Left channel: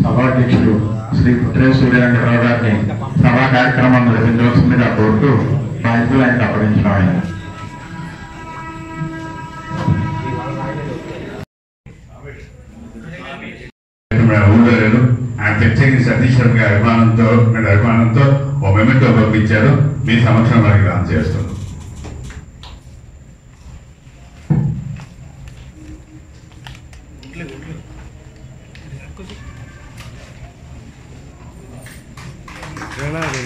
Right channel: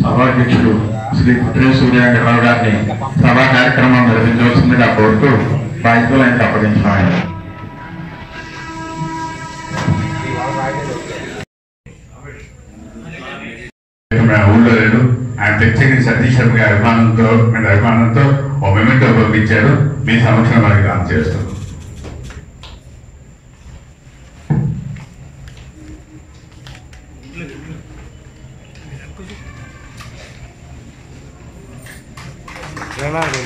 సభాధ్యక్షుడు శ్రీ పుట్టిన సూర్యరావు గారిని సభా కార్యక్రమం నిర్వహించవలసిందిగా కోరుతూ బాధ్యతలు ఆయనకు అప్పగించిన ఆయన ఊళ్ళో లేదు. ఆయన ప్రత్యేక సతీష్ శర్మ గారి అభిమానంతో ఓ మెమెంటో పంపించారు. మీ సమక్షంలో వారికి దానం చేస్తున్నాం.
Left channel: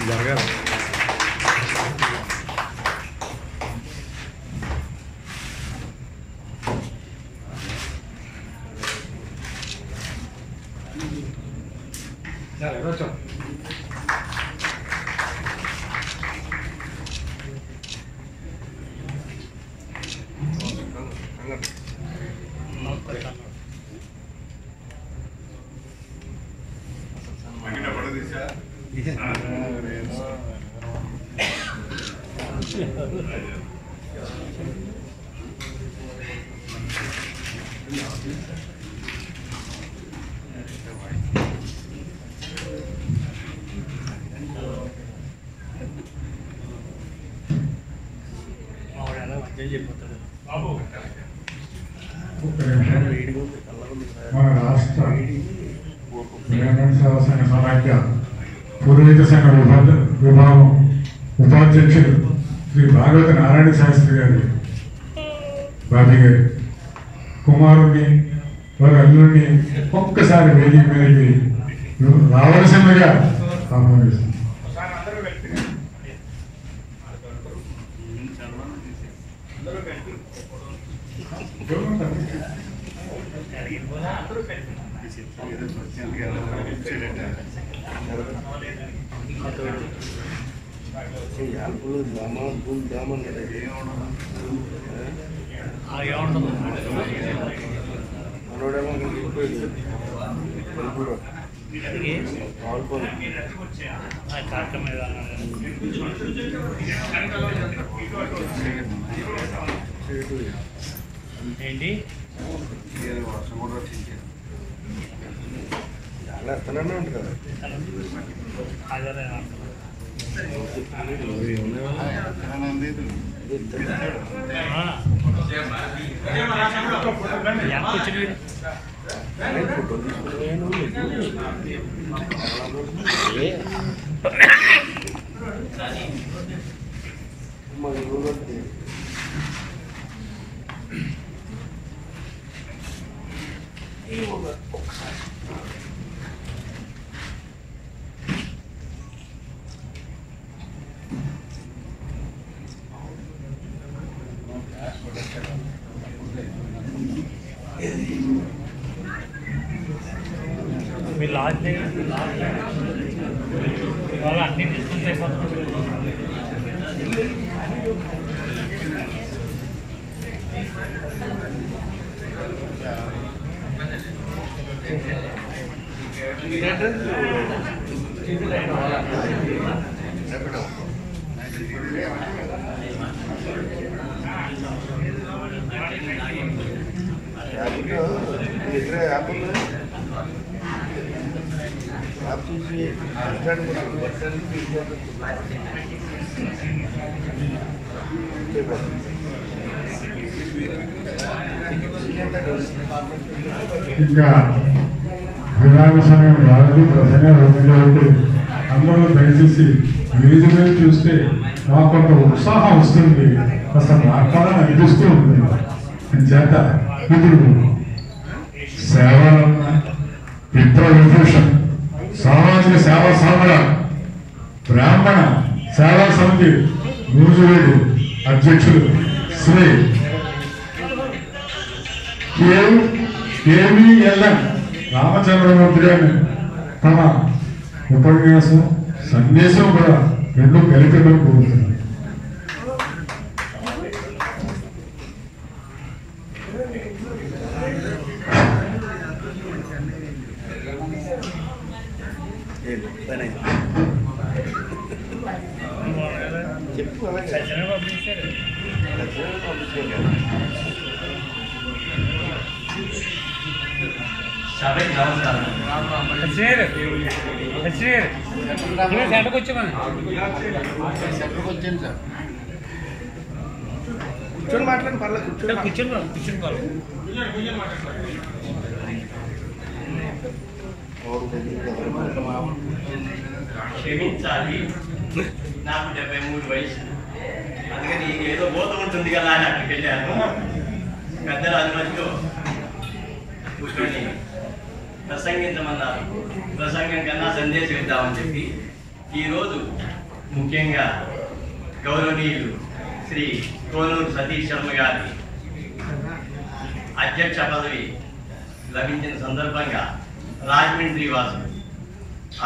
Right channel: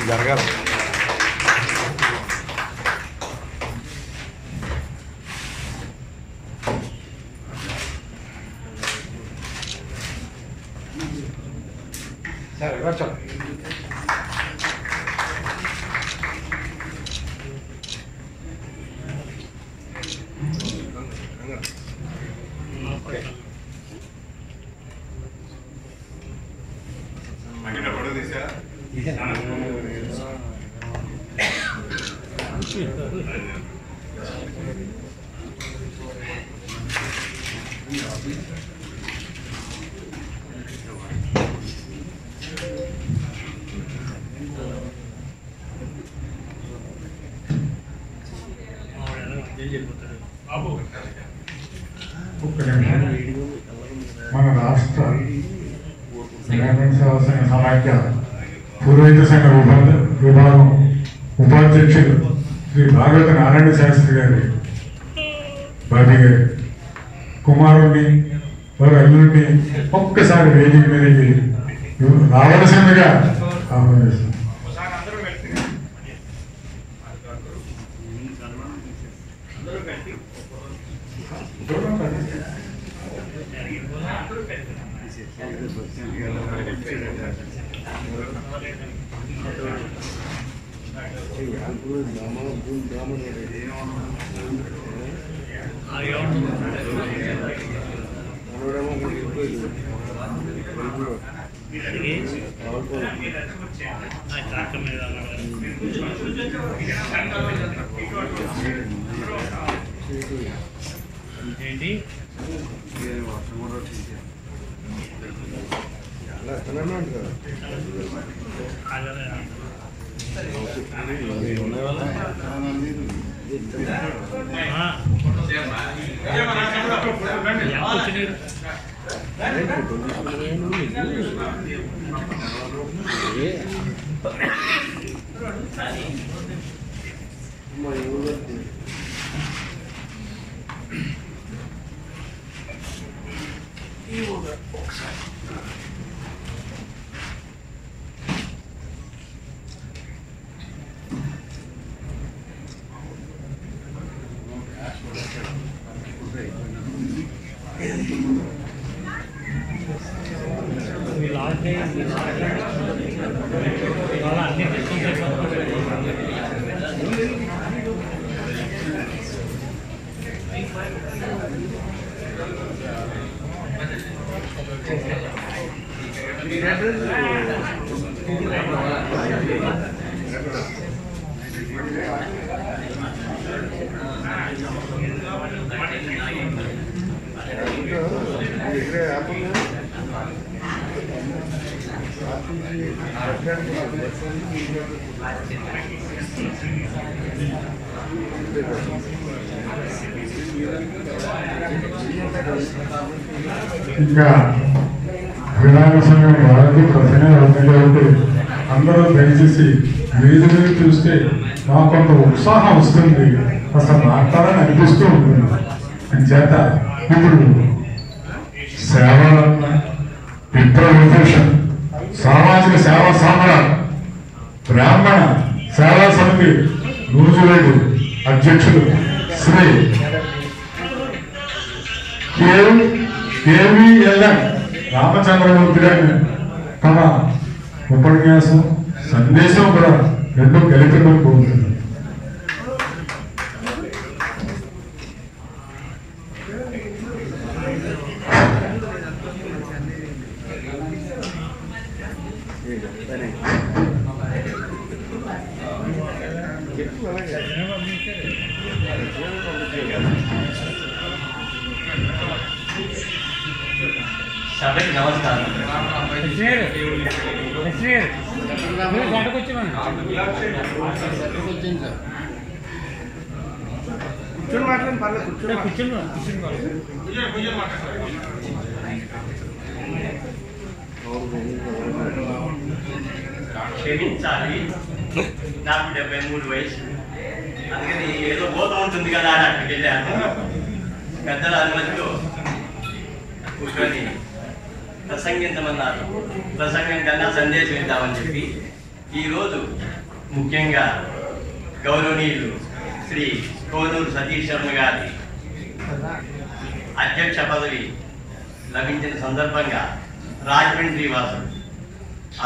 జరగాలి మన రాష్ట్ర గ్రామీణ సేవా సంఘ సమాఖ్య పూర్వైద్య సంఘ విభాగం ఉపాధ్యక్షుడు శ్రీ భాగవత నారాయణ శాస్త్రి గారి బాబీ గారి కుమారుణ్ణి వారి అల్లుడిని ఒక్కసారి వేదిక మీదకి రావలసిందిగా ఆహ్వానిస్తున్నాం. ఇంకా విధాన సంఘం వారికి ప్రధాన కాబట్టి అందరూ దయచేసి వేదిక మీద చూస్తే నాకు కొంత ఉత్సాహం వస్తుంది, అసలు మాట్లాడాలని అనిపిస్తూ ఉంటుంది. చేత ఇప్పుడు సేవ విప్రవిభూషణ్ సామాజిక సేవా సంఘ బ్రాహ్మణ సేవా సమితి నూజివేడు అధ్యక్షుడు శ్రీ కేవీఎల్ఎన్ రామచంద్రమూర్తి గారిని తమ ఉపన్యాసం సందేశం కూడా రెండు కలిపి కోరుతుంది. సభకి నమస్కారం. క్షమించాలి, నాకు 73 వయసు, అందుకని ఏదో బోధ ఉంటుంది కదా అని అక్కడికి వెళ్ళాను. పెద్దల అనుమతితో కూర్చొని ప్రసంగించమన్నారు. ప్రసంగం కన్నా సందేశం ఇద్దామని చెప్పి ఈరోజు ముఖ్యంగా గౌరవనీయులు శ్రీ కోనూరు సతీష్ శర్మ గారి అధ్యక్ష పదవి లభించిన సందర్భంగా రాజమండ్రి వాసులు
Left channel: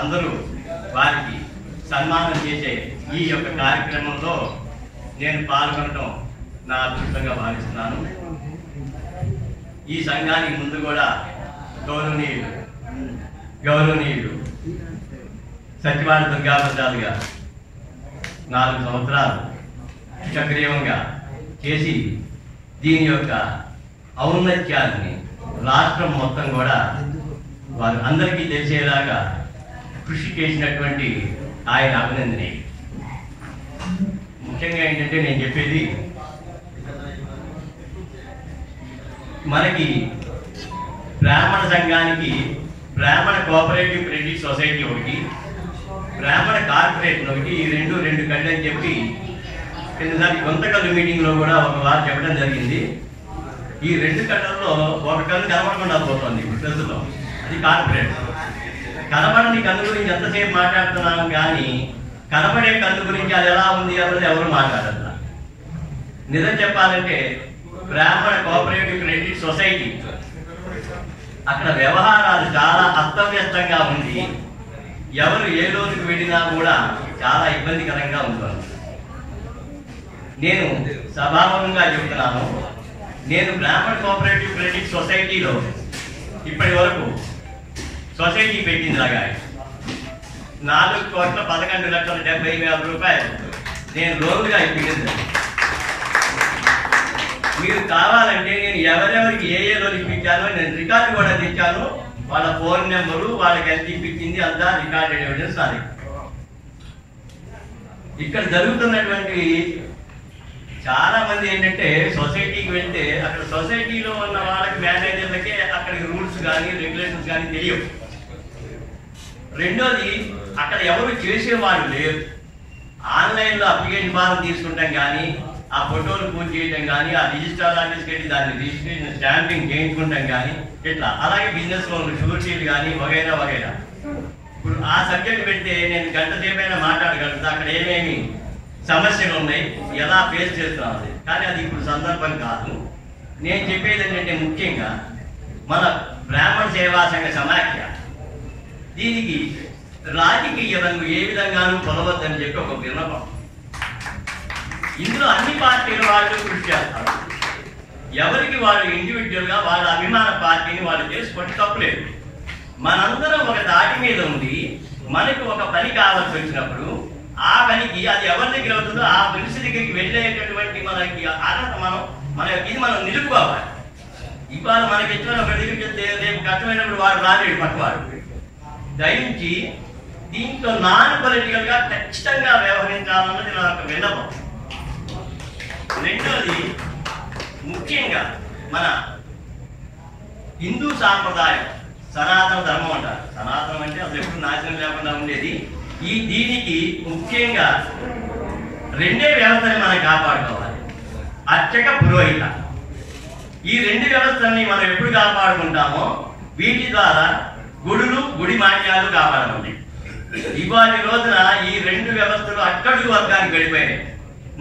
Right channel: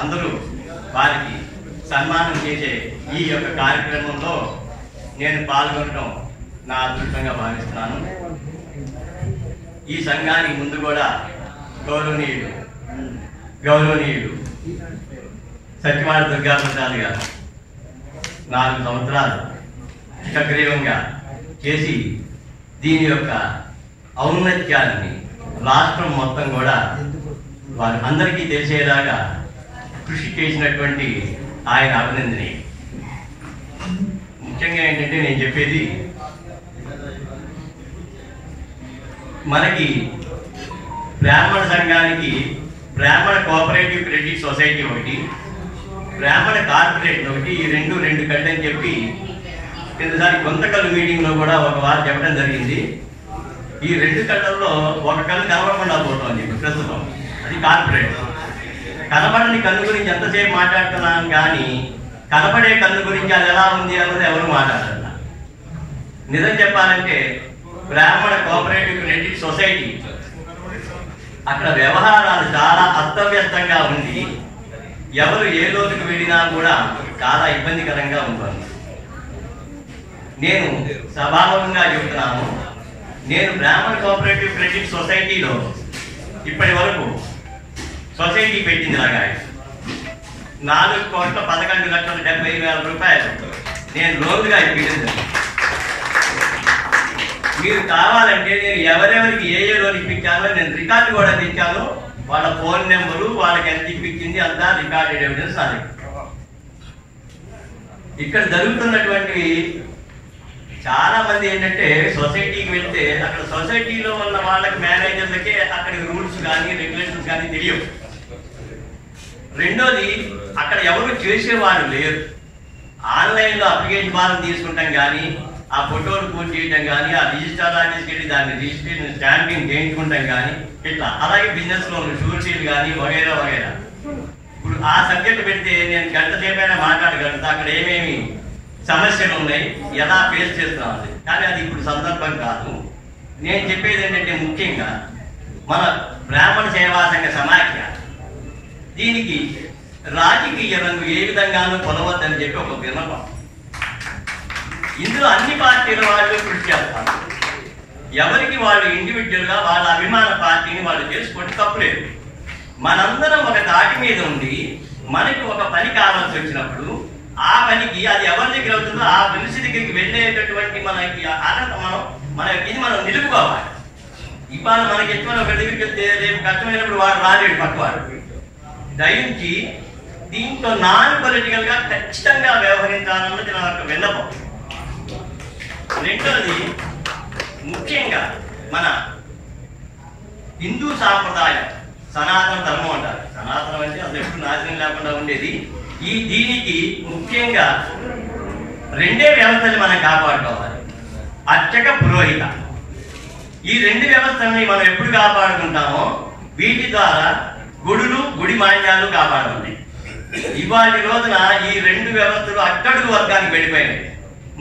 అందరూ వారికి సన్మానం చేసే ఈ యొక్క కార్యక్రమంలో నేను పాల్గొనడం నా అదృష్టంగా భావిస్తున్నాను. ఈ సంఘానికి ముందు కూడా గౌరవనీయులు సత్యవాడ దుర్గాప్రసాద్ గారు 4 సంవత్సరాలు సక్రియంగా చేసి దీని యొక్క ఔన్నత్యాన్ని రాష్ట్రం మొత్తం కూడా వారు అందరికీ తెలిసేలాగా కృషి చేసినటువంటి ఆయన అభినందనీయ. ముఖ్యంగా ఏంటంటే నేను చెప్పేది, మనకి బ్రాహ్మణ సంఘానికి బ్రాహ్మణ కోఆపరేటివ్ క్రెడిట్ సొసైటీ ఒకటి, బ్రాహ్మణ కార్పొరేషన్ ఒకటి, ఈ రెండు కళ్ళు అని చెప్పి కిందసారి గుంతకల్లు మీటింగ్లో కూడా ఒక వారు చెప్పడం జరిగింది. ఈ 2 కళ్ళల్లో ఒక కళ్ళు కనబడకుండా పోతుంది ఇప్పుడు ప్రస్తుతం, అది కార్పొరేట్. కనబడని కళ్ళు గురించి ఎంతసేపు మాట్లాడుతున్నాం కానీ కనబడే కళ్ళు గురించి అది ఎలా ఉంది అన్నది ఎవరు మాట్లాడుతున్నారు. నిజం చెప్పాలంటే బ్రాహ్మణ కోఆపరేటివ్ క్రెడిట్ సొసైటీ అక్కడ వ్యవహారాలు చాలా అస్తవ్యస్తంగా ఉంది. ఎవరు ఏ లోతుకు వెళ్ళినా కూడా చాలా ఇబ్బందికరంగా ఉంటుంది. నేను సభాముఖంగా చెబుతున్నాను, నేను బ్రాహ్మణ కోఆపరేటివ్ క్రెడిట్ సొసైటీలో ఇప్పటి వరకు సొసైటీ పెట్టింది లాగా 4,11,70,000 రూపాయలు నేను లోన్గా ఇప్పించింది. మీరు కావాలంటే నేను ఎవరెవరికి ఏ లోన్ ఇప్పించానో నేను రికార్డు కూడా తెచ్చాను. వాళ్ళ ఫోన్ నెంబరు, వాళ్ళకి ఎంత ఇప్పించింది అంతా రికార్డెడ్ ఎవిడెన్స్ నాది. ఇక్కడ జరుగుతున్నటువంటి చాలా మంది ఏంటంటే సొసైటీకి వెళ్తే అక్కడ సొసైటీలో ఉన్న వాళ్ళకి మేనేజర్లకే అక్కడికి రూల్స్ కానీ రెగ్యులేషన్స్ కానీ తెలియవు. రెండోది, అక్కడ ఎవరు చేసేవాళ్ళు లేరు. ఆన్లైన్లో అప్లికేషన్ ఫారం తీసుకుంటాం కానీ, ఆ ఫోటోలు పూర్తి చేయడం కానీ, ఆ రిజిస్టర్ ఆఫీస్కి వెళ్ళి దాన్ని రిజిస్ట్రేషన్ స్టాంపింగ్ చేయించుకుంటాం కానీ ఇట్లా, అలాగే బిజినెస్ లోన్లు షూర్షీలు కానీ వగైరా వగైరా. ఇప్పుడు ఆ సబ్జెక్ట్ పెడితే నేను గంట సేపైనా మాట్లాడగలుగుతా, అక్కడ ఏమేమి సమస్యలు ఉన్నాయి, ఎలా ఫేస్ చేస్తున్నాం. కానీ అది ఇప్పుడు సందర్భం కాదు. నేను చెప్పేది ఏంటంటే ముఖ్యంగా మన బ్రాహ్మణ సేవా సంఘ సమాఖ్య దీనికి రాజకీయ రంగు ఏ విధంగానూ పొందవద్దని చెప్పి ఒక విన్నపం. ఇందులో అన్ని పార్టీల వాళ్ళు కృషి చేస్తారు. ఎవరికి వాళ్ళు ఇండివిజువల్గా వాళ్ళ అభిమాన పార్టీని వాళ్ళు చేసుకుంటే తప్పులేదు. మనందరం ఒక దాటి మీద ఉండి మనకు ఒక పని కావాల్సి వచ్చినప్పుడు ఆ పనికి అది ఎవరి దగ్గర అవుతుందో ఆ మనిషి దగ్గరికి వెళ్ళేటటువంటి మనకి అర్హత మనం నిలుపుకోవాలి. ఇవాళ మనకి ఇష్టమైన ఒక దగ్గరికి వెళ్తే రేపు కష్టమైనప్పుడు వాడు రాలేడు పక్కవాడు. దయించి దీంట్లో నాన్ పొలిటికల్ గా ఖచ్చితంగా వ్యవహరించాలన్నది నా యొక్క విన్నపం. రెండోది, ముఖ్యంగా మన హిందూ సాంప్రదాయం సనాతన ధర్మం అంటారు. సనాతనం అంటే అసలు ఎప్పుడు నాశనం లేకుండా ఉండేది. దీనికి ముఖ్యంగా 2 వ్యవస్థలు మనం కాపాడుకోవాలి, అర్చక పురోహిత. ఈ 2 వ్యవస్థలని మనం ఎప్పుడు కాపాడుకుంటామో వీటి ద్వారా గుడులు గుడి మాన్యాలు కాపాడబడ్డాయి. ఇవాళ రోజున ఈ 2 వ్యవస్థలు అట్టడుగు వర్గానికి వెళ్ళిపోయినాయి.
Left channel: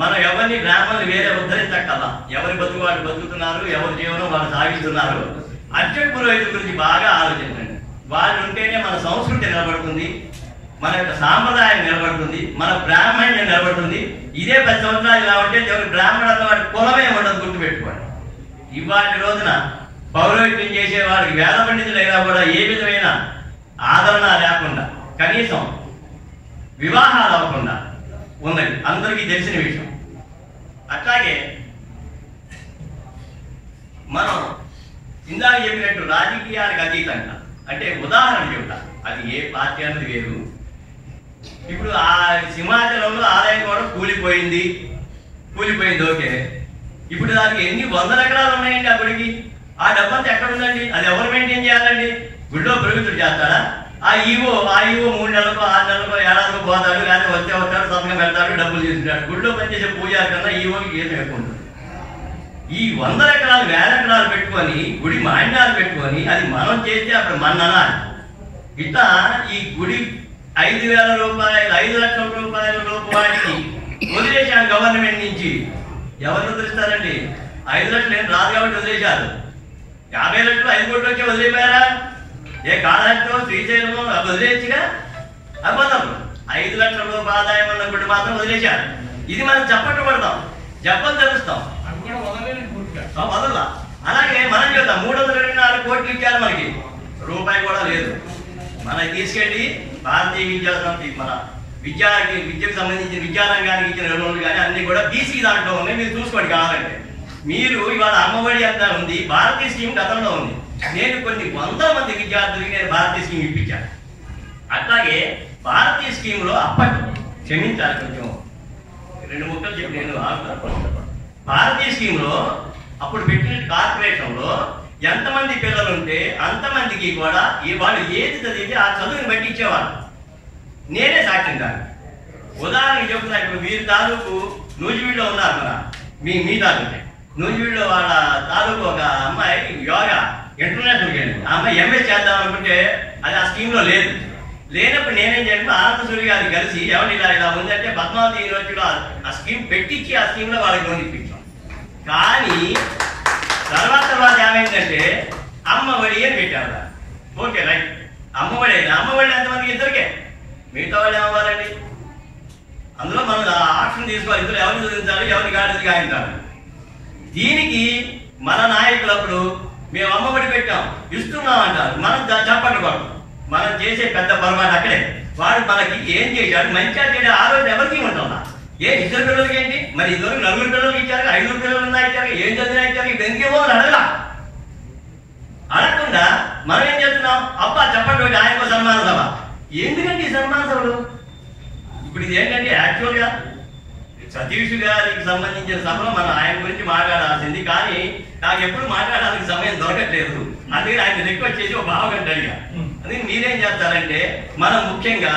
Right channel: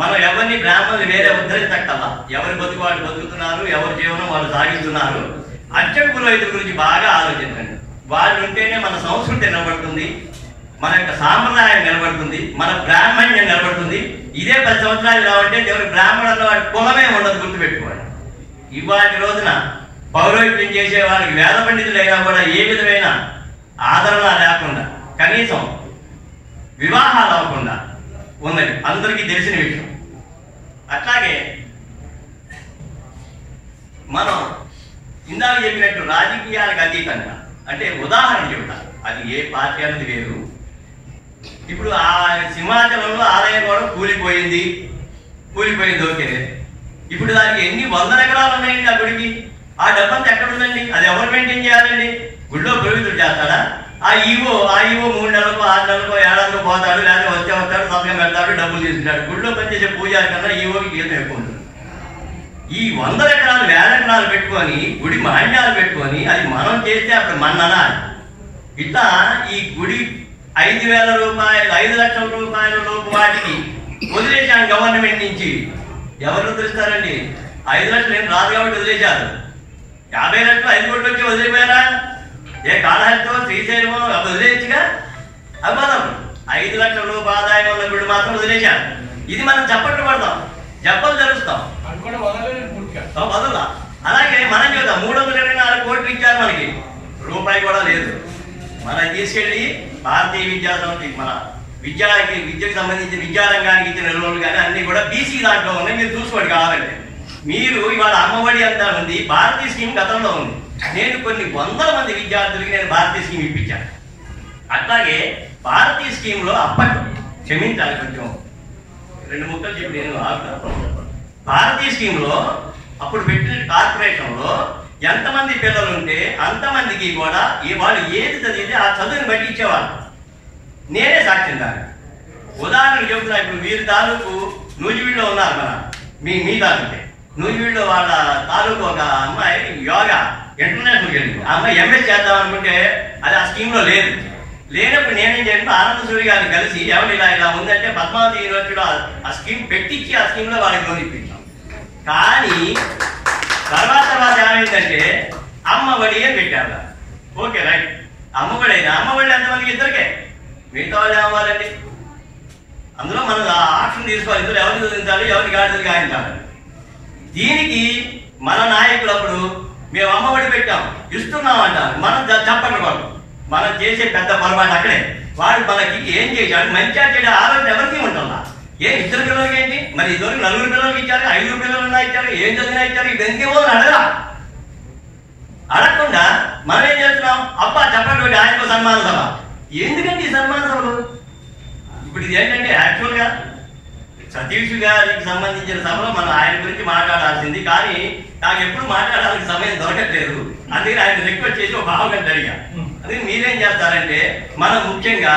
మనం ఎవరిని బ్రాహ్మణులు వేరే ఉద్ధరించక్కల్లా, ఎవరి బతుకు వాళ్ళు బతుకుతున్నారు, ఎవరి జీవనం వాళ్ళు సాగిస్తున్నారు. అర్చక పురోహితుల గురించి బాగా ఆలోచించండి. వాళ్ళు ఉంటేనే మన సంస్కృతి నిలబడుతుంది, మన యొక్క సాంప్రదాయం నిలబడుతుంది, మన బ్రాహ్మణ్యం నిలబడుతుంది. ఇదే 10 సంవత్సరాలు ఇలా ఉంటే ఎవరి బ్రాహ్మణుల్లో వాడి కులమే ఉండదు, గుర్తుపెట్టుకోండి. ఇవాటి రోజున పౌరోహిత్యం చేసే వాళ్ళకి వేద పండితులైనా కూడా ఏ విధమైన ఆదరణ లేకుండా కనీసం వివాహాలు అవ్వకుండా ఉన్నది అందరికీ తెలిసిన విషయం. అట్లాగే మనం ఇందాక చెప్పినట్టు రాజకీయాలకు అతీతంగా, అంటే ఉదాహరణ చెబుతా, అది ఏ పార్టీ అన్నది వేరు. ఇప్పుడు ఆ సింహాచలంలో ఆలయం కూడా కూలిపోయింది ఓకే. ఇప్పుడు దానికి ఎన్ని వందల ఎకరాలు ఉన్నాయండి ఆ గుడికి? ఆ డబ్బంతా ఎక్కడ ఉందండి? అది ఎవరు మెయింటైన్ చేయాలండి? గుడిలో పురోహితుడు చేస్తాడా? ఆ ఈవో 3 నెలలకో 6 నెలలకో ఏడాదికో పోతాడు, లేకపోతే వస్తాడు, సంతకం పెడతాడు, డబ్బులు తీసుకుంటాడు. గుడిలో పనిచేసే పూజారి కన్నా ఈవోకి గీతం ఎక్కువ ఉంటుంది. ఈ వందల ఎకరాలు 1000 ఎకరాలు పెట్టుకొని గుడి మాన్యాలు పెట్టుకొని అది మనం చేస్తే అప్పుడు మన్ననా? ఇట్లా ఈ గుడి 5,000 రూపాయలు 5 లక్షల రూపాయల లోపు వాటికి వదిలేశాను గవర్నమెంట్ నుంచి. ఎవరు వదిలిస్తారండి? 5 లక్షలు ఏం రాదు కాబట్టి వదిలేశారు. 50 లక్షలు 5 కోట్లు వచ్చి వదిలిపోయారా? ఏ కాళహస్తో శ్రీశైలమో వదిలేయచ్చుగా? అవ్వదు. 5 లక్షల రూపాయల ఆదాయం ఉన్న గుడి మాత్రం వదిలేశారు. ఇది మనం చప్పట్లు పడతాం, జప్పలు జరుస్తాం, వదలా. అలాగే మనం చెబుతాం 324 కోట్లు ఇచ్చారు, మనకి రూపాయి కూడా లేదు. మనకి తీసుకెళ్ళి భారతీయ విద్యా సమితి మన విద్యకు సంబంధించిన విద్యారంగానికి ఇచ్చిన రోజులు కానీ అన్ని కూడా బీసీ దాంట్లో ఉన్నాయి. మీరు చూసుకోండి కావాలంటే. మీరు ఇవాళ అమ్మఒడి అంతా ఉంది, భారతీయ స్కీమ్ గతంలో ఉంది. నేను కొన్ని వందల మంది విద్యార్థులకి నేను భారతీయ స్కీమ్ ఇప్పించాను. అట్లాగే భారతీయ స్కీమ్లో అప్పట్లో క్షమించాలి కొంచెం 2 ముక్కలు చెప్పి నేను ఆగుతాను. భారతీయ స్కీమ్లో అప్పుడు పెట్టిన కార్పొరేషన్లో ఎంతమంది పిల్లలు ఉంటే అంతమందికి కూడా వాళ్ళు ఏది చదివితే ఆ చదువుని బట్టి ఇచ్చేవాళ్ళు. నేనే సాక్ష్యం దాన్ని. ఉదాహరణకు చెబుతున్నా. ఇప్పుడు వీరి తాలూకు నూజివీడులో ఉన్నారు, మన మీ తాలూకే నూజివీడులో వాళ్ళ తాలూకు ఒక అమ్మాయి యోగా ఇంటర్నేషనల్కి వెళ్ళింది. ఆ అమ్మాయి ఎంఎస్ చేద్దాం అనుకుంటే అది ఆ స్కీమ్లో లేదు. లేనప్పుడు నేనేం చేయండి, ఆనంద సూరి గారిని కలిసి ఎవరు ఇలా ఉందంటే పద్మావతి యూనివర్సిటీలో ఆ స్కీమ్ పెట్టించి ఆ స్కీమ్లో వాళ్ళకి లోన్ ఇప్పించాం. కానీ తర్వాత ఏమైందంటే అమ్మఒడి అని పెట్టారు. ఓకే రైట్, అమ్మఒడి అయినా అమ్మఒడి ఎంతమందికి? ఇద్దరికే. మిగతా వాళ్ళు ఏమవ్వాలండి? అందులో మనం ఆప్షన్ తీసుకోవాలి. ఇందులో ఎవరిని చదివించాలి, ఎవరిని గాడిదలు గాయించాలి. దీనికి మన నాయకులు అప్పుడు మేము అమ్మఒడి పెట్టాం ఇస్తున్నాం అంటారు. మనం చెప్పండి బాబు, మనం చేసే పెద్ద పొరపాటు అక్కడే. వాడు మనకి ఏం చేశాడు, మంచిగా చెడు ఆలోచన ఎవరికి ఉంటుందా? ఇద్దరు పిల్లలకి ఏంటి మరి? ఇదివరకు 4 పిల్లలకి ఇచ్చారు, 5 పిల్లలు ఇచ్చారు, ఏం చదివినా ఇచ్చారు. ఇప్పుడు ఎందుకేమో అడగరా? అడగకుండా మనం ఏం చేస్తున్నాం? అబ్బా చెప్పండి ఆయనకు సన్మాన సభ. ఎందుకండి ఈ సన్మాన సభలు? ఇప్పుడు ఇది ఏంటంటే యాక్చువల్గా సతీష్ గారికి సంబంధించిన సభలో మనం ఆయన గురించి మాట్లాడాల్సింది, కానీ నాకు ఎప్పుడు మాట్లాడాల్సిన సమయం దొరకట్లేదు. అందుకని ఆయన రిక్వెస్ట్ చేసి ఒక బావగంట అడిగా. అందుకని మీరేం చేస్తారంటే మనం ముఖ్యంగా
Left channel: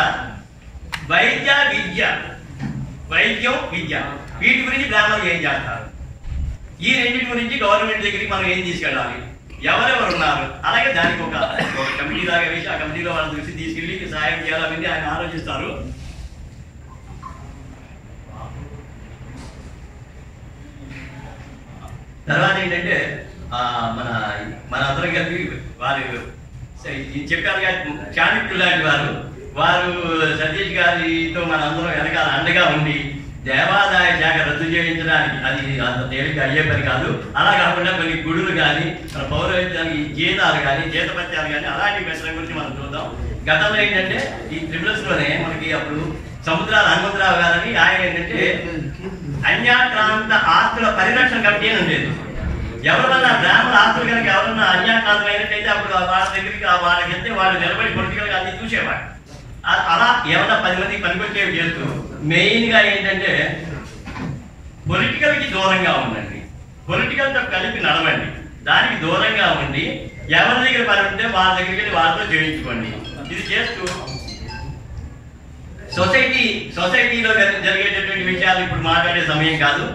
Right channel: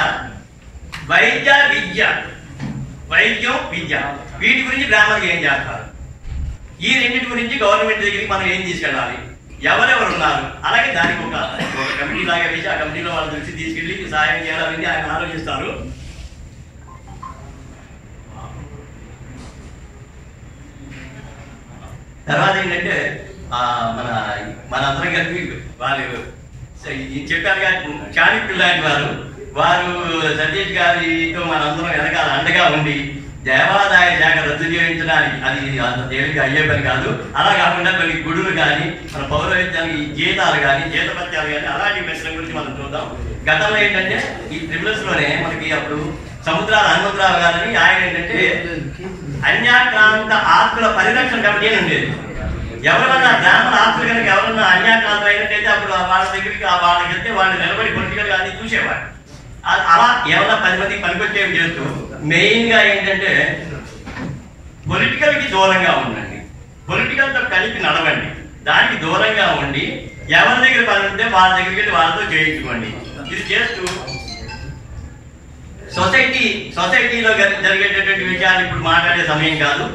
వైద్యం విద్య వీటి గురించి గ్రామానికి ఏం చేస్తారు, ఈ రెండింటి గురించి గవర్నమెంట్ దగ్గరికి మనం ఏం తీసుకెళ్ళాలి, ఎవరెవరు ఉన్నారు, అలాగే దానికి ఒక కమిటీ లాగా వేసి ఆ కమిటీలో వాళ్ళ దృష్టి తీసుకెళ్ళి సహాయం చేయాలని ఆయన ఆలోచిస్తారు. తర్వాత ఏంటంటే మనందరం కలిపి వారు చెప్పారు కానీ చాణక్యులు లాంటి వారు సతీష్ గారితో మనందరం వెనకాల అండగా ఉండి దేవాదాయ శాఖ రద్దు చేయించడానికి అది అంత తేలిక అయ్యే పని కాదు. అలా కాకుండా కొన్ని గుడులు కానీ మన పౌరవిద్యానికి జీతాలు కానీ జీతపత్యాలు కానీ అలాంటి విషయం గురించి మనం చూద్దాం. గతంలో ఏంటంటే ఈ ట్రిబ్యునల్స్లోనే మనకి అప్పుడు సముద్రాల హనుమంతరావు గారని ఆయన ఏంటంటే అన్యాక్రాంత ఆస్తుల పరిరక్షణ కమిటీ అని ఉండేది. ఎవరన్నా గ్రామాల ఆస్తులు కనుక ఎవరన్నా అన్యాక్రాంతం అయినట్టయితే అప్పుడు వాళ్ళ దగ్గరికి వాళ్ళకి వెళ్తే వాళ్ళు నిలబడి పొలిటికల్గా అన్ని చూసేవాడు. అలా ఏమన్నా 10 మందికి పనికొచ్చేవి చేస్తూ మెయిన్గా ఏంటంటే పొలిటికల్కి దూరంగా ఉండండి, పొలిటికల్తో కలిపి నడవండి, దానికి దూరంగా ఉండి ఎవరి దగ్గర పని ఉంటే వాళ్ళ దగ్గరికి వెళ్ళి వాళ్ళతో చేయించుకోండి. ఇది చేస్తూ సొసైటీలో జరిగేటటువంటి విషయాలు ఇప్పుడు మాట్లాడే సమయం కాదు.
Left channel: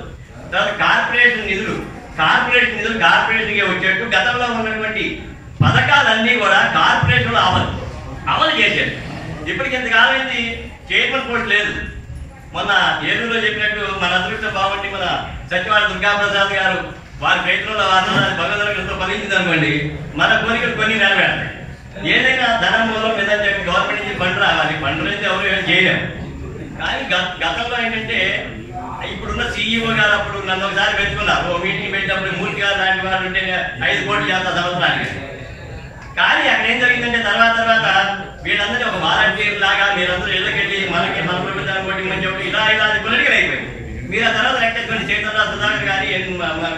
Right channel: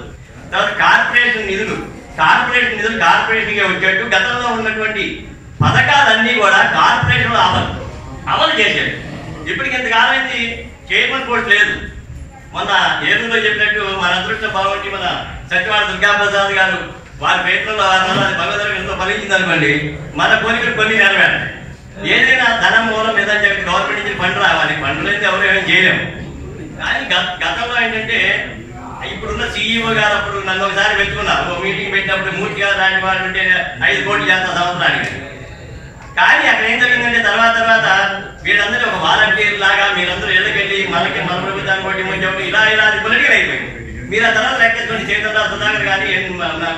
తర్వాత కార్పొరేషన్ నిధులు కార్పొరేషన్గా వచ్చేట్టు గతంలో ఉన్నటువంటి పథకాలన్నీ కూడా కార్పొరేషన్లో అమలు చేసేది. ఇప్పటికి ఇంతకాలం అయింది, చైర్మన్ పోస్ట్ లేదు. మొన్న ఏలూరులో చెప్పినట్టు మన అదృష్టం బాగుండి మన సత్యవాడ దుర్గాప్రసాద్ గారు వారి ప్రయత్నంలో భగవంతుడికి ఎంతో ఫలించింది అనుకోండి, మన కోరికలు కొన్ని నెరవేరుతాయి. ఏదైనా ధనం మూలం లేదని చెప్పి గవర్నమెంట్ నుంచి ఫండ్ రావాలి, ఫండ్లు అయితే ఎవరు ఏమైనా చేయలేము. కానీ గతంలో ఏంటంటే ఇప్పుడున్న CEO గారు అప్పుడు నన్ను ఒకసారి పెట్టుకున్నారు. ఓ మీటింగ్ పెట్టినప్పుడు మూర్తి గారు లాంటి వాళ్ళు ఉంటే 5 కోట్లు చేస్తా సంవత్సరానికి. కానీ అక్కడ ఏం జరిగిందంటే తర్వాత వీళ్ళందరూ ఒక వాలంటీర్ లాగా మీరందరూ ఎదుకెళ్ళి మనకి మన ప్రభుత్వాన్ని కొట్టి చెప్పి ఇలా అది పొలిటికల్ అయిపోయింది. మీరు ఆ తర్వాత లెక్కేసుకోండి, చైతన్య సుధాకర్ కానీ,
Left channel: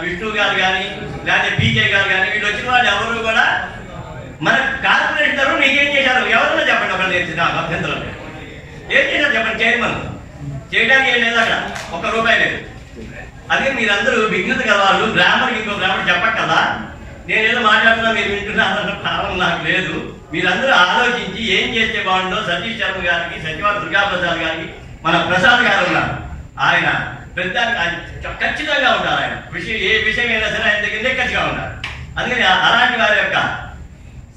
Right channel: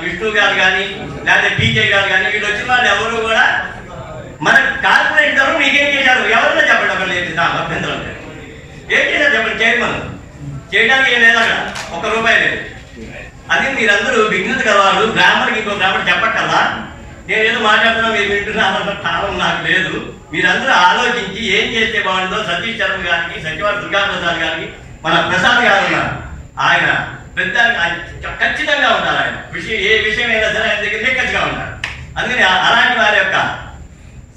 విష్ణు గారు కానీ, లేదా టీకే గారు కానీ, వీళ్ళు వచ్చిన వాళ్ళు ఎవరు కూడా మన కార్పొరేట్ తరఫు మీకేం చేశారు ఎవరన్నా చెప్పండి. ఒకళ్ళు చెప్పి నాకు అభ్యంతరం లేదు. ఏం చేశారు చెప్పండి. చైర్మన్ చేయడానికి ఏం లేదు, అక్కడ ₹1 లేదు. అదే మీరందరూ విఘ్నత గలవాళ్ళు, గ్రామర్కి ఇంకో గ్రామర్ చెప్పక్కదా. నేను ఏదో మాట్లాడుతున్నా మీరు వింటున్నారన్న కారణం నాకు లేదు. మీరందరూ ఆలోచించి ఏం చేస్తే బాగుంటుందో సతీష్ శర్మ గారికి, సత్యవాడ దుర్గాప్రసాద్ గారికి, మన ప్రసాద్ గారు ఉన్నారు, ఆయన పెద్ద ఖచ్చితంగా ఉంటారు. ఆయన ఏ విషయం అయినా సరే ఆయన దగ్గర ఖచ్చితంగా ఉంటారు. అందుకని అలాంటి వారి యొక్క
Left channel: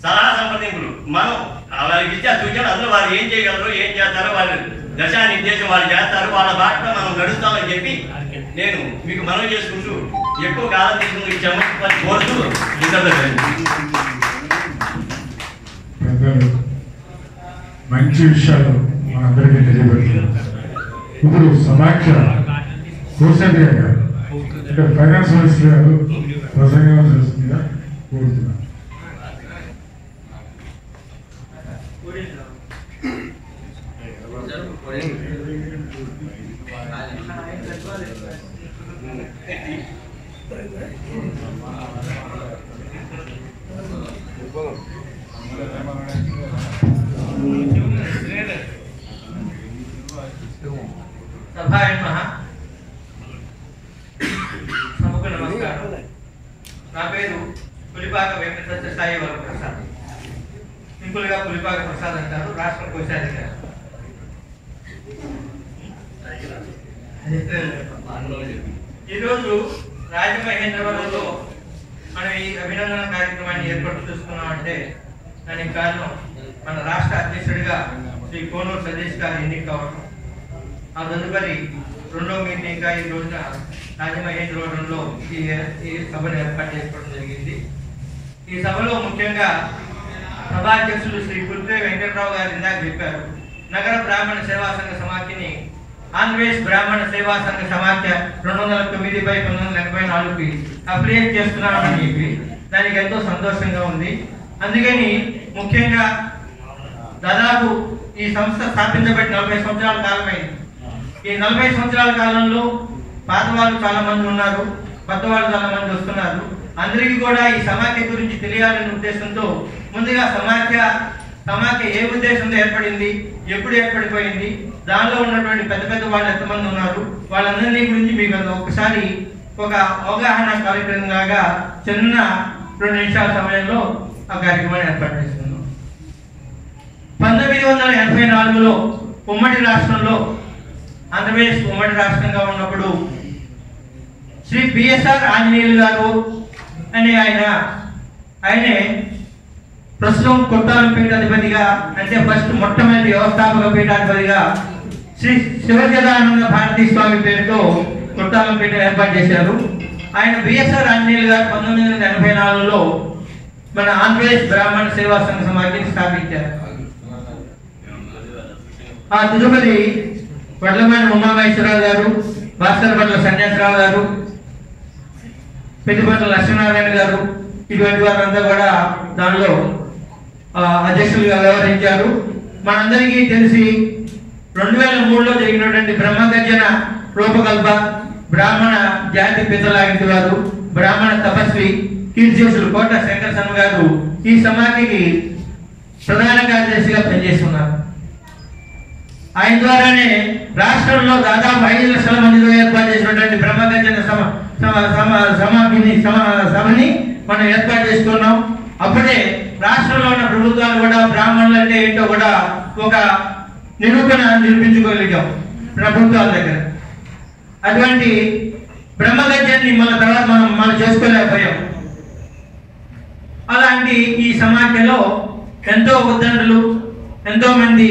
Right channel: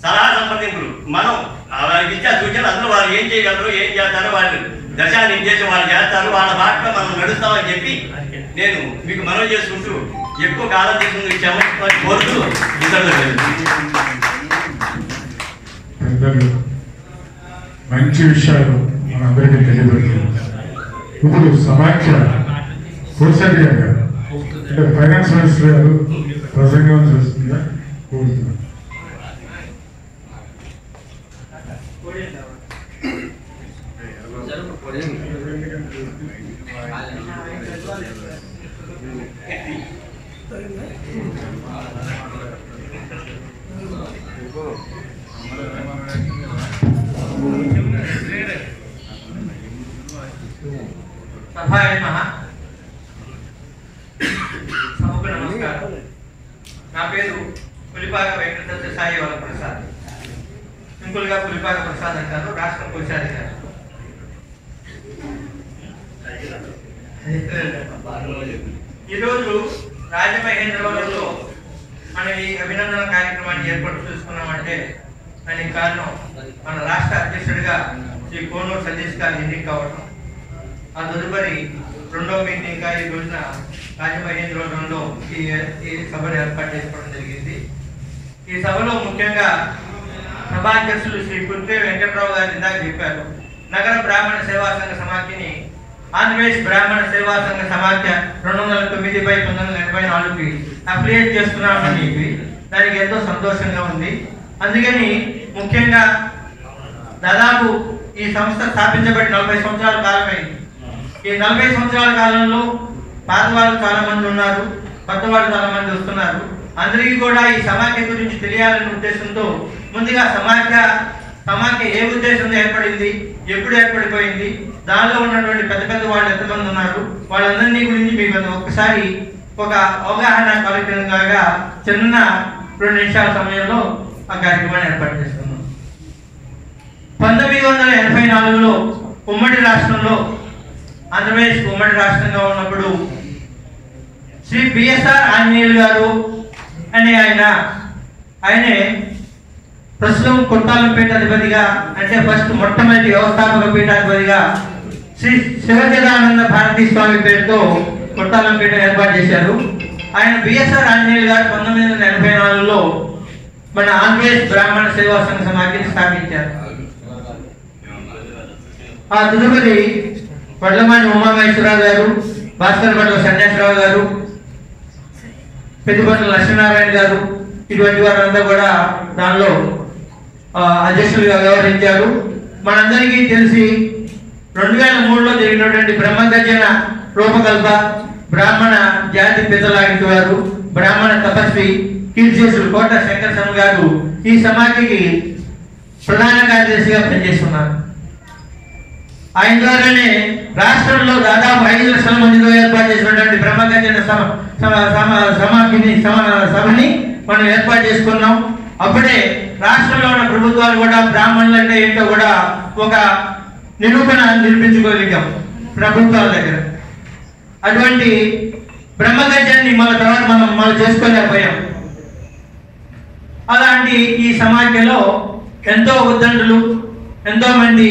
సలహా సంప్రదింపులు మనం వారికి ఇచ్చే సూచనలు, అందులో వారు ఏం చేయగలరు, ఏం చేస్తారో వారి దశానిర్దేశం వాళ్ళు చేస్తారు, వాళ్ళ బాటలో మనం నడుస్తామని చెప్పి నేను మీకు మనవి చేసుకుంటూ ఎక్కువ కాలం తీసుకుని ఇచ్చామని కోరుతూ పెద్దలు మంచి విషయాలు మనందరికీ తెలియబడుతుంది. ఇప్పుడు సమాఖ్య కోసరి గారు అంటే ఫైనాన్స్ మినిస్టర్ గారు ప్రసంగం చేస్తుందిగా కోరుతున్నాను. సభాయ నమః. సభకు నమస్కారం. నా పేరు పులిపాక వెంకట సత్యసాయి వరప్రసాద్, సింపుల్గా పులిపాక ప్రసాద్ అంటారు, రాష్ట్ర కోశాధికారి. ఈరోజు రాజమహేంద్రవరంలో మనం ఈ అభినందన కార్యక్రమాన్ని ఏర్పాటు చేసుకున్నామంటే దానికి కారణం మన రాష్ట్ర అధ్యక్షుడిగా శ్రీ కోనూరు సతీష్ గారు ఎన్నిక కావడం, ఆ తదుపరి 2వ మీటింగ్గా ఈ రోజున రాజమహేంద్రవరంలో ఈ సభను ఏర్పాటు చేసుకోవడం జరిగింది. ఈ సభలో ముఖ్యంగా సభాధ్యక్షులు శ్రీ పుల్పే వెంకట్రావు గారు ఇందాక చెప్పారు, నగర బ్రాహ్మణ సేవా సంఘ సమాఖ్యని ఆంధ్రప్రదేశ్ బ్రాహ్మణ సేవా సంఘ సమాఖ్య 209/1984కి అప్లికేట్ చేస్తున్నామని చెప్పి దానికి ఎంతో సంతోషంగా ఉంది. అందుకని ముఖ్యంగా దాదాపు ఈ సంస్థ స్థాపించబడి 40 సంవత్సరాల కాలమైంది. ఈ 40 సంవత్సరాల కాలంలో పాత వాళ్ళు చాలా మంది ఉన్నారు, కొత్త వాళ్ళు చాలా మంది వస్తున్నారు. అందరికీ కూడా ఈ సమాఖ్య గురించి తెలియాలనే ఉద్దేశంతో ముందుగా సమాఖ్య ఏ ఉద్దేశంతో ఏర్పడింది, ఎప్పుడు ఏర్పడిపోయింది, దానిలో ఉన్నటువంటి పెద్ద పెద్ద వాళ్ళు ఎంతమంది ఉన్నారు, వాళ్ళందరినీ గురించి మీకు ఒక్కసారి ఒక అవగాహన కార్యక్రమంగా చిన్న 2 నిమిషాల సమయంలో ఆ కార్యక్రమాన్ని ఏర్పాటు చేస్తున్నాం. 1984లో ఉమ్మడి రాష్ట్రంలో, ఆంధ్రప్రదేశ్ ఉమ్మడి రాష్ట్రంగా ఉన్నప్పుడు శ్రీ బిఎస్ఆర్ ఆంజనేయులు గారు అనే ఆయనే ప్రస్తుతం కొట్టాలం పీఠాధిపతిగా, అంటే ఫస్ట్ మొట్టమొదటి వ్యవస్థాపక పీఠాధిపతిగా శ్రీ శివజదానంద భారతీ స్వామి పేరుతో కొట్టాలం పీఠం ఏర్పాటు చేశారు. ఆయన బిఎస్ఆర్ ఆంజనేయులు గారు 1984లో మన ఆంధ్రప్రదేశ్ బ్రాహ్మణ సేవా సంఘ సమాఖ్యని స్థాపించారు. ఆ తదుపరి వడ్లమణి ఉమామహేశ్వరరావు గారు, భాస్కరపట్ల సన్యాసరావు గారు, పెద్దపట్ల లక్ష్మీనారాయణ గారు, ఇటువంటి వారంతా కూడా దానిలో అధ్యక్షులుగా వ్యవహరించారు. మనందరికీ తెలిసి 2003లో జరిగినటువంటి బ్రహ్మగర్జన రూపకల్ప బ్రాహ్మణ జాతి పితలాంటి వారు, బ్రాహ్మణ తపస్వి కీర్తిశేషులు కోట శంకరసన్ గారు ఈ సమాఖ్యకి ప్రధాన కార్యదర్శిగా పనిచేస్తున్నారు. ఆయన ద్వారానే రాష్ట్రంలో దాదాపు 5 లక్షల మందితో ఏర్పాటు చేసినటువంటి బ్రహ్మగర్జన సభని మనం ఏర్పాటు చేసుకున్నాం. అప్పుడే రాష్ట్రంలో ఉన్న ప్రభుత్వాలు కూడా బ్రాహ్మణులు అంటే ఏంటో కూడా ఒక నిరూపణ నిర్మించుకోగలిగాం ప్రభుత్వాల దగ్గర. అటువంటి బ్రహ్మగర్జన్ని తర్వాత మనం చేసుకోలేకపోయాం. అలాంటి ఈ సమాఖ్యలో ఎంతో ఉద్దండులు, ఎంతో మంది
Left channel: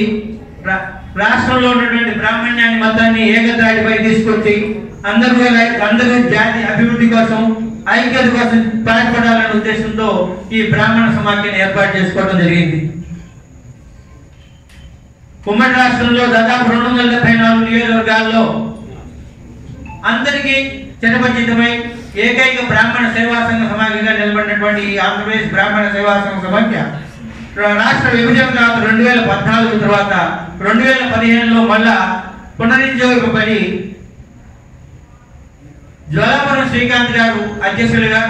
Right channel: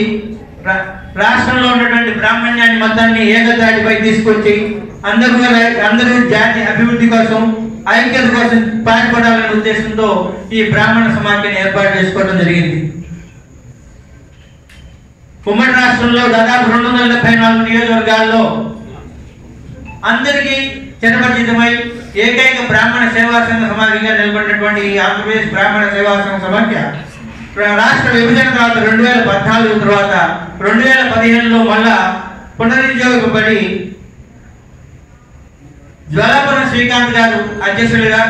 రాష్ట్రంలో ఉన్నటువంటి బ్రాహ్మణ్యాన్ని మొత్తాన్ని ఏకతాటిపై తీసుకొచ్చి అందరూ జాతి అభివృద్ధి కోసం, ఐక్యత కోసం పాటుపడాలనే ఉద్దేశంతో ఈ బ్రాహ్మణ సమాఖ్యని ఏర్పాటు చేసుకోవడం జరిగింది. ఉమ్మడి రాష్ట్రంలో దాదాపు 274 నియోజకవర్గాల్లో అందరికీ చిరపరిచితమై ఏకైక బ్రాహ్మణ సేవా సంఘ సమాఖ్యగా నిలబడినటువంటి ఈ ఆంధ్రప్రదేశ్ బ్రాహ్మణ సేవా సంఘ సమాఖ్య రాష్ట్ర విభజన తర్వాత 2014 తర్వాత 2015లో మళ్ళా పునరుజ్జీవింపబడి జ్వాలాపురం శ్రీకాంత్ గారు అధ్యక్షులుగా,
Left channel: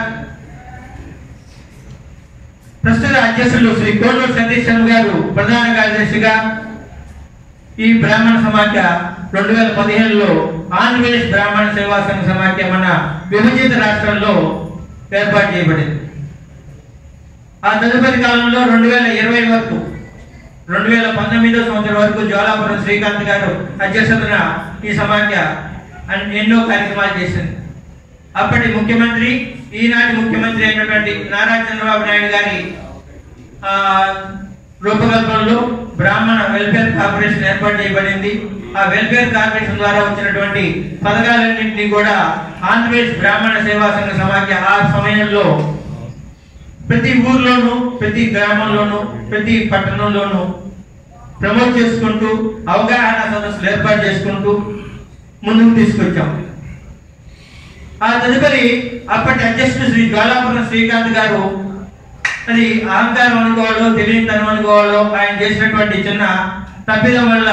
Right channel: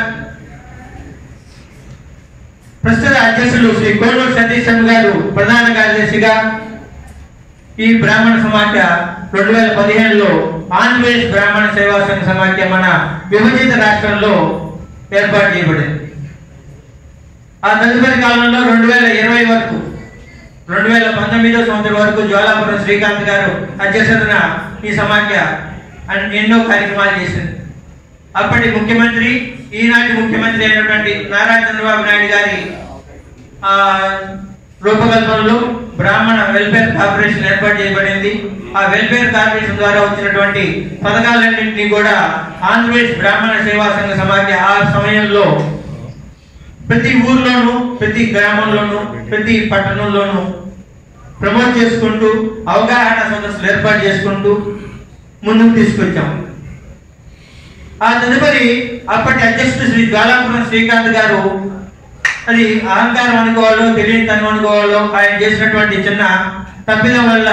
ప్రస్తుత అధ్యక్షులు శ్రీ కోనూరు సతీష్ చంద్ర గారు ప్రధాన కార్యదర్శిగా ఈ బ్రాహ్మణ సమాఖ్య 2015లో ఆంధ్రప్రదేశ్ బ్రాహ్మణ సేవా సంఘ సమాఖ్య మన విభజిత రాష్ట్రంలో ఏర్పాటు చేయబడింది. ఆ తదుపరి కాలంలో 2020 వరకు 2019 సంవత్సరం వరకు జ్వాలాపురం శ్రీకాంత్ గారు అధ్యక్షతన ఈ సమాఖ్య ఎన్నో కార్యక్రమాలు చేసింది. అప్పటి ముఖ్యమంత్రి, ఈనాటి ముఖ్యమంత్రి అయినటువంటి నారా చంద్రబాబు నాయుడు గారి రూపకల్పనలో బ్రాహ్మణ వెల్ఫేర్ కార్పొరేషన్ ఏర్పాటు చేయబడింది. ఆ వెల్ఫేర్ కార్పొరేషన్ ద్వారా వచ్చినటువంటి పథకాలన్నింటినీ కూడా ఆంధ్రప్రదేశ్ బ్రాహ్మణ సేవా సంఘ సమాఖ్య ఆ సమయంలో ప్రతి ఊర్లోనూ, ప్రతి గ్రామంలోనూ, ప్రతి పట్టణంలోనూ ప్రమోట్ చేసుకుంటూ అవగాహన సదస్సులు ఏర్పాటు చేసుకుంటూ ముందుకు తీసుకొచ్చాము. ఆ తదుపరి అప్పటి అధ్యక్షుడు శ్రీ జ్వాలాపురం శ్రీకాంత్ గారు, అది అహంకారం అనుకోవాలో తెలియనితనం అనుకోవాలో, ఆయన చేసినటువంటి చిన్న తప్పిదం వల్ల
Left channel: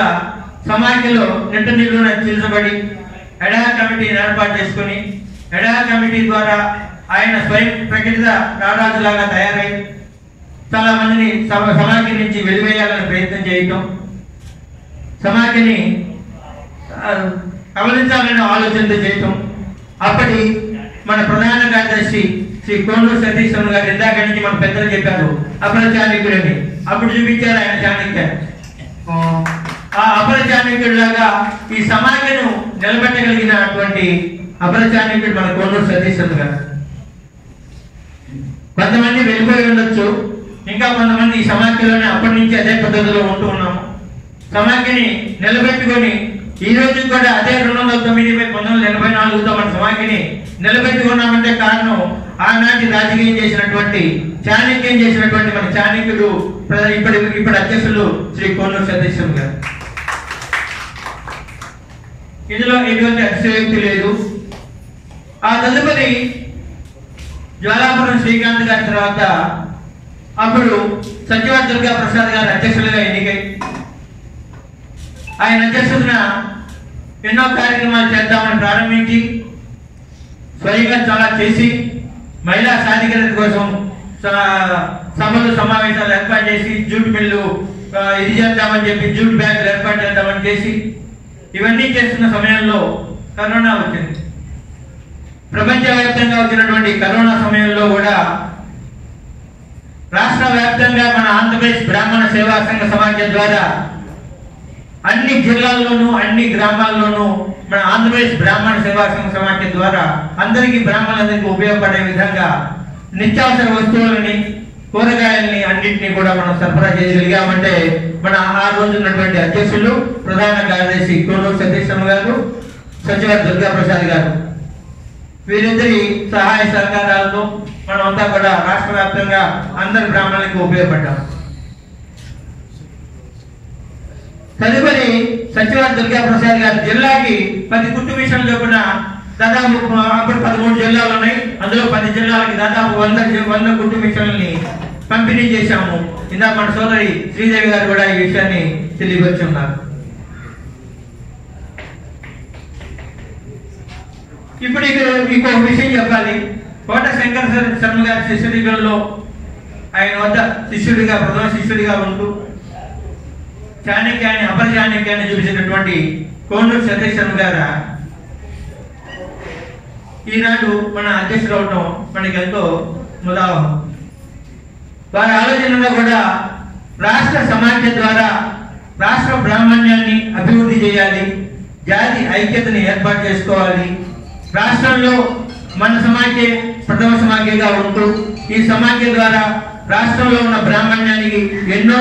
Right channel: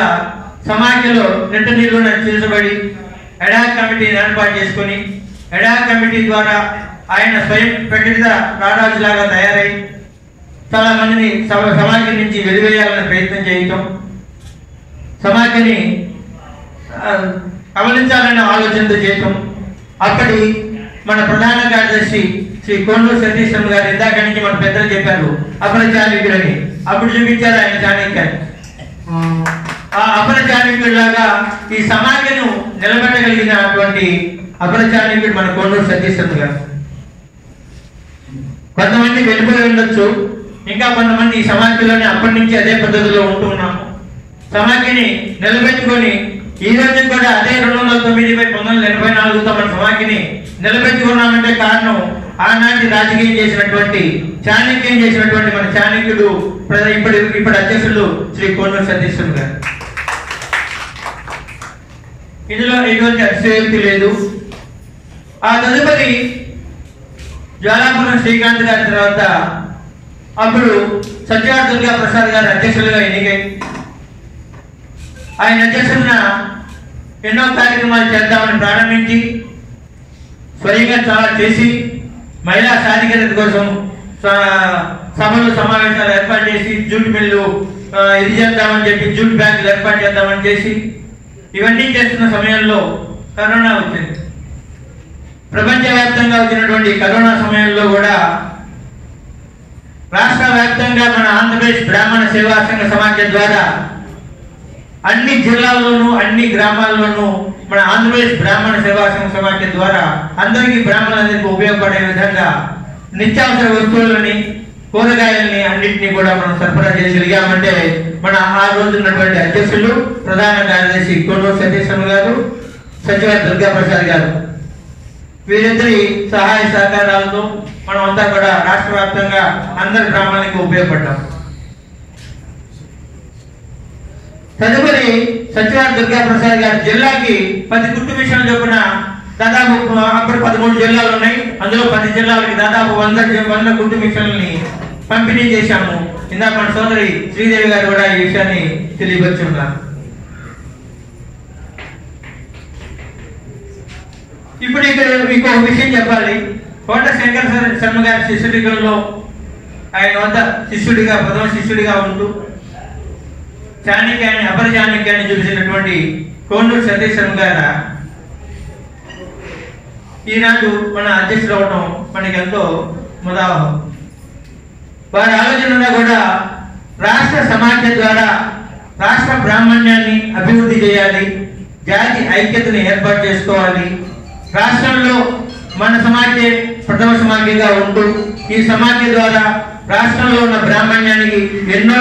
సమాఖ్యలో నిట్ట నిలువున చీల్చబడి ఎడాక్ కమిటీని ఏర్పాటు చేసుకుని ఎడాక్ కమిటీ ద్వారా ఆయన స్వయం ప్రకటిత రారాజులాగా తయారై చాలా మందిని సమాఖ్య నుంచి వెలివేయాలని ప్రయత్నం చేయటం, సమాఖ్యని అవలించాలనే ఆలోచనతో చేయటం. అప్పటి మన ప్రధాన కార్యదర్శి శ్రీ కోనూరు సతీష్ చంద్ర గారు ఇందాక నుంచి మన పెద్దలు చెప్పారు అపర చాణక్యుడని. అప్పుడు చూపించారు ఆయన చాణక్యాన్ని. ఆ అపర చాణక్యుడిలాగా ఈ సమాఖ్యను నిలబెట్టగలిగినటువంటి అపర చాణక్యుడు మన కోనూరు సతీష్ చంద్ర గారు. కొంతమంది వెళ్ళిపోయి ఉండొచ్చు, ఇంకా కొంతమంది ఈ సమాఖ్యలోనే అప్పటి నుంచి అదే పద్ధతిలో ఉంటూ ఉన్నాము. సమాఖ్యని నిలబెట్టుకొని ఈ రోజు కూడా అదే 209/1984తో మన సమాఖ్యని నిలబెట్టుకున్నామంటే కారణం ఆనాటి రాజకీయం చేసినటువంటి చాణక్యం చేసినటువంటి మన చాణక్యుడు ఇప్పుడు అధ్యక్షులు శ్రీ కోనూరు సతీష్ చంద్ర గారు. ఇందులో ఎటువంటి అతిశయోక్తి లేదు. ఆ తదుపరి జ్వాలాపురం శ్రీకాంత్ గారి తర్వాత అప్పుడు సత్యవాడ దుర్గా ప్రసాద్ గారు అధ్యక్షులుగా ఎన్నికై ఆయన అధ్యక్షతన ఎన్నో కార్యక్రమాలు చేద్దామని ప్రారంభించి స్వయంగా చాలా చేసి మహిళా సాధికారత కోసం సభలు సమావేశాలు ఏర్పాటు చేసి జూట్ మిల్లు ఇది చేద్దామని చెప్పి జూట్ బ్యాంకులు ఏర్పాటు చేద్దామని చేసి ఇవన్నీ చేస్తున్న సమయంలో కరోనా వచ్చింది. ప్రపంచవ్యాప్తంగా వచ్చినటువంటి కరోనా సమయంలో కూడా రాష్ట్ర వ్యాప్తంగా మన ఆంధ్రప్రదేశ్ బ్రాహ్మణ సేవా సంఘ సమాఖ్య ద్వారా అన్ని జిల్లాల్లోనూ అన్ని గ్రామాల్లోనూ మన ఆంధ్రప్రదేశ్ బ్రాహ్మణ సేవా సంఘ సమాఖ్య ద్వారా అందరికీ బ్రాహ్మణులందరికీ ఉపయోగపడే విధంగా నిత్యావసర వస్తువులని, కూరగాయలని అన్నింటినీ కూడా మనం సరఫరా చేయగలిగామంటే మన ఆ రోజు ఉన్నటువంటి అధ్యక్షులు ప్రధాన కార్యదర్శి కోనూరు సతీష్ చంద్ర గారు, సచివాడ దుర్గా ప్రసాద్ గారు, వీరిద్దరి సహాయ సహకారాలతో మనం అంతా కూడా రాష్ట్ర వ్యాప్తంగా అందరి బ్రాహ్మణులకు ఉపయోగపడ్డాం. తదుపరి సచివాడ దుర్గా ప్రసాద్ గారు జిల్లాకి 10 కుట్టు మిషన్లు చొప్పున దాదాపు అప్పుడు 13 జిల్లాలు ఉన్నాయి. అందులో 10 జిల్లాలకి దాదాపు 100 కుట్టు మిషన్లని పంపిణీ చేశాము. ఇందాక మన సోదరి శ్రీదేవి గారు కూడా ఈ విషయాన్ని తెలియపరుచున్నారు. ఇప్పుడు ఇక్కడ ఇంకొక విషయం చెప్పాలి. కోట శంకర్ శర్మ గారి శిష్యుడిలో ఆయన వద్ద శిష్యుడిగా, ప్రథమ శిష్యుడిగా ఉంటూ చాణక్యాన్ని, అపర చాణక్యాన్ని చూపించినటువంటి కోనూరు సతీష్ చంద్ర గారు ఈనాడు మన అధ్యక్షుడు అవడం మనకి ఎంతో ముదావహం. వారి ఆలోచనలో కూడా రాష్ట్ర సమాఖ్య ద్వారా రాష్ట్ర బ్రాహ్మణ్యాన్ని అభివృద్ధి చేయాలి, జాతి ఐక్యతను ఏర్పాటు చేసుకోవాలి, రాష్ట్రంలో మన సమాఖ్య ప్రథమ సమాఖ్యగా ఉంటూ ఈ సమాఖ్య ద్వారా రాష్ట్రంలో ఉన్న బ్రాహ్మణ్యానికి ఎన్నో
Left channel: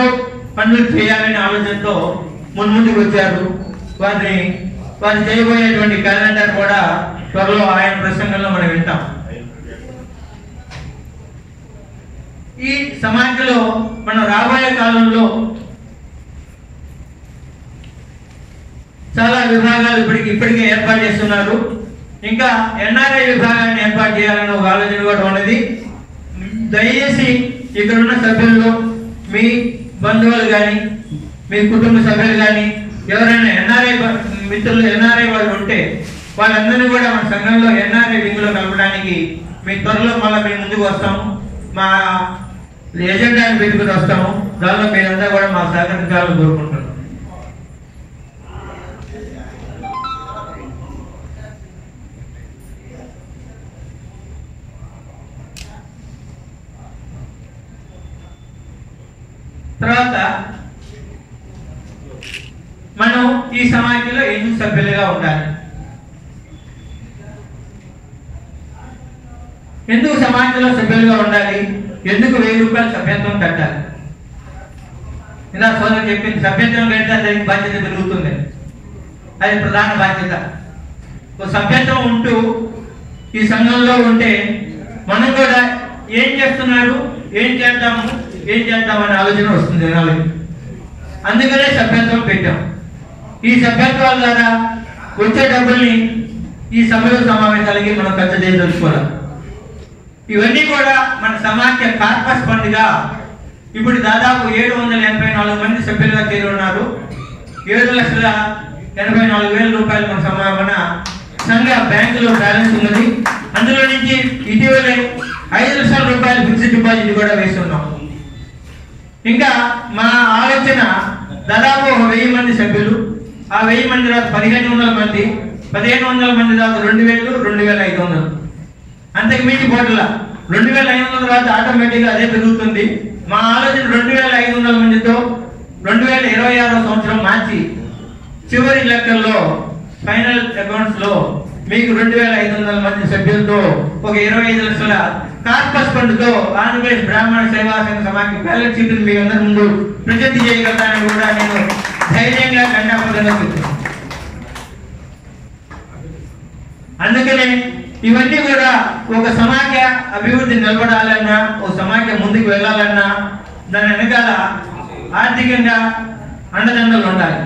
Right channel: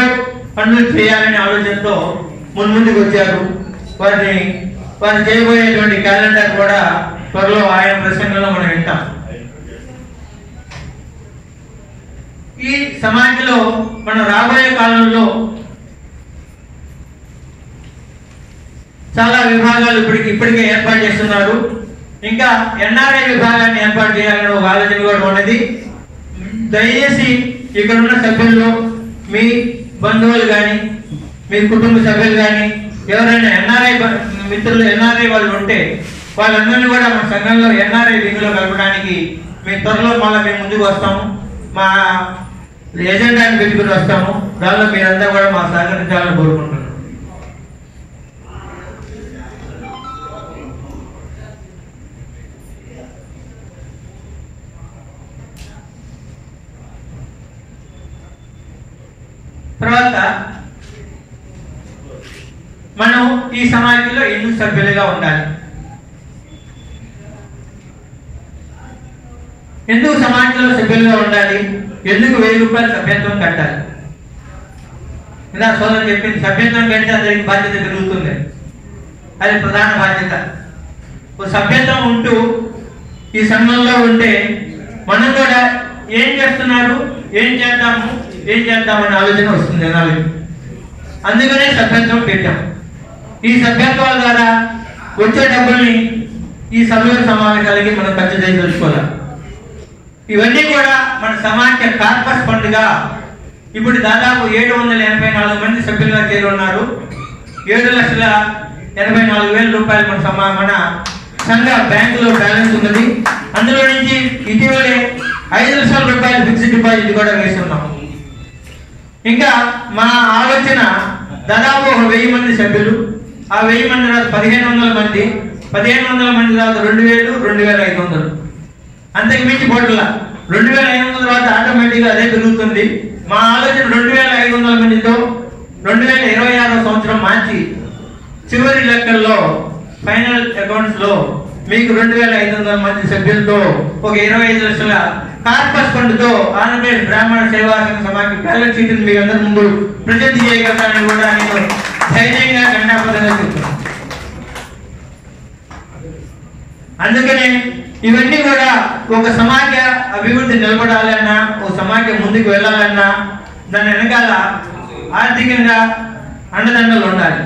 పనులు చేయాలనే ఆలోచనతో ముందుకు వచ్చారు. వారు చేయబోయేటువంటి క్యాలెండర్ కూడా త్వరలో ఆయన ప్రసంగంలో మనం వింటాం. ఈ సమాఖ్యలో మనం రాబోయే కాలంలో చాలా విభాగాలు ఇప్పటికే ఏర్పాటు చేస్తున్నారు. ఇంకా ఎన్ఆర్ఐ విభాగాన్ని ఏర్పాటు చేయాలని ఒక ఆలోచన కూడా ఉన్నది. దయచేసి ఇక్కడ ఉన్న సభ్యుల్లో మీ బంధువులు కానీ మీ కుటుంబ సభ్యులు కానీ ఎవరైనా ఎన్ఆర్ఐ మిత్రులు ఎన్ఆర్ఐ వాళ్ళు ఉంటే వాళ్ళందరినీ కూడా మన సంఘంలో ఎన్ఆర్ఐ వింగ్లో కలపడానికి మీ త్వరలో మళ్ళీ మేము ముందుకు వస్తాము. మా ఎజెండాని పెట్టుకుని వస్తాము. దానిలో మీరంతా కూడా మాకు సహకరించాలని కోరుకుంటున్నాను. తర్వాత మనం ఈ సమాజంలో ఎందుకు సభ్యులుగా ఉండాలి, ఎందుకు సమాజంలో సభ్యులుగా ఉండాలి, ఎందుకు 1000 రూపాయలు సభ్యత్వం కట్టాలి? ఇలా సోదరు చెప్పింది, సభ్యత్వం కడితే అందరికి బాధ్యత పెరుగుతుంది. అది ప్రధాన బాధ్యత. ఒక సభ్యత్వం ఉంటూ ఈ సంఘంలో ఉంటే మనం కూడా ఏం చేస్తున్నారు, ఏం చేద్దామనే ఆలోచన వస్తుంది జనాలకి. అందుకనే సభ్యత్వం పెట్టాం. ఈ సభ్యత్వాల ద్వారా వచ్చే డబ్బుల్ని ఈ సభ్యుల సమావేశాలకి మనం ఖర్చు చేయదలుచుకోవాలి. ఇవన్నీ కూడా మన సమాఖ్య కార్పస్ ఫండ్గా ఇప్పుడు దాదాపు 784 మంది సభ్యులుగా చేరి ఉన్నారు. 7,84,000 రూపాయలు మన సంఘ బ్యాంకులో బ్యాలెన్స్ ఉన్నది. అందులో నుంచి ఇటీవలే 5 లక్షల రూపాయలు ఫిక్స్డ్ డిపాజిట్ కూడా వేస్తున్నాం. ఇంకా మా ఆలోచన దాదాపు 1000 మంది సభ్యులు, ఆ 1000 మంది తర్వాత 1500 మంది, 1500 మంది తర్వాత 2000, 2500, అంతకు మించి పోట్ల 2500 తర్వాత ఆటోమేటిక్గా అదే పెరుగుతుంది. మా ఆలోచన 2500 మందితో 2026 సంవత్సరం మార్చి చివరి లెక్కల్లో ఫైనల్ అకౌంట్స్ లో మీకు 2500 మంది సభ్యులతో ఒక 25 లక్షల కార్పస్ ఫండ్ తో ఆంధ్రప్రదేశ్ బ్రాహ్మణ సేవా సంఘ సమాఖ్య బ్యాలెన్స్ షీట్ మీ అందరి ముందు ప్రజెంట్ చేయగలనని కూడా నేను ధైర్యంగా గండాపదంగా చెప్తున్నాను. అందుకనే ఇవన్నీ కూడా ఒక సమాఖ్య అభివృద్ధి నిలబడాలన్నా, ఒక సమాఖ్య ముందుకు వెళ్ళాలన్నా దాని వెనకాల ఆర్థికంగా అండదండలు ఉండాలి.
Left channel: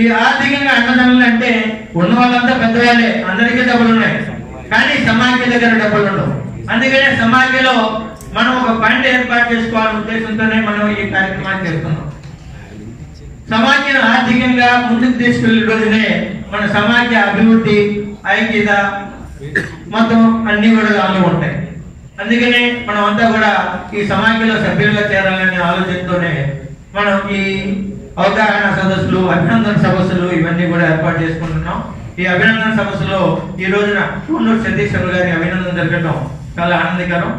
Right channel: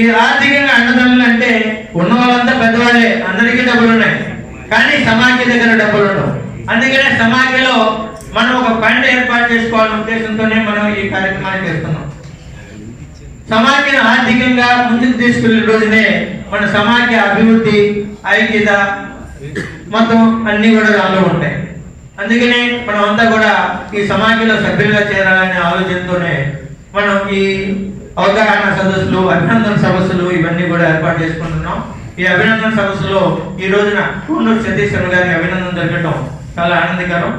ఈ ఆర్థికంగా అండదండలు అంటే ఉన్న వాళ్ళంతా పెద్దవాళ్ళే, అందరికీ డబ్బులు ఉన్నాయి, కానీ సమాఖ్య దగ్గర డబ్బులు ఉండవు. అందుకనే సమాఖ్యలో మనం ఒక ఫండ్ ఏర్పాటు చేసుకోవాలనే ఉద్దేశంతోనే మనం ఈ కార్యక్రమాన్ని చేస్తున్నాం. సమాఖ్యను ఆర్థికంగా ముందుకు తీసుకెళ్లే రోజునే మన సమాఖ్య అభివృద్ధి, ఐక్యత మొత్తం అన్ని కూడా దానిలో ఉంటాయి. అందుకనే మనం అంతా కూడా ఈ సమాఖ్యలో సభ్యులుగా చేరాలనే ఆలోచనతోనే మనం ఈ అవగాహన సదస్సులు, అభినందన సదస్సులు ఇవన్నీ కూడా ఏర్పాటు చేసుకుంటున్నాం. ఈ అభినందన సదస్సులో ఈ రోజున పూర్ణూరు సతీష్ శర్మ గారి అభినందన జరగడం చాలా ఆనందకరం.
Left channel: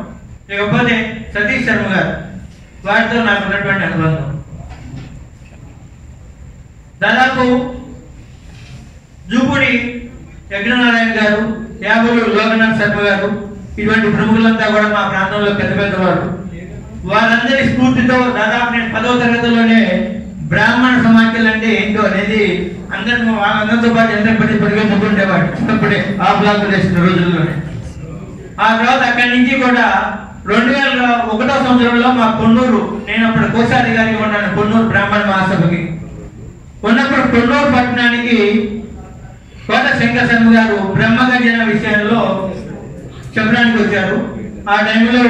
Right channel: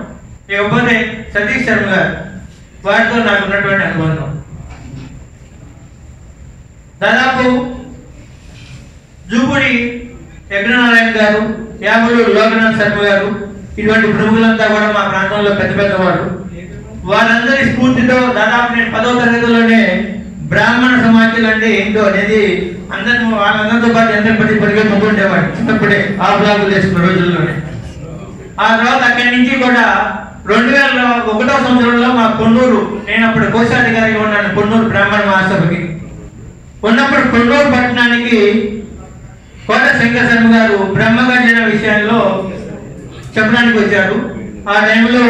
ఇకపోతే సతీష్ శర్మ గారు, వారితో నాకు ఉన్నటువంటి అనుబంధం దాదాపు జూపూడి యజ్ఞనారాయణ గారు, యామలూరు లోకనాథ్ శర్మ గారు, ఇటువంటి ప్రముఖులంతా కూడా మా ప్రాంతంలో పెద్ద పెద్దవారు. వారందరి స్ఫూర్తితో దాదాపు నేను 10వ తరగతిలోనే బ్రాహ్మణ సమాఖ్యలు అంటే ఏంటో అనేది అందరిని వాళ్ళందరితో పాటు ఎంతపడి పరిగెత్తుకుంటేవాడు చిన్నప్పుడే, ఆ బ్లాగులు వేసిన రోజుల్లోనే. ఆ తర్వాత అక్కడి నుంచి కూడా 2001వ సంవత్సరంలో మా కొన్నూరు, నేను అప్పుడు కోశాధికారిగా ఉన్నాను కొన్నూరు బ్రాహ్మణ మహాసభకి ఉన్నప్పుడు, కొన్నూరు పట్టణానికి కోట శంకర్ శర్మ గారు బ్రహ్మగర్జన విషయంలో చెప్పడానికి వచ్చారు. ఆ టైంలో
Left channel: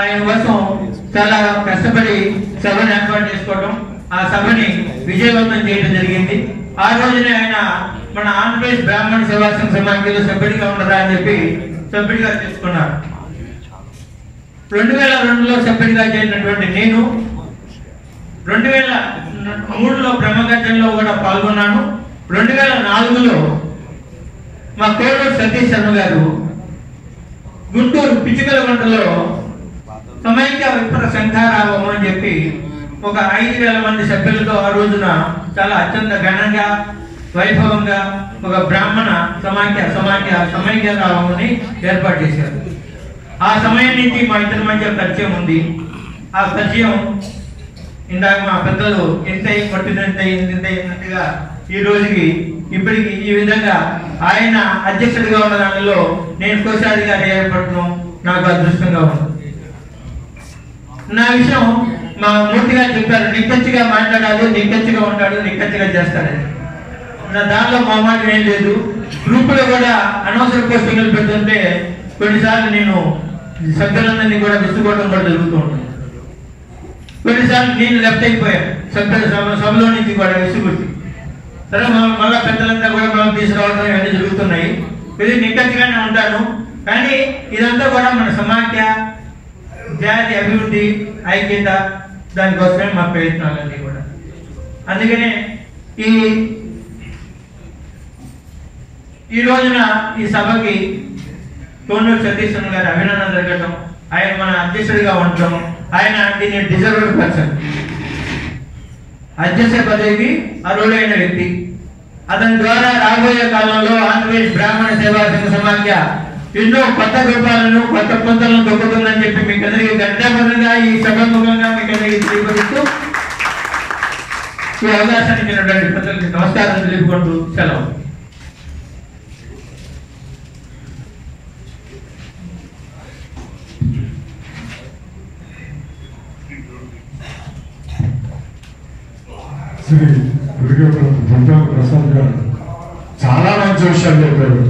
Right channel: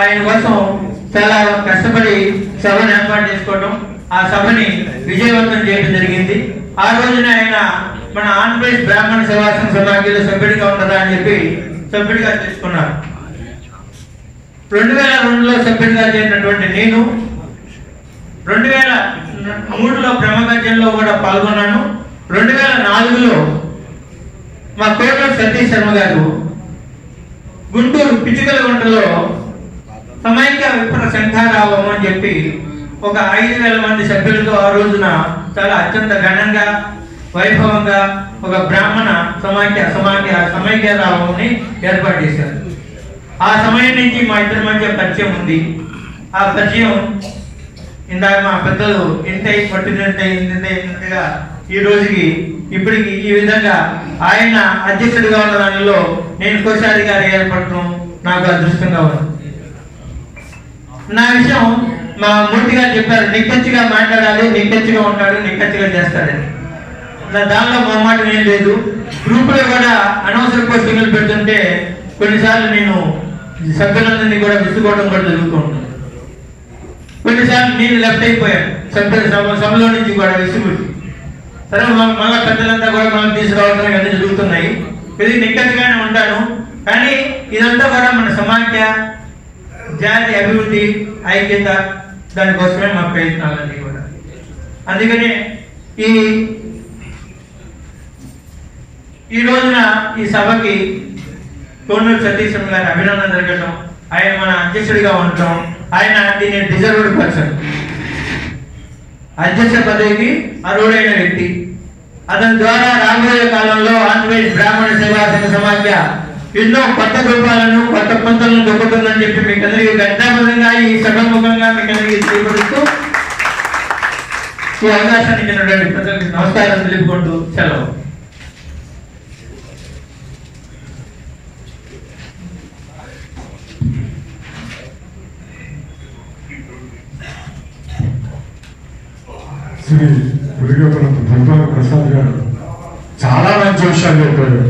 ఆయన కోసం చాలా కష్టపడి సభను ఏర్పాటు చేసుకోవడం, ఆ సభని విజయవంతం చేయడం జరిగింది. ఆ రోజున ఆయన మన ఆంధ్రప్రదేశ్ బ్రాహ్మణ సేవా సంఘ సమాఖ్యలో సభ్యుడిగా ఉండదా అని చెప్పి సభ్యుడిగా తీసుకున్నారు. 2002లో సభ్యుడిగా చేరినటువంటి నేను 2003లో బ్రహ్మగర్జనలో కూడా పాల్గొన్నాను. 2004లో మా కోటూరు సతీష్ శర్మ గారు గుంటూరు పిచ్చుకలగుంటలో సమైక్య విప్ర శంఖారావం అని చెప్పి ఒక 5,000 మంది సభ్యులతో ఆ రోజున చాలా అత్యంత ఘనంగా, వైభవంగా ఒక బ్రాహ్మణ సమైక్య రావంని ఏర్పాటు చేశారు. ఆ సమయం నుంచి మా ఇద్దరి మధ్య పరిచయం ఉంది. ఆ పరిచయం ఇందాక మా పెద్దలు ఇంత కొట్టినట్టుగా ఈ రోజుకి ఇప్పటికి ఈ విధంగా ఆయన అధ్యక్షుడిగా ఉన్న దానిలో నేను కోశాధికారి ఏర్పడటం నాకు అదృష్టంగా ఉంది. నా విషయం మా మూర్తి గారు చెప్పారు, నిక్కచ్చిగా మాట్లాడాలి, నిక్కచ్చిగా ఉంటాడు, నిక్కచ్చిగా చేస్తాడని. దానిలో మా మాట ఏం లేదు. గ్రూపులో కూడా అనవసర పోస్టింగ్లు పెడుతుంటే కొన్నిసార్లు నేను సభ్యులందరినీ కూడా విసుకోవడం కూడా జరుగుతూ ఉంటాను. కొన్నిసార్లు నేను లెఫ్ట్ అయిపోయాను సభలో నుంచి కూడా విసిగుట్టి. సరే మళ్ళీ పెద్దలంతా కూడా మనం తీసుకురావడం ఇవన్నీ జరుగుతున్నాయి. ఇది నిక్కచ్చిగానే ఉంటాను. కానీ ఇదంతా కూడా మన సమాఖ్య జాతి అభివృద్ధి ఐక్యత దానికోసమే మా ప్రయత్నాలన్నీ కూడా. అందుకనే ఈ రోజున ఈ సభకి కోనూరు సతీష్ గారి అభినందన జరగటం, ఆయన మన అధ్యక్షుడిగా ఉండటం, ఆయన దీన్ని డిజర్వ్డ్ పర్సన్, అధ్యక్ష పదవికి అర్హుడైన వ్యక్తి. అతని ద్వారా రాబోయే కాలంలో ఆంధ్రప్రదేశ్ బ్రాహ్మణ సేవా సంఘ సమాఖ్య ఎన్నో కొత్త రూపాలను కొత్త పంతలను దొక్కుతుందని చెప్పి మీకు అందరికీ గంటాపరంగా ఈ సభాముఖంగా మీకు అందరికీ తెలియపరుస్తూ ఈ అవకాశానికి ఇచ్చినటువంటి ప్రజలకు నమస్కారం తెలుపుకుంటూ సెలవు. శ్రీ గురిగపురపు దుర్గాల ప్రసాద్ గారు చాలా మంచి విషయాలు చెప్పారు.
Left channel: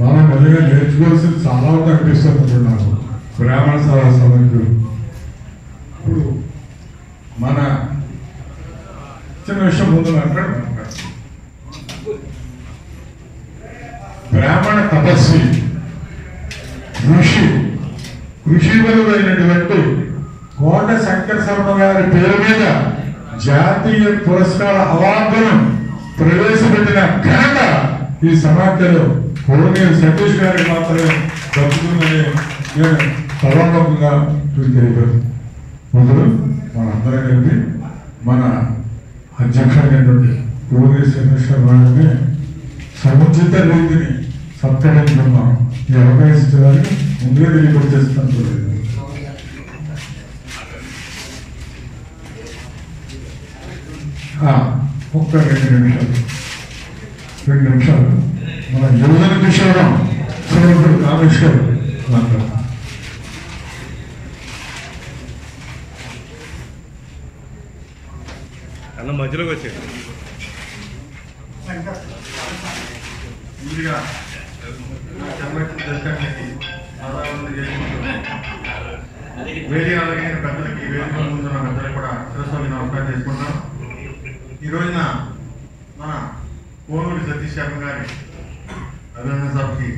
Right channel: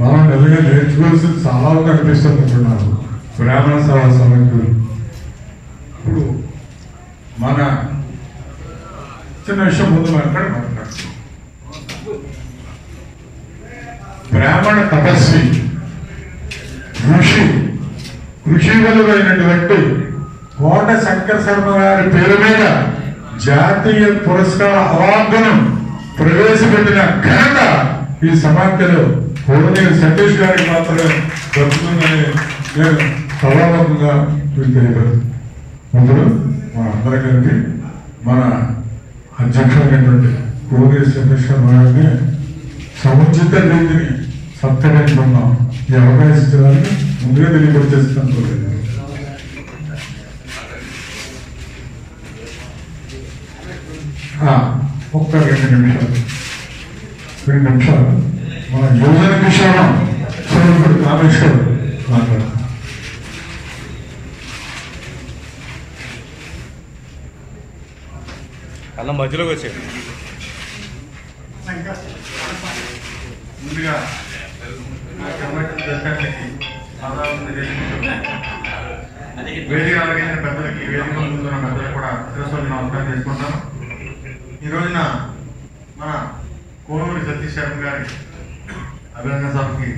మనం నిజంగా నేర్చుకోవాల్సింది చాలా ఉంది అనిపిస్తుంది నాకు. బ్రాహ్మణ సభా సమితులు ఇప్పుడు మన చిన్న విషయం ముందు మాట్లాడు. బ్రాహ్మణ తపస్వి కృషి విలువైనటువంటి కోట శంకర శర్మ గారి పేరు మీద జాతీయ పురస్కార అవార్డును ప్రవేశపెట్టిన ఘనత ఈ సమాఖ్యలో కోనేరు సతీష్ గారికి మాత్రమే దక్కుతుందని నేను సభాముఖంగా తెలియదు. ఇప్పుడు మన అందరి కలిపి మన అధ్యక్షుడైనటువంటి కోనేరు సతీష్ గారిని సముచిత రీతిని సత్కరించుకున్నాం. ఈ అవకాశానికి ముందుగా తెలియపరిచేస్తున్నాను. ఒక్క 2 నిమిషాలు మన యువజన విషయంలో సోదరుడు రామేష్ గారు మాట్లాడారు. అలా మధ్యలోకి వచ్చాడు. ముందుగా వేదిక అలాగైన పెద్దలకి వేదిక ముందున్న పెద్దలకు కూడా నమస్కారం చేసుకుంటాం. ఈ రోజున మన కోనూరు సతీష్ శర్మ గారి అభినందన సభకి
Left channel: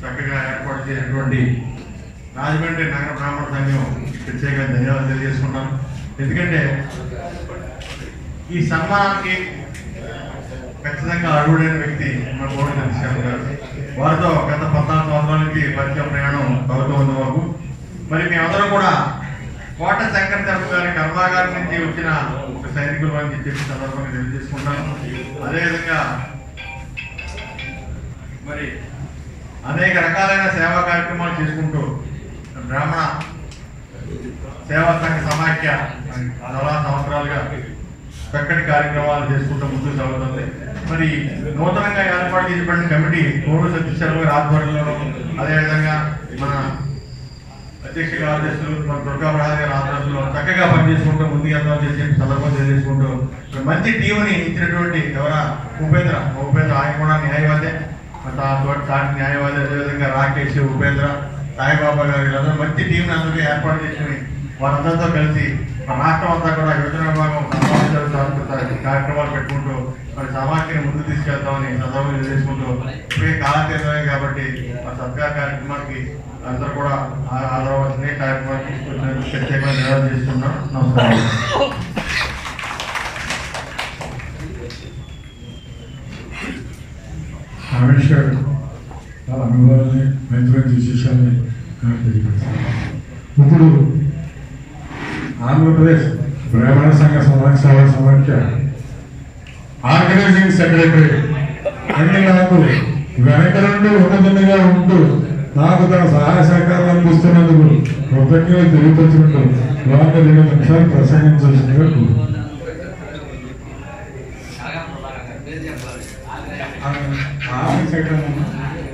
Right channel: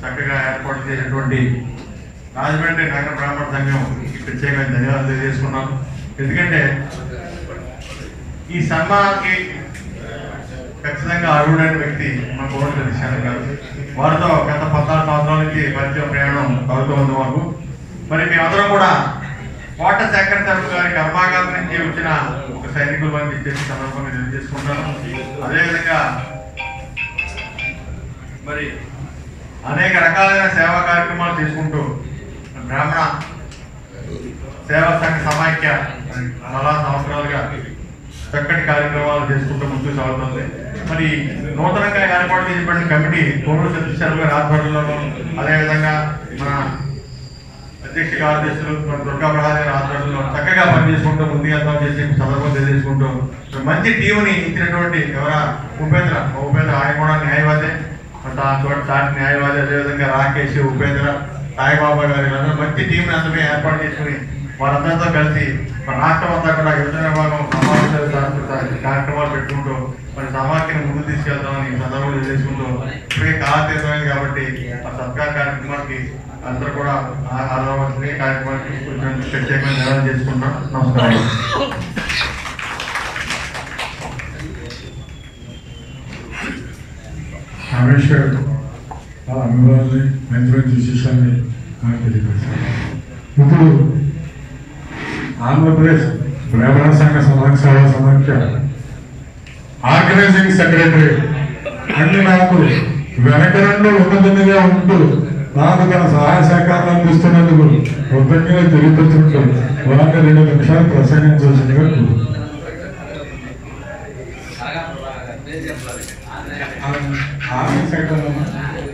చక్కగా ఏర్పాటు చేసినటువంటి రాజమండ్రి నగర బ్రాహ్మణ సంఘం ప్రత్యేకంగా ధన్యవాదాలు తెలియజేసుకున్నాం. ఎందుకంటే ఈ సన్మానానికి ఖచ్చితంగా అర్హుడైన వ్యక్తి మన కోనూరు సతీష్ శర్మ గారు. వారితో గత 14 సంవత్సరాల నుంచి పరిచయ ప్రయాణం కలుగుతుంది మాకు. మరి మేమందరం కూడా కోట శంకర శర్మ గారి కర్మాగారం నుంచి వచ్చిన ఒక సైనికుల వారిని ఇచ్చేసి సందర్భంగా తెలియజేసుకుంటాను. అదేవిధంగా మరి అనేక రకాలైన సేవా కార్యక్రమాలు చేసుకుంటూ బ్రాహ్మణ సేవా సంఘ సమాఖ్య చాలా సంవత్సరాలుగా చక్కటి కార్యక్రమాలు చేసుకుంటూ ముందుకు సాగుతుంది. మరి నూతనంగా ఏర్పాటు చేసినటువంటి కమిటీ కోనూరు సతీష్ శర్మ గారి ఆధ్వర్యంలోనూ, అదేవిధంగా మన అధ్యక్ష కార్యదర్శులు మన దుర్గా ప్రసాద్ గారి ఆధ్వర్యంలో చక్కగా పనిచేసుకుంటూ ముందుకు వెళ్తామని చేసి సందర్భం తెలియజేసుకుంటూ మంచి టీంని ఇచ్చినటువంటి ఉపేంద్ర ఆయన కూడా న్యాయవాదే, చాటి న్యాయవాది, అదేవిధంగా రాకేష్, ఉపేంద్ర, సాయిబాబా గారు వీళ్ళందరూ మంచి టీంని అందరినీ ఏర్పాటు చేసుకుని వారందరితో కలిసి మన రాష్ట్రం అంతా కూడా యువజన విభాగం కార్యక్రమాలు పెట్టుకుంటూ మరి సమాఖ్యను ముందు తీసుకెళ్తామని సందర్భంలో తెలియజేసుకుంటూ ఇప్పటికే కాలతీర్థమైంది కాబట్టి ఆ సత్కార కార్యక్రమానికి అందరూ కూడా హాజరవలసిన కార్యక్రమానికి ప్రత్యేకంగా ధన్యవాదాలు చేసుకుంటాం. నమస్కారం. రమేష్ గారు ఆ అనుభవాన్ని మంచి విశేషాన్ని నాకు తెలియజేశారు. ఇప్పుడు ఆంధ్రప్రదేశ్ బ్రాహ్మణ సంఘ సేవా సమాఖ్య ఆర్గనైజింగ్ సెక్రటరీ అన్ని నాకు వెనక నుండి ఉన్నతంగా ఉంటూ నాకు తన సహాయ సహకారాలు అందిస్తున్నందుకు కృతజ్ఞతలు తెలియపరుచుకుంటూ వారిని 2 నిమిషాలు ప్రసంగించాల్సిందిగా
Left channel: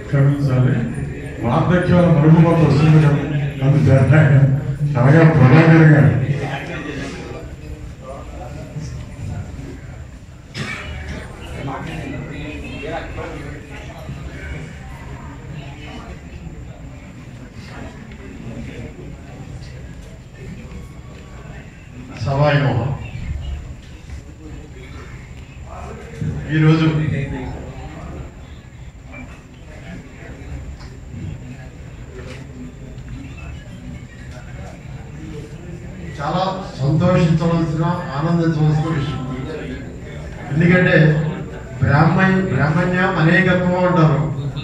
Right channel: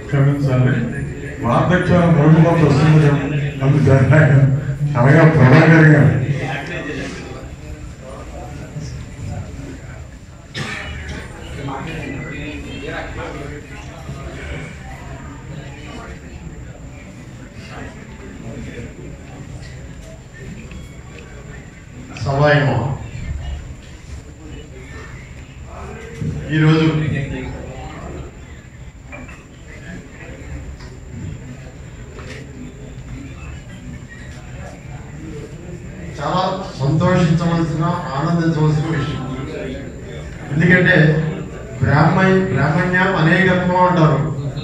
క్షమించాలి. వార్ధక్యాలు మరుగుమంత వస్తుంది అనగా ప్రభాకర్ గారు ఈరోజు చాలా సంతోషించవలసిన ఆనందించవలసిన విషయం. ఎందుకంటే బ్రాహ్మణ్యం అనేకత్వం అంటారు,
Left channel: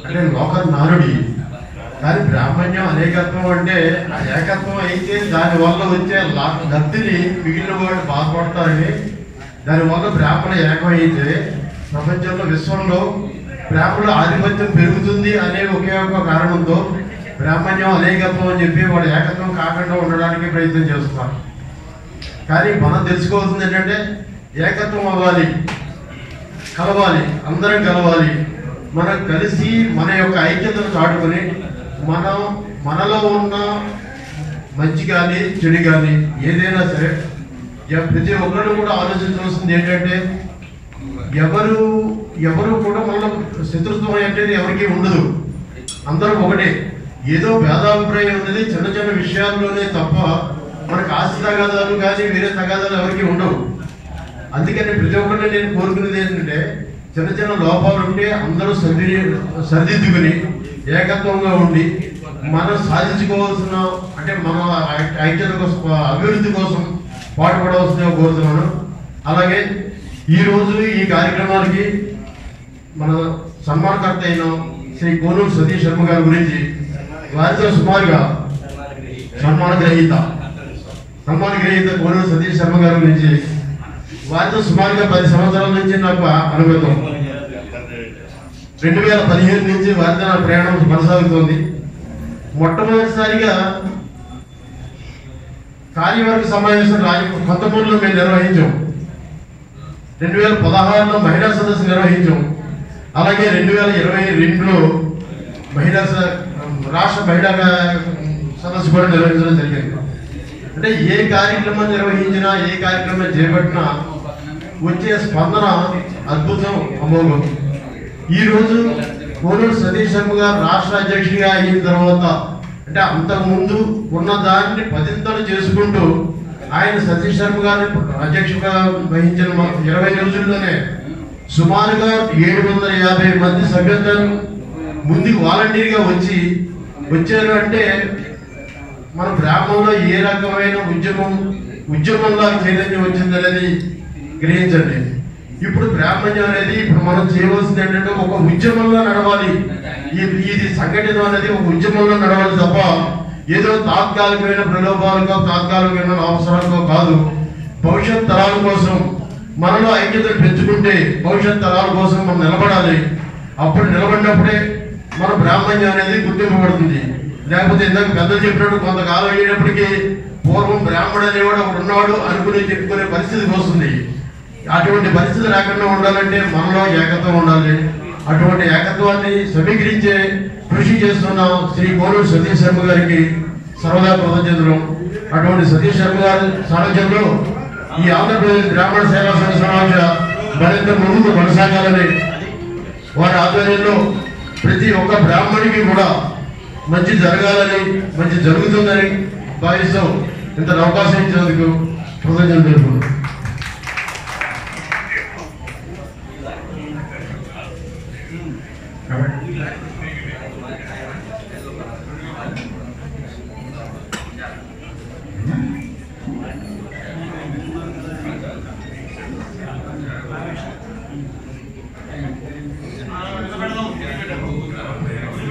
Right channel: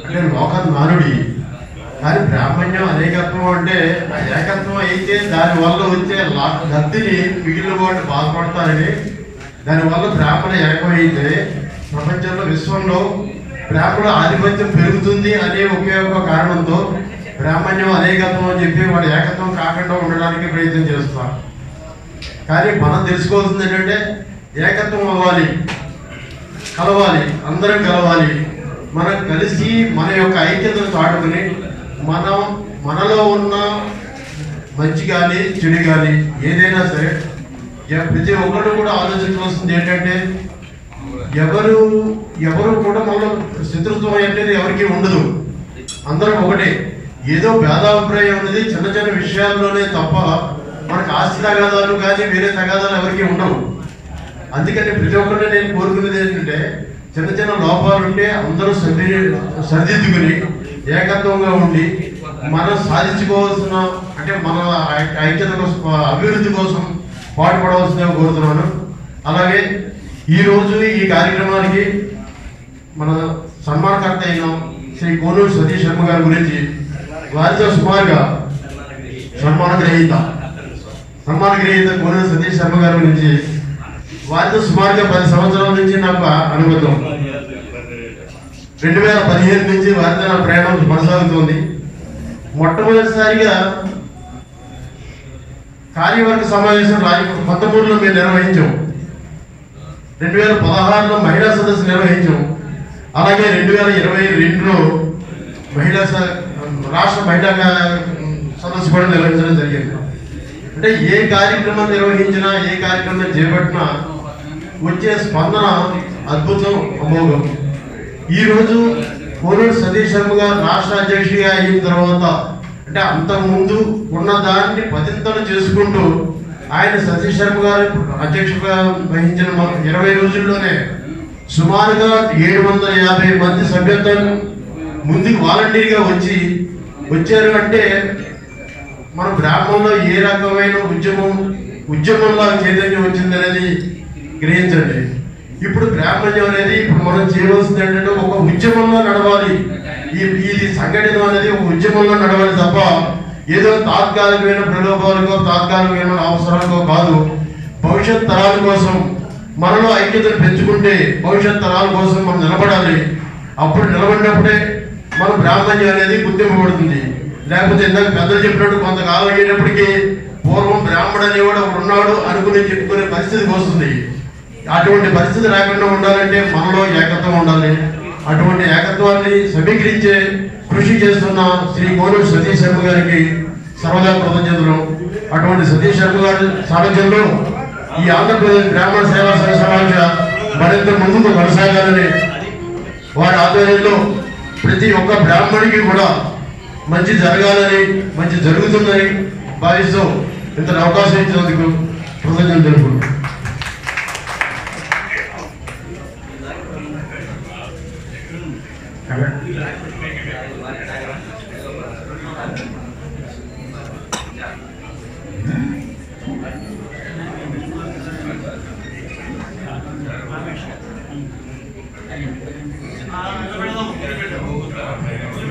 అంటే లోక నానుడి. కానీ బ్రాహ్మణ్యం అనేకత్వం అంటే ఆ ఏకత్వం అయితే దానివల్ల వచ్చే లబ్ధిని మిగిలిన వాళ్ళు బాధపడతారని, దానివల్ల బ్రాహ్మణ ఏకమైతే ప్రపంచంలో విశ్వంలో బ్రాహ్మణ ఆధిపత్యం పెరుగుతుంది అనే ఒకే ఒక కారణంతో బ్రాహ్మణ్యం అనేకత్వం అని చెప్పి వాడు ఏకత్వం కాకుండా ఉండడానికి ప్రయత్నం చేస్తున్నారు. కానీ మనం తెలుసుకోవాల్సింది ఏంటంటే ఏకత్వం అవ్వాలి, కలవాలి, అందరం కలవాలి. మనం కలిసి మన యొక్క ఐక్యతను చాటుకుని మనలో ఉన్న మంచి కానీ చెడు కానీ ఏదైనా సరే ప్రతి ఒక్కరు కూడా ఆలోచించవలసింది ఏంటంటే ఎవరు కూడా మనలో శత్రుత్వం అనేది ఎవరికి ఉండదు, అందరం ఒకటే. ఏదో భేదాభిప్రాయం అనేది చిన్న చిన్న విషయాల్లోనే తప్ప మనకు ఆస్తి తగాదాలు కానీ వేరే తగాదాలు ఎవరికి ఉండవు. అందుకని ప్రతి ఒక్కరిని నేను కోరుకునేది ఏంటంటే చిన్న చిన్న లోపాలు ఉంటే అందరూ సరిదిద్దుకుని ఏకత్వంగా ఉండి మనం సాధించుకోవాల్సిన, అంటే మన ఐక్యత కోసం, అభివృద్ధి కోసం పాటుపడవలసిందిగా కోరుతున్నాను. అలాగే ఈరోజు ఈ కార్యక్రమానికి మన సన్మానకర్త అయిన శ్రీ కోనూరు సతీష్ శర్మ గారి గురించి వారితో సుమారుగా సన్మాన గ్రహీత కోనూరు సతీష్ శర్మ గారి గురించి వారితో సుమారుగా 10 సంవత్సరాల నుంచి నాకు అనుబంధం. 2015 నుంచి వారితో నా ప్రయాణం కొనసాగుతోంది. మొట్టమొదటిసారిగా కార్యవర్గ సమావేశం 2013లో మేము నిర్వహించాం. 2016లో మహిళా సదస్సు నిర్వహించాం. అలాగే 2022లో రాష్ట్ర మహిళా సదస్సు కూడా నిర్వహించడం జరిగింది. అంటే ఏ కార్యక్రమం నిర్వహించినా, ఏ కార్యక్రమం చేపట్టినా వచ్చే స్పందన అద్భుతం, అమోఘం. ఈరోజు కోనూరు సతీష్ శర్మ గారు రాష్ట్ర అధ్యక్షుడిగా అయిన తర్వాత, అంటే అంతకుముందు ఉన్న దాన్ని 10 చేసుకుంటూ ఆయన సతీష్ శర్మ గారు అధ్యక్షగా వహించిన 20 రోజుల్లోనే సుమారుగా 750 మంది సభ్యత్వం ముందుకు వాలంటీర్గా వచ్చారు. అంటే మన బ్రాహ్మణంలో ఏ రకమైన ఉద్యమంలో చైతన్యం వచ్చిందనేది గ్రహించండి. ఇప్పుడు బ్రాహ్మణ్యం అనేది ఇప్పుడు మనం చేయవలసింది ఏంటంటే ఒక ఉద్యమంలో నడవాలి. ఇది సంఘటన అనేది ఒక ఉద్యమంలో నడవాలి తప్ప ఏదో తాత్కాలికమైన ప్రలోభాలకో తాత్కాలికమైన అవసరాలకో కాదు. భవిష్యత్ తరాల కోసం మనలో ఐక్యతను పెంచుకుంటే భవిష్యత్ తరాల కోసం మనం నిలబడాలి. అప్పుడు నిలబడినప్పుడే మన బ్రాహ్మణ్యం అనేది గుర్తింపబడుతుంది. లేకపోతే ఇందాక పెద్దలు చెప్పినట్టు కొంతకాలం అయ్యేటప్పటికీ పూర్వం బ్రాహ్మణుడు అనేవాడు ఒకడు ఉన్నాడు అనుకుని చెప్పుకునే పరిస్థితికి వస్తుంది. అటువంటి పరిస్థితి రాకుండా ఉండాలంటే మనలో ఏకత్వం ఉండాలి. అటువంటి ఏకత్వాన్ని సమీకరించే కృషి చేస్తున్న శ్రీ కోనూరు సతీష్ శర్మ గారికి సర్వదా కృతజ్ఞతలు. అటువంటి సతీష్ శర్మ గారి సారథ్యంలో ఈ ఆంధ్రప్రదేశ్ బ్రాహ్మణ సేవా సంఘ సమావేశ మరింత ముందుకు కొనసాగాలని, వారి ఆధ్వర్యంలో ప్రతి ఒక్క బ్రాహ్మణికి కూడా మంచి జరగాలని, మంచి జరుగుతుందని భావిస్తూ ఇంత అవకాశం ఇచ్చినందుకు కృతజ్ఞతలు తెలుపుకుంటున్నాను.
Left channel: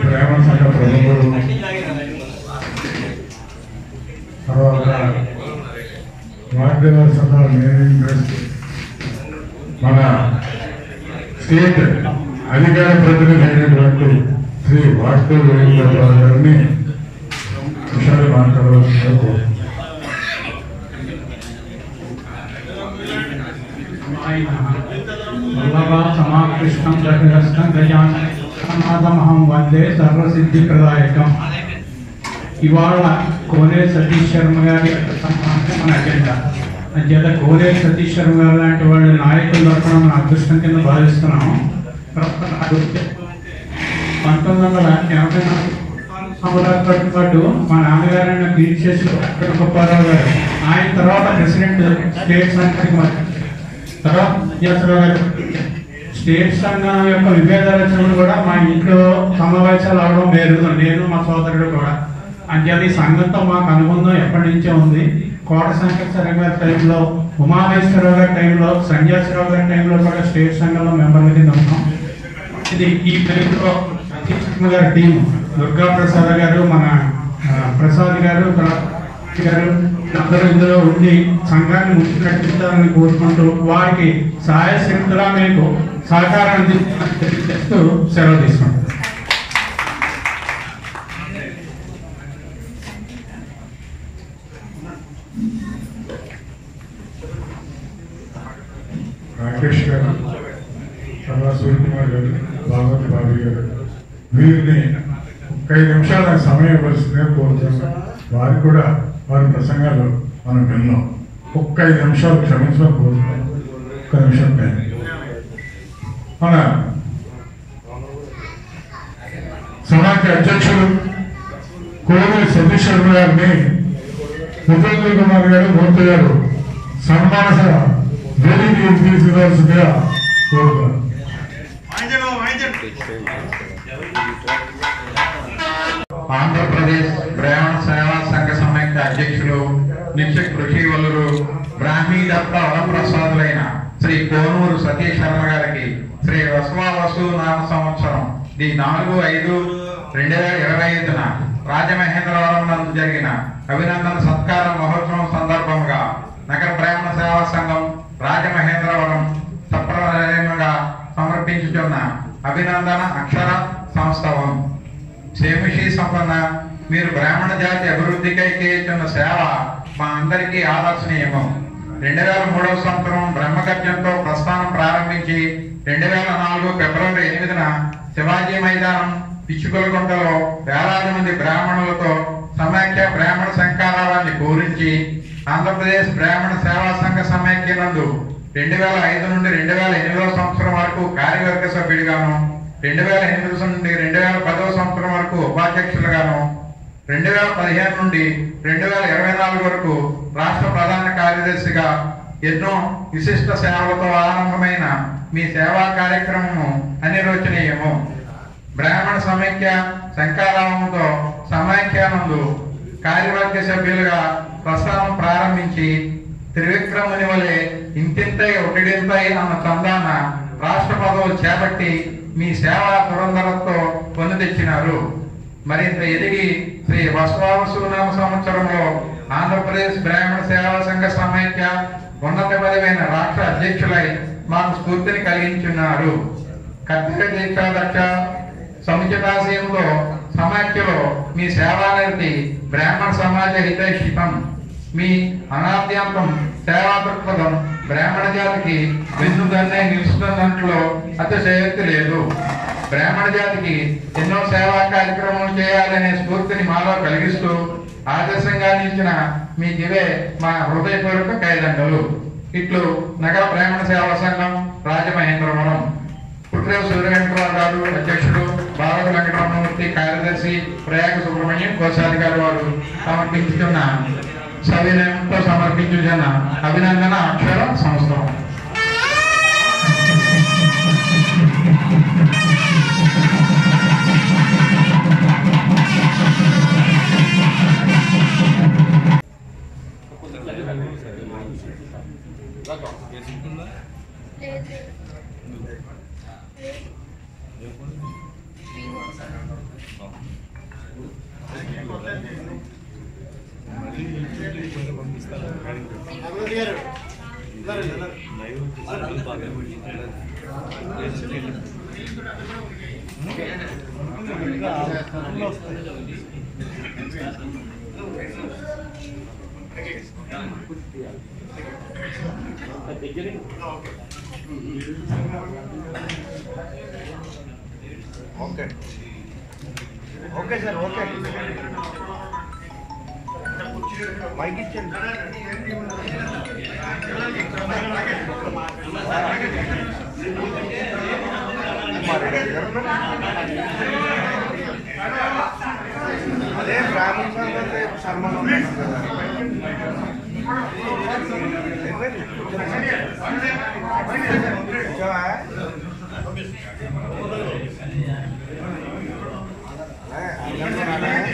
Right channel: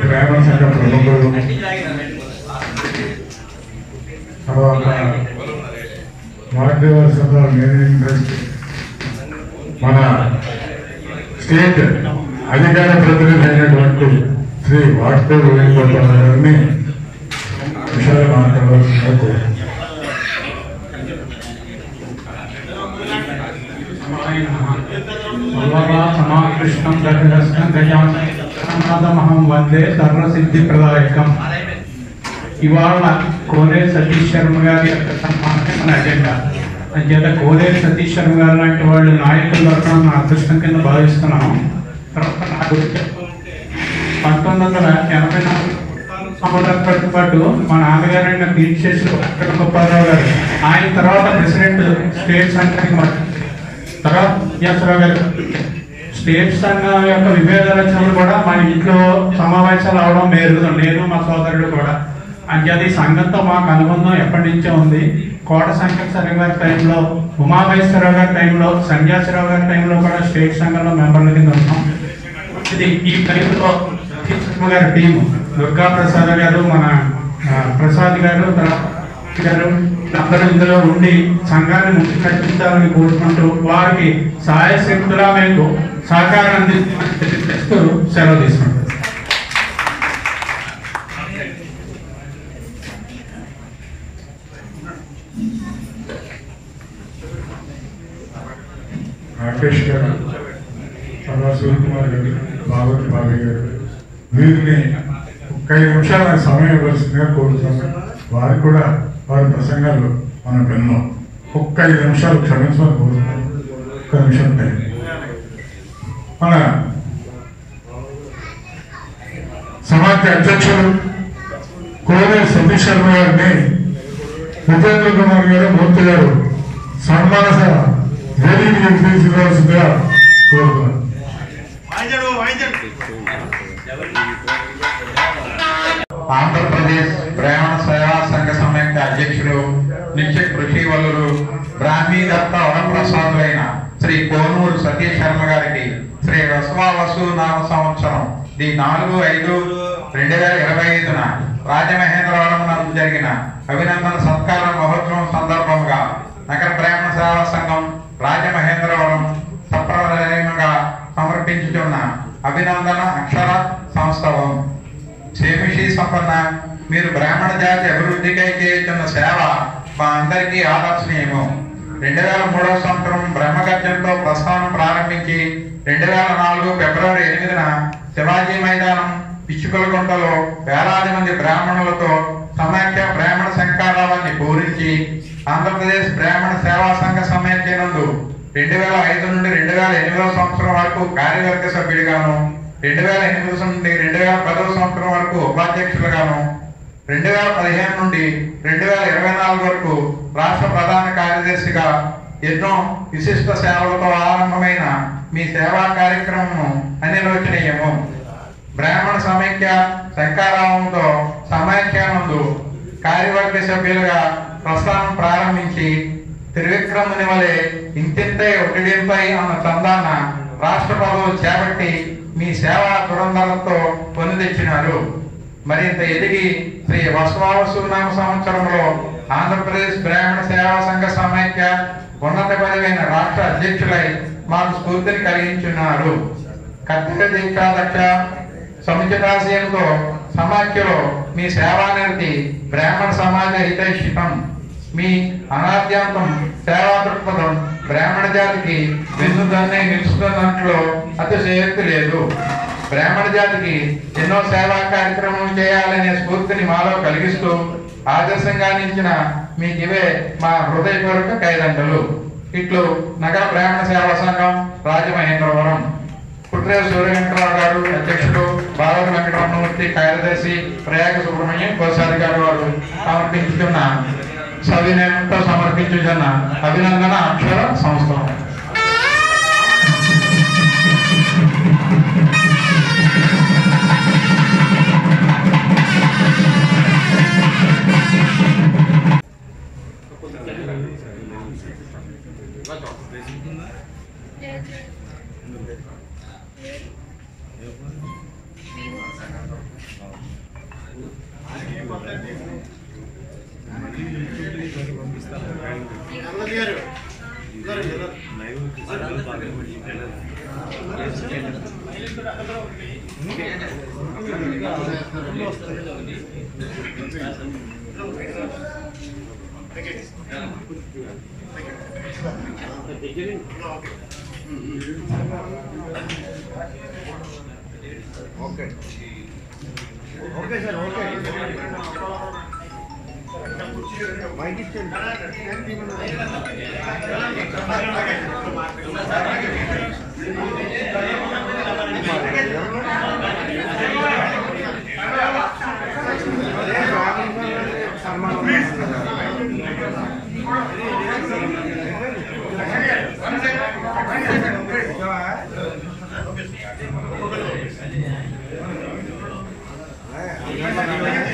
బ్రాహ్మణ సంఘ ప్రముఖులు, తర్వాత వాగ్దేవ సభ మేనేజింగ్ ట్రస్ట్, మన స్టేట్ అధికార ప్రతినిధి అయినటువంటి శ్రీ వాగ్దేవ వేణుగోపాల్ గారిని విషయాలు మాట్లాడవలసిందిగా కోరుతున్నాను. సమాకృష్ణం దర్శనం గజానాథమహం వందే సర్వసిద్ధిప్రదాయకం. ఇవాళ కోనేరు సతీష్ శర్మ గారి సన్మానం మన అజెండా. అంచేత కోనేరు సతీష్ శర్మ గారు లాంటి వాళ్ళు నాయకులు దొరకడం నా అదృష్టం కింద భావిస్తున్నాము. తర్వాత నాకు 1984 సంవత్సరాలతో పాటు మా నాన్నగారైన కీర్తిశేషు వెంకట గోపాలరావు గారు, ఆయన తర్వాత ప్రెసిడెంట్ స్టేట్ సెంటర్కి తర్వాత వ్యాసరావు గారు స్టేట్ సంఘం యొక్క విభేదాలు వచ్చినప్పుడు కూడా మా ఇంట్లో సమావేశాలు అవడం వేరు, నేను మా సోదరుడు కూడా. అంటే అది సంఘంతో మాకు అనుబంధం ఎప్పటి నుంచో ఉంది. కోట శంకర గారి టైంలో, ఉమామహేశ్వరరావు గారి టైంలో, సన్యాసిరావు గారి టైంలో కూడా స్టేట్ సంఘంలో మెంబర్ల కింద ఉన్నాం. ఇది ఈ పరిధిలో గారి టీం, దుర్గా ప్రసాద్ గారు, మన ప్రసాద్ గారు అందరూ ఇందులో ఉండి సంఘాన్ని ముందుకు నడిపించాలని కోరుకుంటూ వారికి సాయశక్తులా మీకు సహకారం అందిస్తామని తెలియజేస్తూ సెలవు తీసుకుంటాం. రాకేష్ గారు, తర్వాత సూర్యకుమార్ గారు, భాగవతి బాబీ గారు, వీరిని 5 నిమిషాలు నాకు సమయం ఇవ్వాల్సిందిగా కోరుతున్నాను. వారికి కూడా వారి ప్రసంగాలు మనం విన్నాం. 5 నిమిషాలు క్షమించమని కోరుతున్నాం. 1 నిమిషం టైం. మన సమాఖ్య అధ్యక్షులు కోనే సతీష్ శర్మ గారిని ఉపేంద్ర కుమార్ గారు, మూర్తి గారు సన్మాన సభ వేదిక తీసుకోవాల్సిందిగా కోరుతున్నాను. ఆంధ్రప్రదేశ్ బ్రాహ్మణ సేవా సంఘ సమైక్య అధ్యక్షులు, నిత్య కృషి వల్లులు, బ్రాహ్మీ దత్త వరప్రసాదులైన శ్రీ కోనూరు సతీష్ శర్మ గారికి శ్రీ వసు నామ సంవత్సరం 4/5/2025 రాజమహేంద్రవరం నందు జరిగిన అభినందన సత్కార మహోత్సవం సందర్భంగా నగర బ్రాహ్మణ సేవా సంఘం రాజమహేంద్రవరం సప్రదాయంగా సమర్పించుతున్న అభినందన అక్షర సంస్థవం. క్షేమిషి సంపన్న, మీరు బ్రాహ్మణ జాతి అభివృద్ధికై చేస్తున్న సేవ మా అందరికీ ఆదర్శనీయము. 2003వ సంవత్సరం బ్రహ్మగర్జంతో ప్రస్థానం ప్రారంభించి 2004 ఫిబ్రవరి 8న శివాజీ మైదానం పిచ్చుకలగుంటలో వేలాది మంది బ్రాహ్మణులతో సమైక్య బ్రాహ్మణ శంకారావాన్ని పూరించి ఆంధ్రప్రదేశ్ బ్రాహ్మణ సేవా సంఘ సమైక్య నందు 2005 నుండి 2008వ సంవత్సరం వరకు కార్యవర్గ సభ్యుడిగాను, 2008 నుండి 2010వ సంవత్సరం వరకు ఉపాధ్యక్షులుగాను, 2015 నుండి 2024 వరకు రాష్ట్ర ప్రధాన కార్యదర్శిగా ఎన్నో విశిష్ట సేవలతో ఆరంభమైన మీ సేవా కార్యక్రమము అనిర్వచనీయము. బ్రాహ్మణ సమైక్య శంకారావంతో సమైక్య నందు కార్యవర్గ సభ్యులుగా ప్రస్థానం ప్రారంభించి త్రివిక్రముని వలె ఇంతింతై ఒకటింపై అన్న చందాన రాష్ట్ర పదవులు చేపట్టి మీ సేవా పురందరంతో పొంది తెచ్చినారు. మరింత ఎదిగి శ్రీ వసు నామ సంవత్సరంలో ఆంధ్రప్రదేశ్ బ్రాహ్మణ సేవా సంఘ సమైక్య ఉన్నత పదవైన రాష్ట్ర అధ్యక్షులై మాకు స్ఫూర్తిని కలిగించున్నారు. కర్తవ్య దీక్షాదక్ష సముచితాశయంతో సమాఖ్యలో మీ సేవానిరతి బ్రాహ్మణ సమాజ హితైషితం. మీ అనాద్యాంతం సేవా దృక్పథం బ్రాహ్మణ జాతికి వెన్నుదన్నే నిలుస్తున్నట్లు అతిశయోక్తి లేదు. బ్రాహ్మణ జాతికి ఎన్నో సేవా కార్యక్రమాలు చేయాలనే స్ఫూర్తిని మాలో కలిగిస్తూ ఆదర్శంగా నిలిచిన మీకు ఇవే మా హృదయపూర్వక కైదండలు. ఇట్లు నగర బ్రాహ్మణ సేవా సంఘం రాజమహేంద్రవరం. పుట్రేవు సూర్యవేంకటరావు గారు అధ్యక్షుడు, భారత వెంకటరమణమూర్తి కార్యదర్శి, ప్రయాగ సుబ్రహ్మణ్యం కోశాధికారి వారు సమర్పించుతున్న సవినయంతో సమర్పించుతున్న అభినందన అక్షర సంస్థ.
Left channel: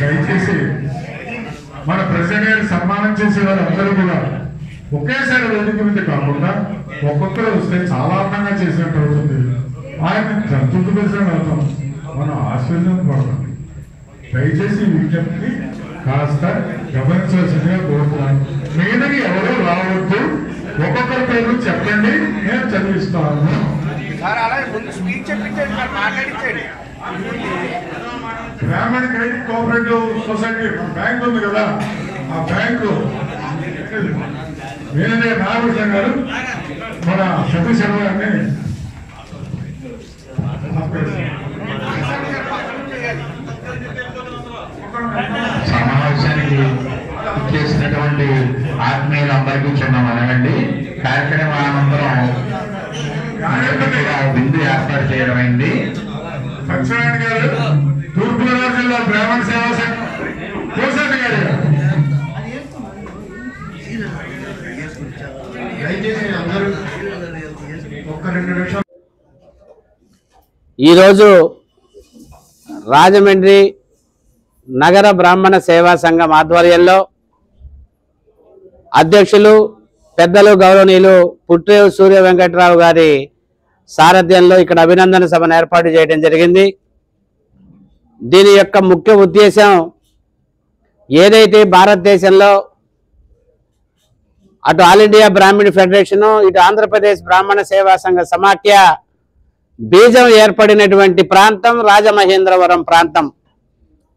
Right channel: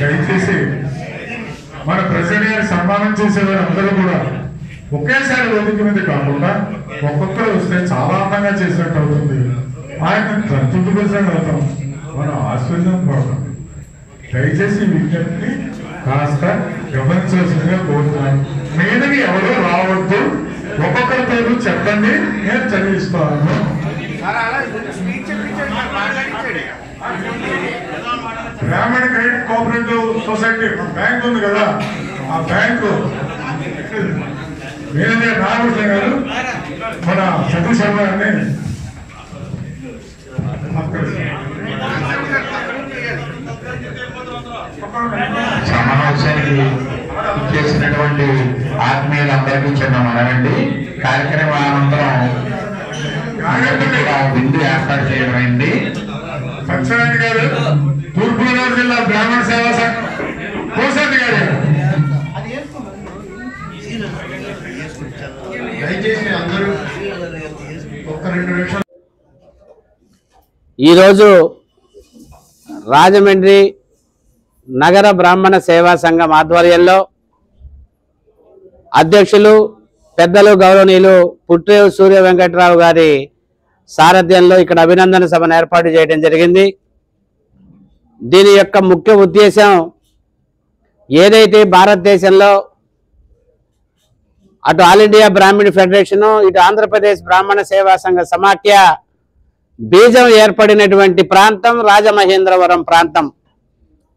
దయచేసి మన ప్రెసిడెంట్ గారు సన్మానం చేసేవారు అందరూ కూడా ఒకేసారి వేదిక మీద కాకుండా ఒక్కొక్కరు వస్తే చాలా అందంగా చేసినట్టు అవుతుంది. ఆయన 30% అవుతాం, మనం ఆశ్చర్యం పోతాం. దయచేసి విజ్ఞప్తి కాస్త గమనించవలసిందిగా కోరుతున్నాను. మీదకి ఎవరు రావద్దు, ఒక్కొక్కరి పేరు చెప్పండి, నేను చదివిస్తాను. బ్రాహ్మణ క్రెడిట్ కోఆపరేటివ్ సొసైటీ బ్యాంక్ ఉంది కదా, ఆ బ్యాంకు మీరే నాగకృష్ణ గారు మన సతీష్ శర్మ గారిని సమావేశానికి చేసినటువంటి ఆత్మీయులందరికీ చిన్న మనవండి. కార్యక్రమానంతరం విందు ఏర్పాటు చేయడం అయింది. సత్యనారాయణ గారు తూర్పుగోదావరి జిల్లా బ్రాహ్మణ సేవా సంఘం కోసండి గారు దయచేసి అందరూ ఒక్క 2 నిమిషాలు. ఈరోజు రాజమండ్రి నగర బ్రాహ్మణ సేవా సంఘం ఆధ్వర్యంలో అధ్యక్షులు పెద్దలు గౌరవనీయులు పుట్రేవు సూర్య వెంకటరావు గారి సారథ్యంలో ఇక్కడ అభినందన సభను ఏర్పాటు చేయడం జరిగింది. దీని యొక్క ముఖ్య ఉద్దేశం ఏదైతే భారతదేశంలో అటు ఆల్ ఇండియా బ్రాహ్మణ ఫెడరేషను, ఇటు ఆంధ్రప్రదేశ్ బ్రాహ్మణ సేవా సంఘ సమాఖ్య బీజం ఏర్పడినటువంటి ప్రాంతం రాజమహేంద్రవరం ప్రాంతం.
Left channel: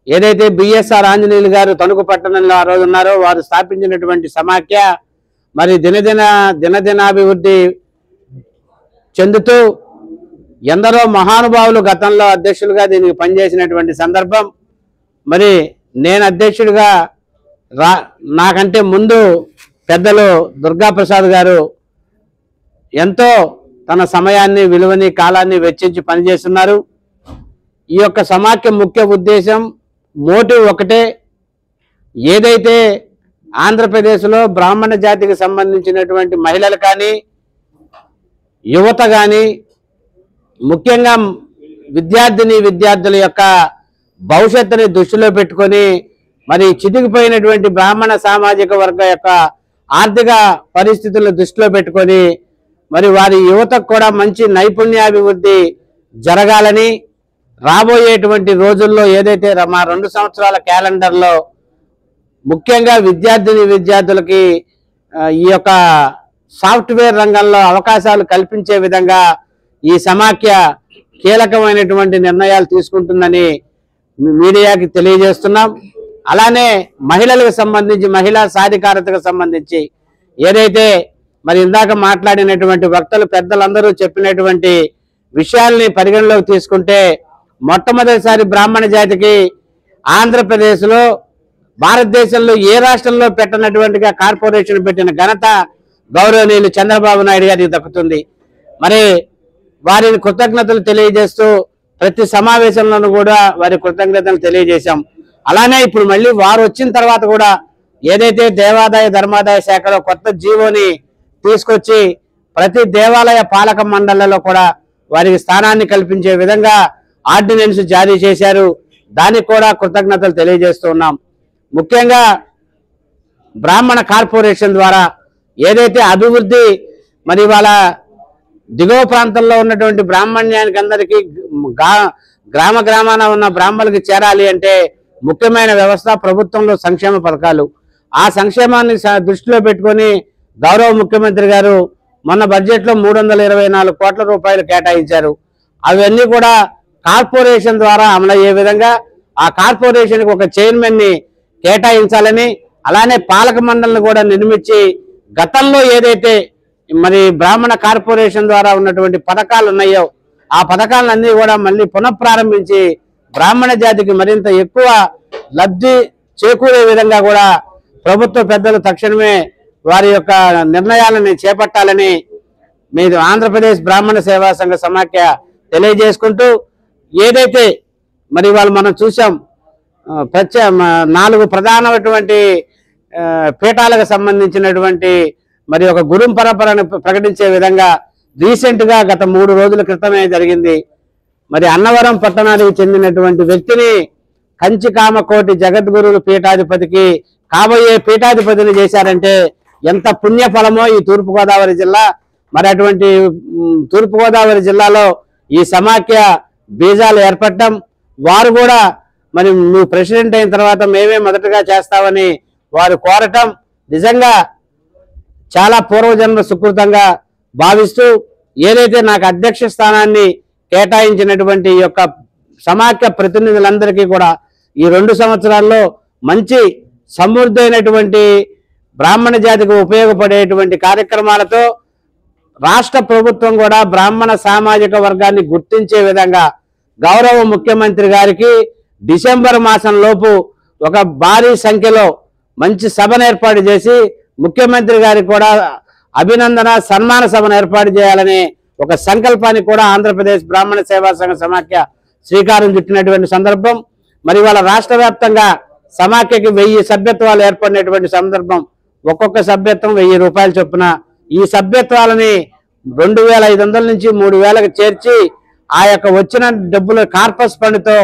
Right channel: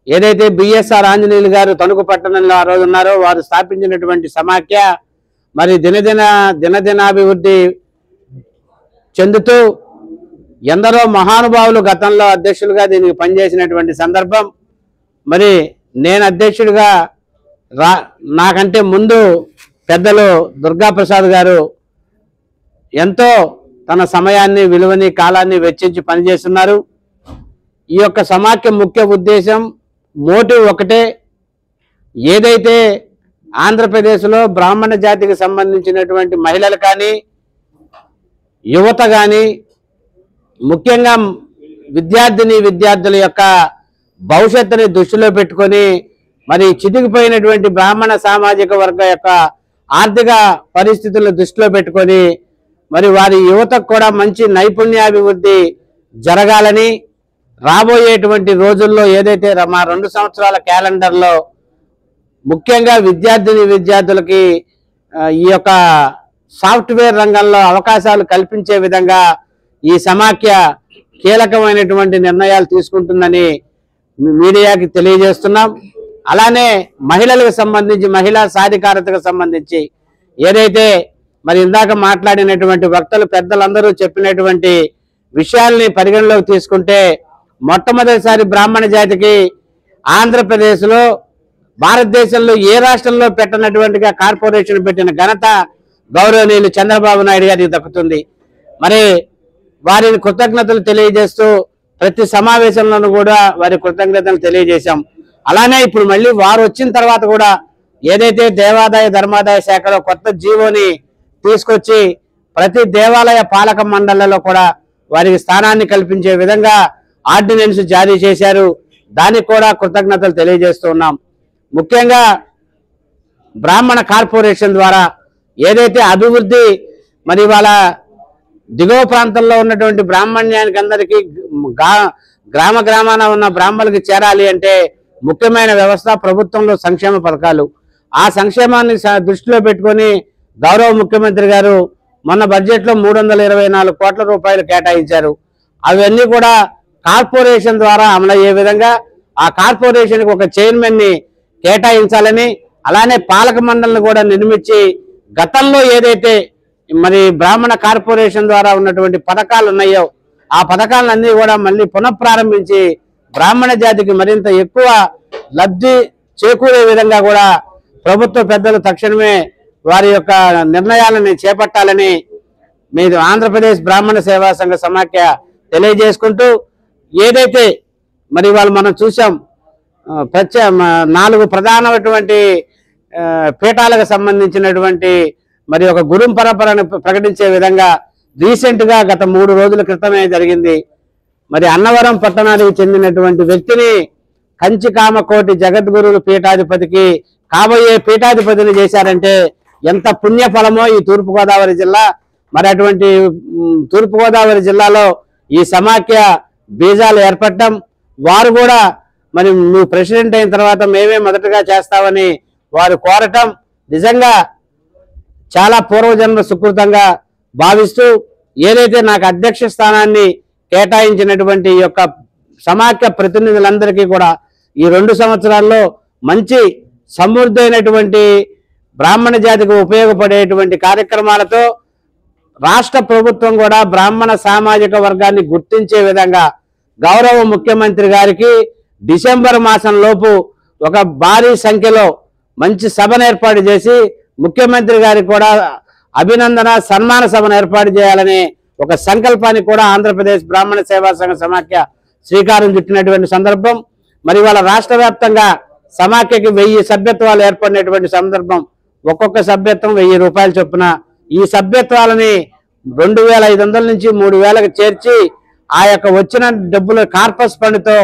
ఏదైతే బిఎస్ఆర్ ఆంజనేయులు గారు తణుకు పట్టణంలో ఆ రోజు ఉన్నారో వారు స్థాపించినటువంటి సమాఖ్య మరి దినదినాభివృద్ధి చెందుతూ ఎందరో మహానుభావులు గతంలో అధ్యక్షులుగా దీనికి పనిచేసినటువంటి సందర్భం. మరి నేను అధ్యక్షుడిగా నాకంటే ముందు పెద్దలు దుర్గాప్రసాద్ గారు ఎంతో తన సమయాన్ని, విలువని, కాలాన్ని వెచ్చించి పనిచేస్తున్నారు. ఈ యొక్క సమాఖ్య ముఖ్య ఉద్దేశం, మోటివ్ ఒకటే. ఏదైతే ఆంధ్రప్రదేశ్లో బ్రాహ్మణ జాతికి సంబంధించినటువంటి మహిళలు కానీ, యువత కానీ, ముఖ్యంగా విద్యార్థుల యొక్క భవిష్యత్తుని దృష్టిలో పెట్టుకొని మరి చితికిపోయినటువంటి బ్రాహ్మణ సామాజిక వర్గ యొక్క ఆర్థిక పరిస్థితులను దృష్టిలో పెట్టుకొని మరి వారి యువతకు కూడా మంచి నైపుణ్యాభివృద్ధి జరగాలని రాబోయేటువంటి రోజుల్లో ఏదైతే మా 2 సంవత్సరాల క్యాలెండర్లో ముఖ్యంగా విద్యార్థులకి ఈ యొక్క సాఫ్ట్వేర్ రంగంలో అవకాశాలు కల్పించే విధంగా ఈ సమాఖ్య కీలకమైనటువంటి నిర్ణయాలు తీసుకుంటుందని మీడియాకి తెలియజేస్తున్నాం. అలానే మహిళలకు సంబంధించి, మహిళా సాధికారతకు సంబంధించి ఏదైతే మరి ఇందాక మాట్లాడినటువంటి వక్తలు పెద్దలందరూ చెప్పినటువంటి విషయాల్ని పరిగణలోకి తీసుకుంటే మొట్టమొదటిసారి బ్రాహ్మణ జాతికి ఆంధ్రప్రదేశ్లో భారతదేశంలో ఏ రాష్ట్రంలో పెట్టనటువంటిగా కార్పొరేషన్ పెట్టిన ఘనత గౌరవనీయులు చంద్రబాబు నాయుడు గారికి దక్కుతుంది. మరి వారిని కృతజ్ఞతలు తెలియజేస్తూ ప్రతి సమావేశంలోనూ కూడా వారి కృతజ్ఞతలు తెలియజేశాం. అలానే ఇప్పుడు మళ్ళీ వారు వచ్చిన తర్వాత కూడా ఏదైతే దేవాదాయ ధర్మాదాయ శాఖలో కొత్త జీవోని తీసుకొచ్చి ప్రతి దేవాలయ పాలక మండళ్లలో కూడా వారికి స్థానాన్ని కల్పించే విధంగా ఆర్డినెన్స్ జారీ చేశారు. దానికి కూడా కృతజ్ఞతలు తెలియజేస్తూ ఉన్నాం. ముఖ్యంగా బ్రాహ్మణ కార్పొరేషన్ ద్వారా ఏదైతే అభివృద్ధి మరి వాళ్ళ దిగువ ప్రాంతంలో ఉన్నటువంటి బ్రాహ్మణ్యానికి అందరికీ గ్రామాన ఉన్న బ్రాహ్మణులకి చేరాలి అంటే ముఖ్యమైన వ్యవస్థ ప్రభుత్వంలో సంక్షేమ పథకాలు. ఆ సంక్షేమాన్ని దృష్టిలో పెట్టుకొని గౌరవ ముఖ్యమంత్రి గారు మొన్న బడ్జెట్లో 324 కోట్ల రూపాయలు కేటాయించారు. అవన్నీ కూడా కార్పొరేషన్ ద్వారా అమలయ్యే విధంగా ఆ కార్పొరేషన్కి ఒక చైర్మన్ని కేటాయించాలని, అలానే పాలక మండలిని కూడా నిర్మించి గతంలో ఏదైతే మరి బ్రాహ్మణ కార్పొరేషన్ ద్వారా ఉన్నటువంటి పథకాలు ఉన్నాయో ఆ పథకాలన్నీ కూడా మళ్ళీ పునఃప్రారంభించి బ్రాహ్మణ జాతికి మరింత ఎక్కువ లబ్ధి చేకూరే విధంగా కూడా ప్రభుత్వ పెద్దలు తక్షణమే వారి యొక్క నిర్ణయాలని చేపట్టాలని మీరు ఆంధ్రప్రదేశ్ బ్రాహ్మణ సేవా సంఘ సమాఖ్య తెలియజేసుకుంటూ, ఏదైతే మరి వాళ్ళు మనం చూసాం 4 ప్రధానమైనటువంటి పీఠాలకు సంబంధించినటువంటి మరి ఒక గురు పరంపరను ప్రకటించే విధంగా రీసెంట్గా గత 3 రోజుల క్రితమే జరిగింది. మరి అన్నవరం పట్టణానికి చెందినటువంటి వ్యక్తిని కంచి కామకోటి జగద్గురులు పీఠాధిపతికి కాబోయే పీఠాధిపతిని చేశారంటే ఎంత పుణ్యఫలమో ఈ తూర్పుగోదావరి జిల్లా. మరి అటువంటి తూర్పుగోదావరి జిల్లాలో ఈ సమాఖ్య బీజాలు ఏర్పడటం, వారు కూడా మరి నువ్వు ప్రెసిడెంట్ అయిన తర్వాత మేమే మొదటగా చేస్తామని వారు కోరటం నిజంగా చాలా పూర్వజన్మ సుకృతంగా భావిస్తూ, ఏదైతే నాకు అధ్యక్ష స్థానాన్ని కేటాయించినటువంటి ఈ యొక్క సమాఖ్య ప్రతినిధులందరికీ కూడా ఈ 2 సంవత్సరాల్లో మంచి సమృద్ధైనటువంటి బ్రాహ్మణ జాతికి ఉపయోగపడేటువంటి కార్యక్రమాలతో రాష్ట్ర ప్రభుత్వం కూడా బ్రాహ్మణ సామాజిక వర్గాన్ని గుర్తించే విధంగా గౌరవ ముఖ్యమంత్రి గారికి డిసెంబర్ మాసంలోపు ఒక భారీ సంఖ్యలో మంచి సభను ఏర్పాటు చేసి ముఖ్యమంత్రి గారికి కూడా అభినందన సన్మాన సభను ఏర్పాటు చేయాలనే ఒక సంకల్పానికి కూడా ఆంధ్రప్రదేశ్ బ్రాహ్మణ సేవా సంఘ సమాఖ్య శ్రీకారం చుట్టినటువంటి సందర్భం. మరి వాళ్ళ రాష్ట్ర వ్యాప్తంగా సమాఖ్యకి 1000 సభ్యత్వాలు ఏర్పడినటువంటి సందర్భం. ఒక్కొక్క సభ్యత్వం 1000 రూపాయలు చొప్పున ఈ సభ్యత్వాలని 2500 నుంచి 3000కి చేర్చి ఆ యొక్క వచ్చిన డబ్బుల కార్పస్ ఫండ్తో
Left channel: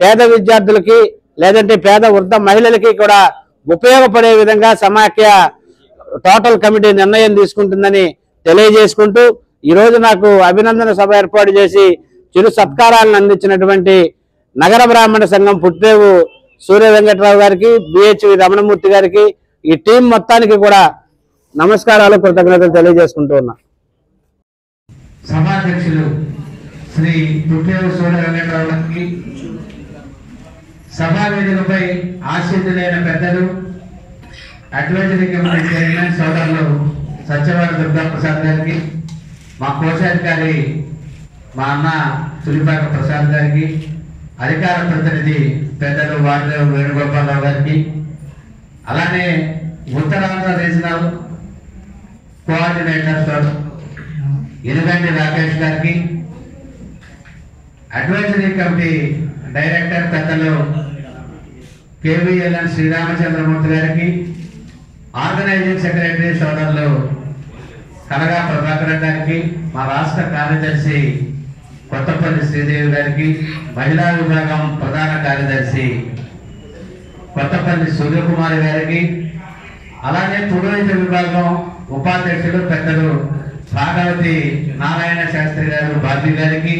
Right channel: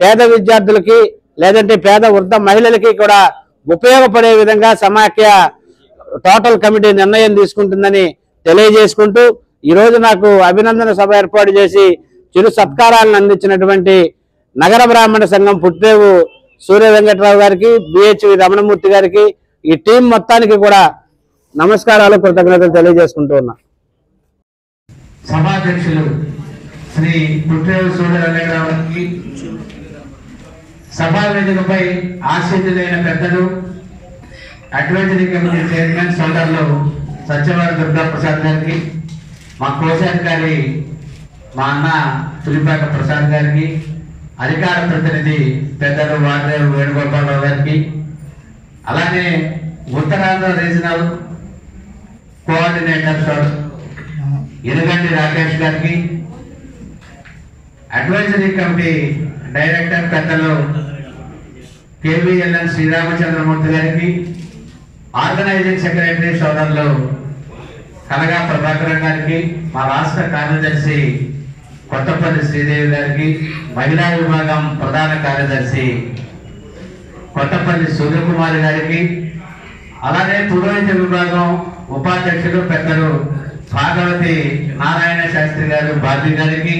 పేద విద్యార్థులకి లేదంటే పేద వృద్ధ మహిళలకి కూడా ఉపయోగపడే విధంగా సమాఖ్య టోటల్ కమిటీ నిర్ణయం తీసుకుంటుందని తెలియజేసుకుంటూ, ఈరోజు నాకు అభినందన సభ ఏర్పాటు చేసి చిరు సత్కారాలను అందించినటువంటి నగర బ్రాహ్మణ సంఘం పుట్టేవు సూర్య వెంకట్రావు గారికి, బిహెచ్వి రమణమూర్తి గారికి, ఈ టీం మొత్తానికి కూడా నమస్కారాలు, కృతజ్ఞతలు తెలియజేసుకుంటూ ఉన్నా. సభాధ్యక్షులు శ్రీ పుట్టేవు సూర్య వెంకట్రావు గారికి, సభా వేదికపై ఆశీర్వదితులైన పెద్దలు అడ్వైజరీ కమిటీ చైర్మన్ సోదరులు సత్యవాడ దుర్గా ప్రసాద్ గారికి, మా కోశాధికారి మా అన్న తులిపాక ప్రసాద్ గారికి, అధికార ప్రతినిధి పెద్దలు వాగ్దేవ్ వేణుగోపాలరావు గారికి, అలానే ఉత్తరాంధ్ర రీజనల్ కోఆర్డినేటర్ ఎనుగంటి రాకేష్ గారికి, అడ్వైజరీ కమిటీ డైరెక్టర్ పెద్దలు కేవీఎల్ఎన్ శ్రీరామచంద్రమూర్తి గారికి, ఆర్గనైజింగ్ సెక్రటరీ సోదరులు కనగా ప్రభాకర్ గారికి, మా రాష్ట్ర కార్యదర్శి కొత్తపల్లి శ్రీదేవి గారికి, మహిళా విభాగం ప్రధాన కార్యదర్శి కొత్తపల్లి సూర్యకుమారి గారికి, అలానే పురోహిత విభాగం ఉపాధ్యక్షులు పెద్దలు భాగవతి నారాయణ శాస్త్రి గారు బాబీ గారికి,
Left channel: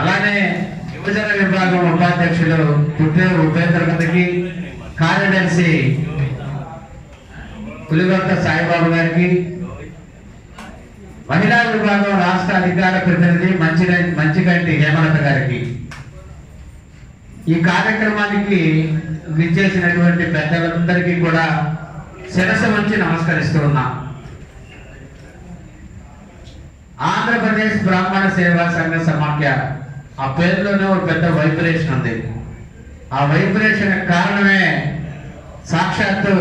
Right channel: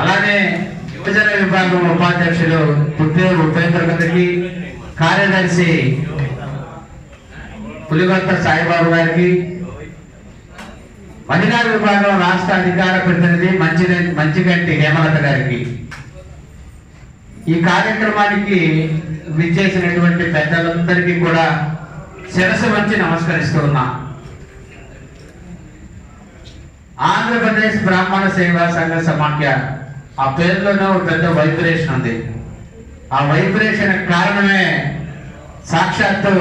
అలానే యువజన విభాగం ఉపాధ్యక్షులు పుట్టేరు ఉపేంద్ర గారికి, కార్యదర్శి పులిగొత్త సాయిబాబు గారికి, మహిళా విభాగం రాష్ట్ర అధికార ప్రతినిధి మంచిగంటి హేమలత గారికి, ఈ కార్యక్రమానికి విచ్చేసినటువంటి పెద్దలందరికీ కూడా శిరస్సు వంచి నమస్కరిస్తూ ఉన్నా. ఆంధ్రప్రదేశ్ బ్రాహ్మణ సేవా సంఘ సమాఖ్య ఆ పేరులోనే ఒక పెద్ద వైబ్రేషన్ ఉంది. ఆ వైబ్రేషన్ కారణమే సాక్షాత్తు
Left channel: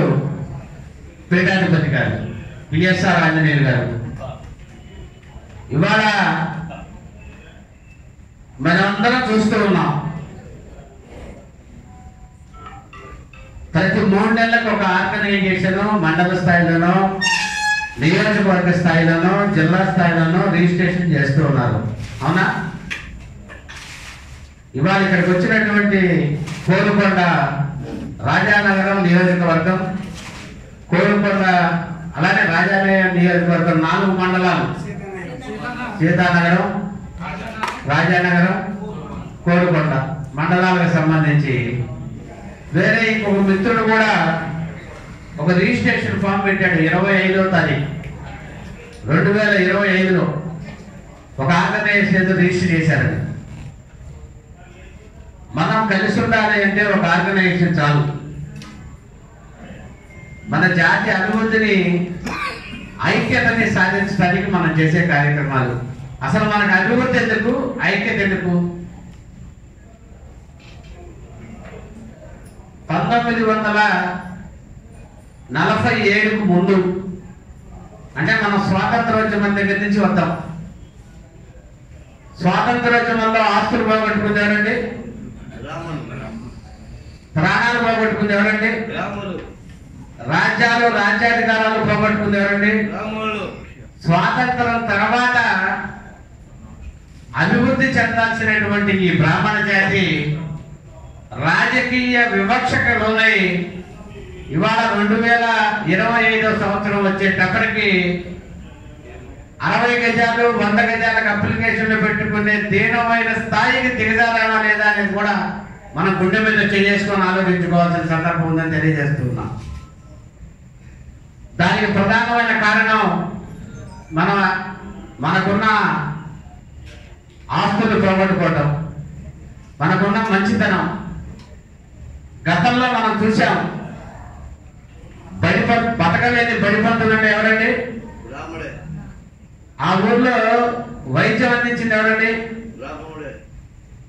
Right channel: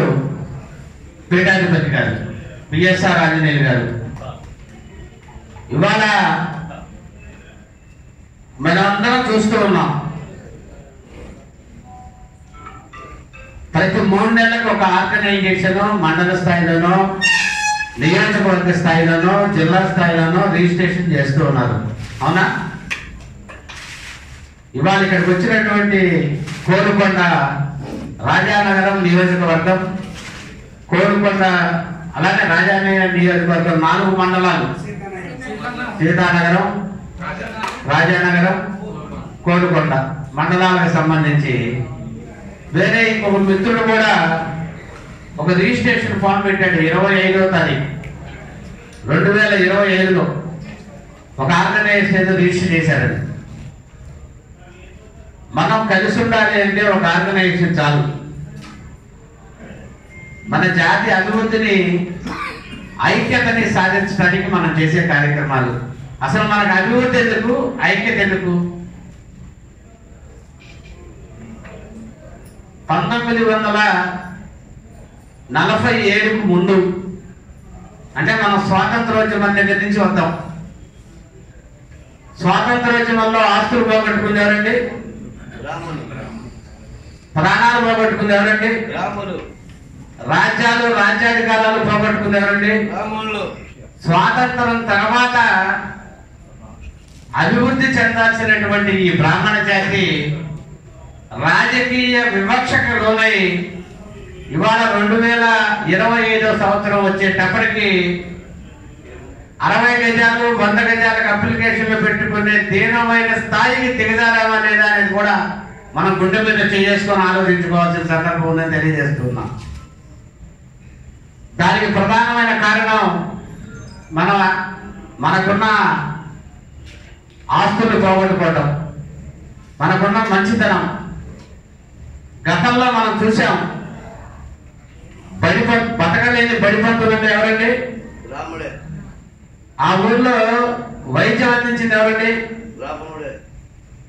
పీఠాధిపతి గారు పిఎస్ఆర్ ఆంజనేయులు గారు. ఇవాళ మనమందరం చూస్తూ ఉన్నాం, ప్రతి 3 నెలలకు ఒక ఆర్గనైజేషన్ మండల స్థాయిలోనో నియోజకవర్గ స్థాయిలోనో జిల్లా స్థాయిలోనో రిజిస్ట్రేషన్ చేస్తూ ఉన్నారు, అవునా? ఇవాళ ఇక్కడికి వచ్చినటువంటి కోరుకొండ రాజానగరం నియోజకవర్గం, కోరుకొండ అలానే రాజానగరం నియోజకవర్గం 4 మండలాలు, సీతానగరం, రాజానగరం, కోరుకొండ మండలాలకు సంబంధించి వేరే ఇంకొక మిత్రుడు కూడా ఒక రిజిస్ట్రేషన్ ఫామ్ పెట్టాడు 25వ తారీఖు 2025లో ఒక ఆర్గనైజేషన్ రిజిస్టర్ చేశారు. మనం కలిసి ఉండాలి అంటే ఒక ఆర్గనైజేషన్ చాలు. మన జాతి అభివృద్ధిని ఐక్యతని సాధించడానికి మనం చేసే కార్యక్రమాలు. అసలు మనకు అభివృద్ధి ఎందుకు, ఐక్యత ఎందుకు? 1947కు ముందు అంటే మనం స్వాతంత్రోద్యమం దగ్గర నుంచి వద్దాం. స్వాతంత్రోద్యమంలో ఆస్తులు పోగొట్టుకుంది ఎవరండి? ప్రాణాలు పోగొట్టుకుంది ఎవరండి? రాజ్యాలు రాజ్యాధికారాలు పోగొట్టుకుంది ఎవరండి? స్వాతంత్రం తర్వాత అభివృద్ధి చెందాల్సినటువంటి ఈ బ్రాహ్మణ జాతి రాజకీయ వివక్షకు లోనై ఇవాళ 2025 సంవత్సరం వచ్చేటప్పటికి 60 గజాలు 100 గజాలకు అప్లికేషన్లు పెట్టుకునే దీనమైన స్థాయికి దిగజారామా లేదా అనేది కూడా మనం గుండె మీద చేసుకొని ఆలోచించుకోవాల్సిన సందర్భం ఉందని తెలియజేస్తున్నాం. దానికి ప్రధానమైన కారణం మనకున్న ఆస్తులు పోగొట్టుకోవటం, మనకున్న మంచితనం. గతంలో మనం చూసాం, బతకలేని బడిపంతులు అంటే ఎవరండి? ఆ ఊర్లో వైద్యం అందించింది ఎవరండి?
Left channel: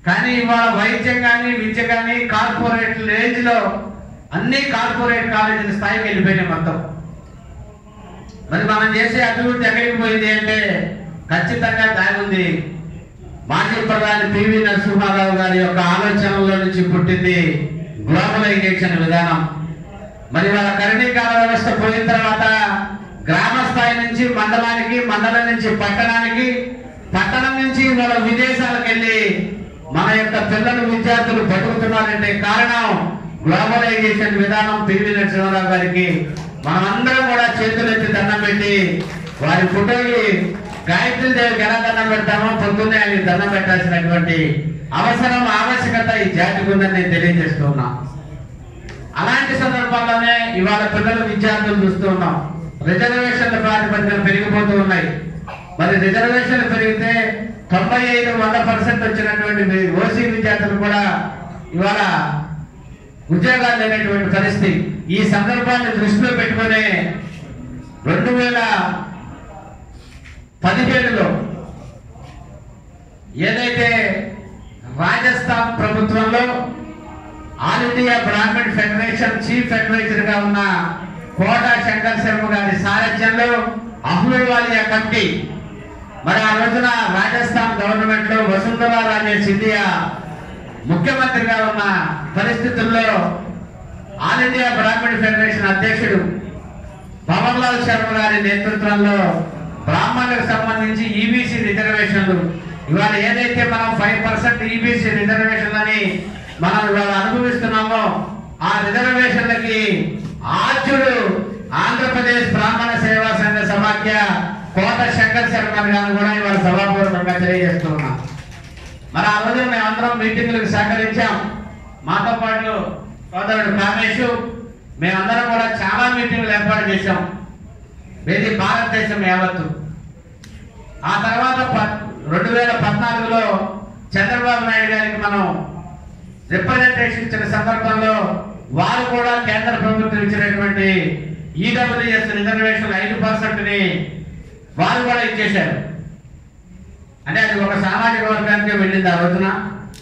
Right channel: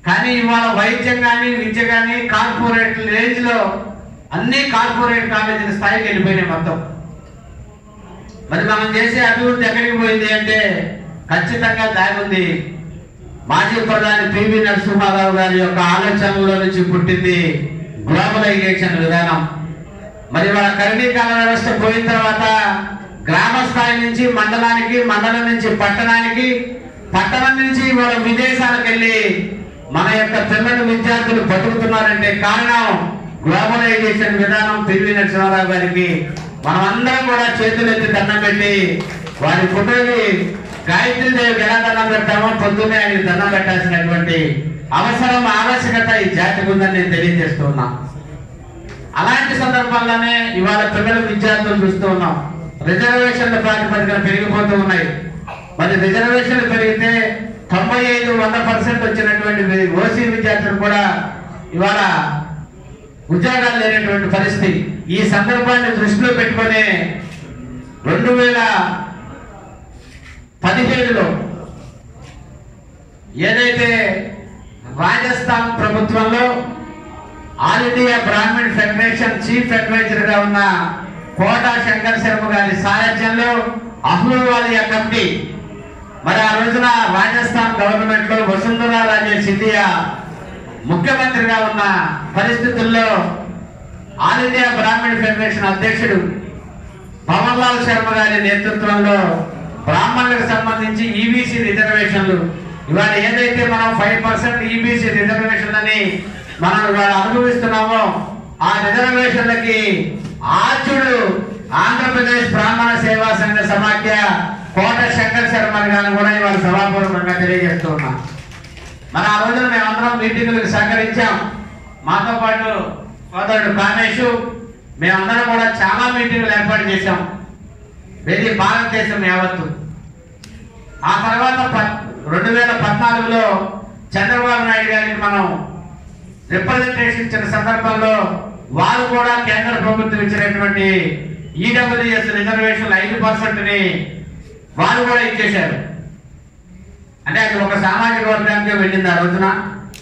కానీ ఇవాళ వైద్యం కానీ విద్య కానీ కార్పొరేట్ రేంజ్ లో అన్ని కార్పొరేట్ కాలేజీల స్థాయికి వెళ్ళిపోయినాయి మొత్తం. మరి మనం చేసే అభివృద్ధి ఎక్కడికి పోయింది అంటే ఖచ్చితంగా దాని ఉంది మాజీ ప్రధాని పివి నరసింహారావు గారి యొక్క ఆలోచనలో నుంచి పుట్టింది గ్లోబలైజేషన్ విధానం. మరి వాళ్ళ కరణీకరణ వ్యవస్థ పోయిన తర్వాత గ్రామ స్థాయి నుంచి మండలానికి, మండలం నుంచి పట్టణానికి, పట్టణం నుంచి వాళ్ళ విదేశాలకు వెళ్ళి మన యొక్క పిల్లలు విద్యార్థులు బతుకుతున్నారంటే కారణం గ్లోబలైజేషన్ విధానం. పివి నరసింహారావు గారికి మనం అందరం కూడా చేతులెత్తి దండం పెట్టి వారి ఫోటోకి గాయత్రీదేవికి ఎలా దండం పెడతామో పొద్దున్నే ఆయనకి దండం పెట్టాల్సినటువంటి అవసరం, ఆవశ్యకత ఈ జాతికి ఉందని నేను తెలియజేస్తూ ఉన్నా. అలాంటి సందర్భాల్లోనే ఇవాళ పిల్లలు విద్యార్థులు చూస్తూ ఉన్నాం. రిజర్వేషన్ల ప్రాతిపదికన పెరిగిపోతూ ఉన్నాయి. మరి రిజర్వేషన్లు పెరిగితే 95-100% వచ్చినటువంటి ఓసీ విద్యార్థులు కూడా ఇవాళ ఉద్యోగాలు లేనటువంటి పరిస్థితి. ఈ సందర్భాన్ని దృష్టిలో పెట్టుకునే 2017లో ఏదైతే రాజస్థాన్ ప్రభుత్వంలో all India Brahman federation chief adviser గా ఉన్న కోటా శంకర్ శర్మ గారి సారథ్యంలో అహ్లూవాలియా కమిటీ, మరి ఆ రోజున రాజస్థాన్ గవర్నమెంట్ లో వసుంధరా రాజే సింధియా ముఖ్యమంత్రిగా ఉన్న పరిస్థితుల్లో ఆల్ ఇండియా బ్రాహ్మణ్ ఫెడరేషన్ అధ్యక్షుడు పవన్ లాల్ శర్మ గారి నేతృత్వంలో బ్రాహ్మణులకు సంబంధించి ఈబీసీ రిజర్వేషన్లు, ఇవాళ ఏదైతే మనం 5% ఈబీసీ రిజర్వేషన్ అని మనం ఇవాళ అనుభవిస్తున్నామో ఆ రిజర్వేషన్లకి ఆర్చుడు ఆంధ్రప్రదేశ్ బ్రాహ్మణ సేవా సంఘ సమాఖ్య కోట శంకర్ శర్మ గారు కూడా ఇవాళ సభాపూర్వకంగా తెలియజేస్తూ ఉన్నాం. మరి ఆ రోజున మేమందరం మీటింగులకు సహకరించాం. మాతో పాటు సోదరుడు కామేష్, మేమందరం కూడా చాలా మీటింగులు ఏర్పాటు చేశాం ఇది భారతదేశం యావత్తు. ఆ తర్వాత 2014లో చంద్రబాబు నాయుడు గారికి మనం రిప్రజెంటేషన్ ఇచ్చిన సందర్భంలో వారు కూడా కేంద్ర ప్రభుత్వం ఇచ్చినటువంటి ఈడబ్ల్యూఎస్ రిజర్వేషన్ 5%ని వారు కూడా ఇచ్చేశారు. అంటే అది ఒక సామాజిక వర్గానికి వెళ్ళింది. ఆ రోజున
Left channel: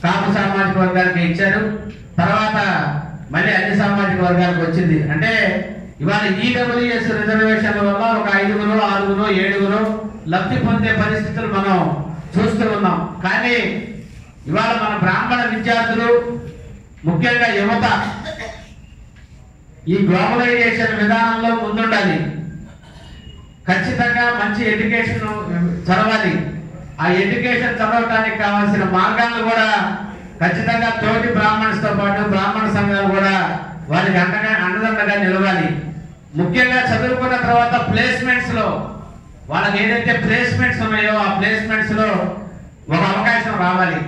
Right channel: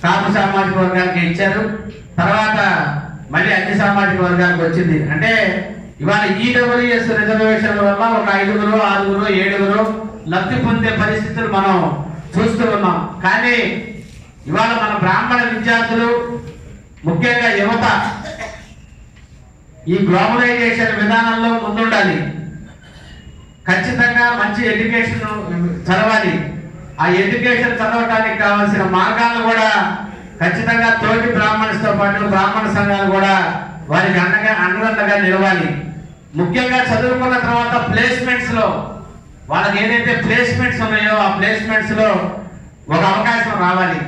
కాపు సామాజిక వర్గానికి ఇచ్చారు, తర్వాత మళ్ళీ అన్ని సామాజిక వర్గాలకు వచ్చింది. అంటే ఇవాళ ఈడబ్ల్యూఎస్ రిజర్వేషన్ల వల్ల ఒక 5, 6, 7 లబ్ధి పొందే పరిస్థితులు మనం చూస్తూ ఉన్నాం. కానీ ఇవాళ మన బ్రాహ్మణ విద్యార్థులు, ముఖ్యంగా యువత ఈ గ్లోబలైజేషన్ విధానంలో ముందుండాలి. ఖచ్చితంగా మంచి ఎడ్యుకేషన్ చదవాలి. ఆ ఎడ్యుకేషన్ చదవటానికి కావాల్సిన మార్గాలు కూడా ఖచ్చితంగా తోటి బ్రాహ్మణులతో పాటు బ్రాహ్మణ సంఘాలు కూడా వారికి అండదండగా నిలవాలి. ముఖ్యంగా చదువుకున్న తర్వాత ప్లేస్మెంట్స్ లో వాళ్ళకి ఏదైతే ప్లేస్మెంట్స్ ఉన్నాయో ఆ ప్లేస్మెంట్స్ లో ఒక అవకాశం రావాలి.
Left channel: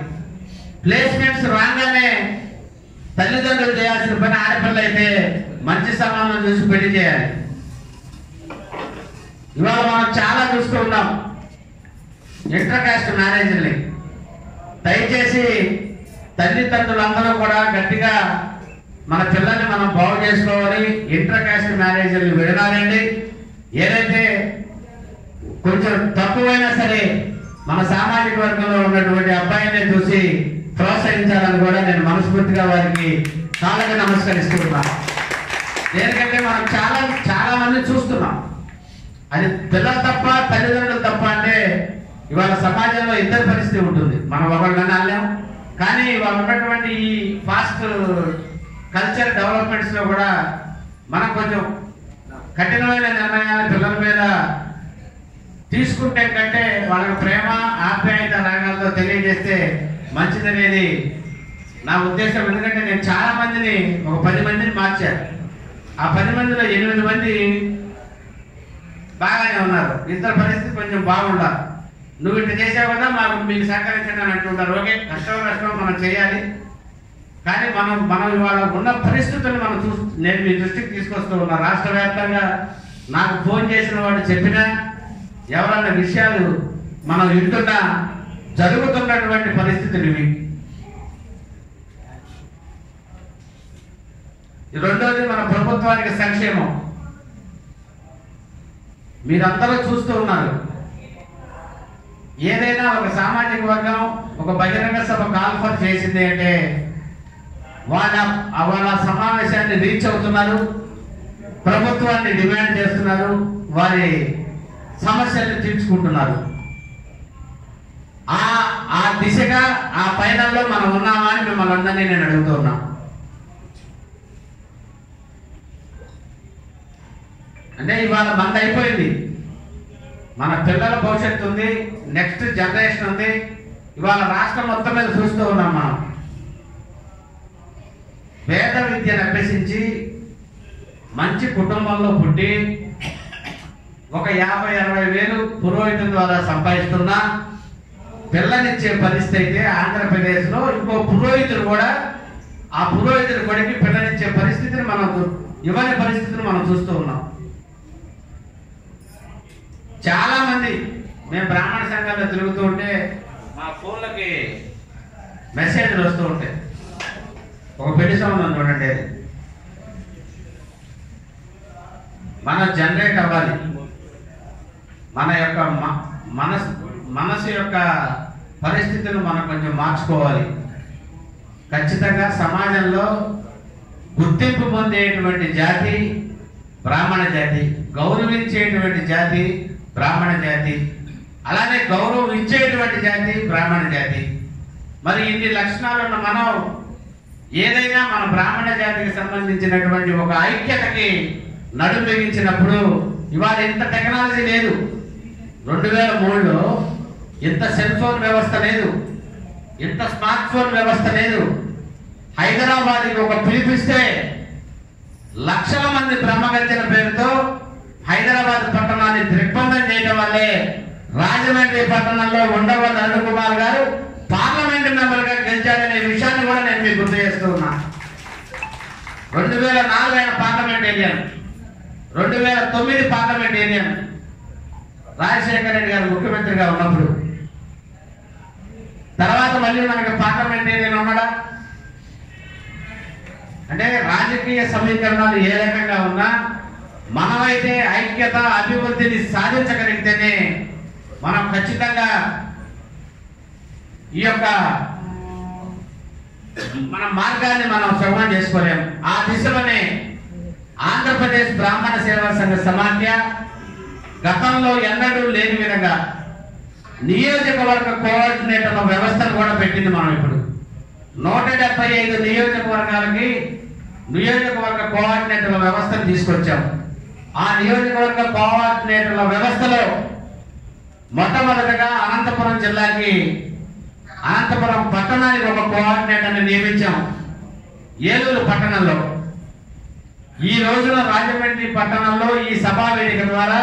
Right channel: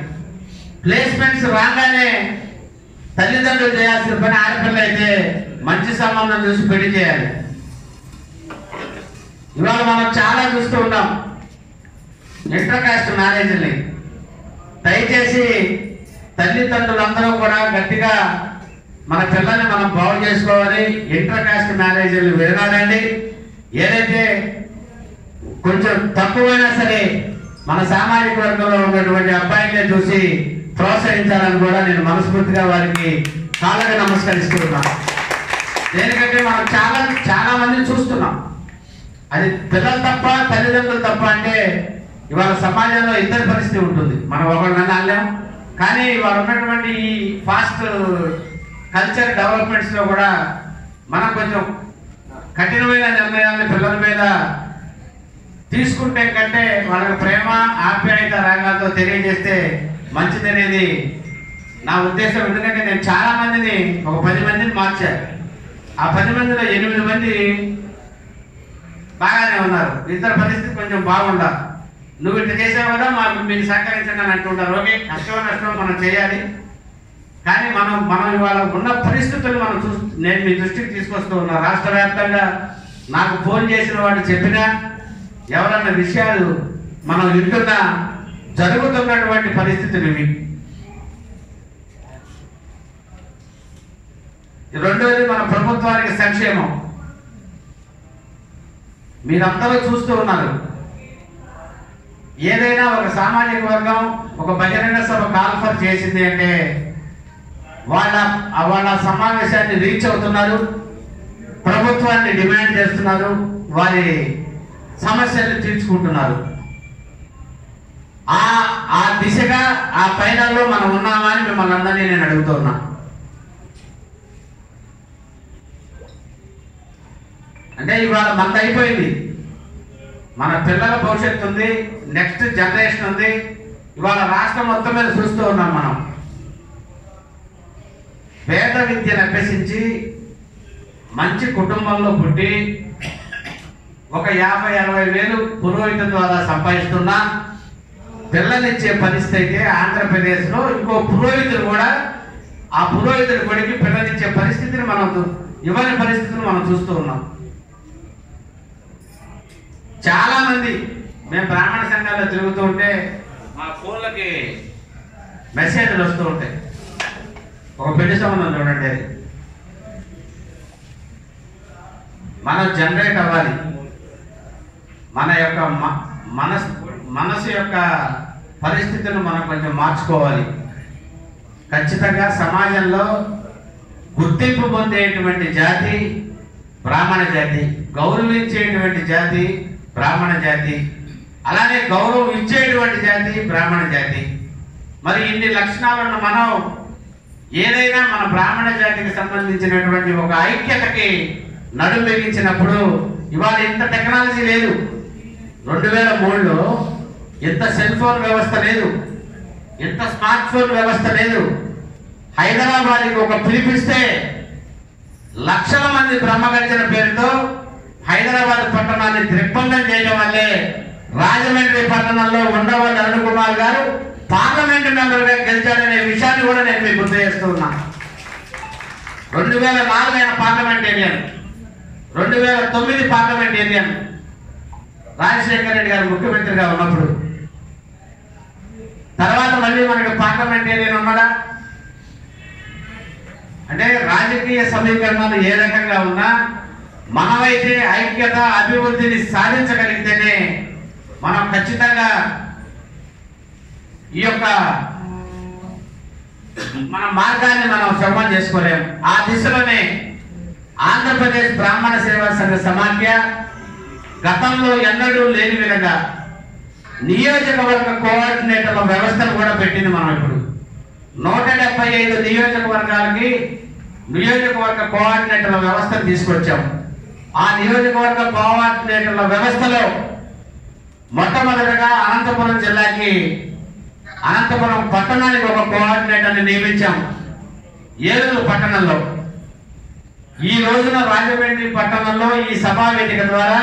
ప్లేస్మెంట్స్ రాగానే తల్లిదండ్రులు చేయాల్సిన పని ఆడపిల్ల అయితే మంచి సంబంధం చూసి పెళ్లి చేయాలి. ఇవాళ మనం చాలా చూస్తూ ఉన్నాం ఇంటర్ కాస్ట్ మ్యారేజ్ని. దయచేసి తల్లిదండ్రులందరూ కూడా గట్టిగా మన పిల్లల్ని మనం బాగు చేసుకోవాలి. ఇంటర్ కాస్ట్ మ్యారేజ్లు విడనాలండి. ఏదైతే కొంచెం తక్కువైనా సరే మన సామాజిక వర్గంలో ఉన్నటువంటి అబ్బాయిని చూసి ప్రోత్సహించాలని కూడా నేను మనస్ఫూర్తిగా వారికి కాళ్ళకి నమస్కరిస్తున్నాను. ఎందుకంటే మనం చాలా మంది చూస్తున్నాం. అది పిల్లలు తప్ప తల్లిదండ్రులు తప్ప అంటే ఇవాళ సమాజంలో ఇద్దరు పరిస్థితి ఉంటుంది. మనం ఒకళ్ళని అనలేం. కానీ ఇవాళ ఉన్నటువంటి ఈ ఫాస్ట్ కల్చర్ డెవలప్మెంట్స్ లో కూడా మనం కొంచెం కఠినమైన నిర్ణయాన్ని పిల్లల మీద తీసుకుంటే కంటే వాళ్ళకి ప్రేమ ఆప్యాయత రాగాలతో తెలియజేస్తే మంచిదనేది నా ఉద్దేశం ఎందుకంటే నేను చాలా మందిని ఒక 10 మందిని మార్చాను. ఆ 10 మందిలో 8 మంది బాగానే ఉన్నారు, ఇతర పరిస్థితి కొంచెం బాగుండాలి. నువ్వు ఇట్లా చేసావు కదా, మీకు సహకరించండి అని అంటుంటారు. ఓకే, కష్టమో మనం చేయాలి, కానీ మనం ఇవాళ ఉన్న పరిస్థితులు నేను మీ దృష్టికి తీసుకొస్తూ ఉన్నా. రాష్ట్ర వ్యాప్తంగా నాకు ఫోన్ చేసిన వాడు చెప్పినా ఎవరన్నా విషయాలు మనం వింటున్నా జరుగుతున్నటువంటి పరిస్థితులు ఇవి. రెండోది మన ప్రభుత్వానికి సంక్షేమం. మీరందరూ చూస్తూ ఉన్నారు, ఏదైనా ఒక సామాజిక వర్గం ఒక బహిరంగ సభ కాల్ఫర్ చేసింది అంటే వాళ్ళ సమావేశాన్ని రీచ్ అవుతున్నారు, ప్రభుత్వాన్ని డిమాండ్ చేస్తున్నారు, వారి సమస్యలు తీర్చుకుంటున్నారు. ఆ దిశగా ఆ పైనలో మనం ఉన్నామా అని మిమ్మల్ని అందరినీ నేను అడుగుతున్నా. అంటే ఇవాళ మనకు అయిపోయింది, మన పిల్లల భవిష్యత్తు ఉంది, నెక్స్ట్ జనరేషన్ ఉంది. ఇవాళ రాష్ట్రం మొత్తం మీద చూస్తూ ఉన్నాం మనం. వేద విద్యను అభ్యసించి మంచి కుటుంబంలో పుట్టి ఒక 50-60 వేలు పురోహితం ద్వారా సంపాదిస్తున్నా పిల్లనిచ్చే పరిస్థితి అయితే ఆంధ్రప్రదేశ్లో ఇంకో పురోహితుడు కూడా ఆ పురోహితుడి కొడుకు పిల్లనిచ్చే పరిస్థితిని ఇవ్వని పరిస్థితిని మనం చూస్తూ ఉన్నాం. చాలా మంది మేము బ్రాహ్మణ సంఘాల్లో తిరుగుతూ ఉంటే మా ఫోన్లకి మెసేజ్లు వస్తూ ఉంటాయి. ఒక పెళ్లి సంబంధం చూడండి, మనం జనరేట్ అవ్వాలి, మన యొక్క మనసు యొక్క పరిస్థితులను మనం కొంచెం మార్చుకోవాలి. ఖచ్చితంగా సమాజంలో గుర్తింపు పొందేటువంటి జాతి బ్రాహ్మణ జాతి, గౌరవించేటువంటి జాతి బ్రాహ్మణ జాతి, అలానే గౌరవం ఇచ్చేటువంటి జాతి బ్రాహ్మణ జాతి. మరి ఇన్ని లక్షణాలున్న మనం ఏదైనా మన బ్రాహ్మణ జాతికి సంబంధించినటువంటి ఒక ఐక్యతకి నడుం బిగించినప్పుడు ఇవాళ ఇంత టెక్నాలజీ లేదు. 2003లో ఇంత సెల్ ఫోన్ వ్యవస్థ లేదు, ఇంత స్మార్ట్ ఫోన్ వ్యవస్థ లేదు. హైదరాబాద్కి ఒక పిలిపిస్తే లక్షల మంది బ్రహ్మగర్జన పేరుతో హైదరాబాద్ పట్టణాన్ని దిగ్బంధం చేయడం వల్లే రాజమండ్రి పట్టణంలో ఉండవల్లి అరుణ్ కుమార్ గారు పార్లమెంటు మెంబర్ గా గెలిచాడనే విషయాన్ని కూడా నేను మీకు గుర్తు చేస్తూ ఉన్నా. 2004 ఆయన పార్లమెంటేరియన్, 2009 పార్లమెంటేరియన్ రాజశేఖర రెడ్డి గారు ముఖ్యమంత్రిగా ఉన్నప్పుడు. తర్వాత మళ్ళీ మనకి పార్లమెంటేరియన్ ఉన్నాడా అంటే రాజకీయ సమీకరణాలు ఏ రకంగా ఉన్నా మనమైతే ఐక్యత అభివృద్ధిని సాధించగలిగితేనే మనం ఖచ్చితంగా ఈ యొక్క మన మార్గాన్ని మనం శ్రమం చేసుకోలేము. ఆ దిశలోనే ఆంధ్రప్రదేశ్ బ్రాహ్మణ సేవా సంఘ సమాఖ్య గతంలో ఎన్నడూ లేని విధంగా నియోజకవర్గ కోఆర్డినేటర్ల వ్యవస్థను కూడా పెట్టింది. మనం ఇప్పుడు 175 నియోజకవర్గాలకి నియోజకవర్గ కోఆర్డినేటర్ల వ్యవస్థను తీసుకొచ్చాం. ఆ నియోజకవర్గ కోఆర్డినేటర్ల వ్యవస్థలో మొట్టమొదటిగా అనంతపురం జిల్లాకి అనంతపురం పట్టణానికి ఒక కోఆర్డినేటర్ని నియమించాం. ఏలూరు పట్టణంలో ఈ రోజున రాజమండ్రి పట్టణంలో ఈ సభా వేదిక ద్వారా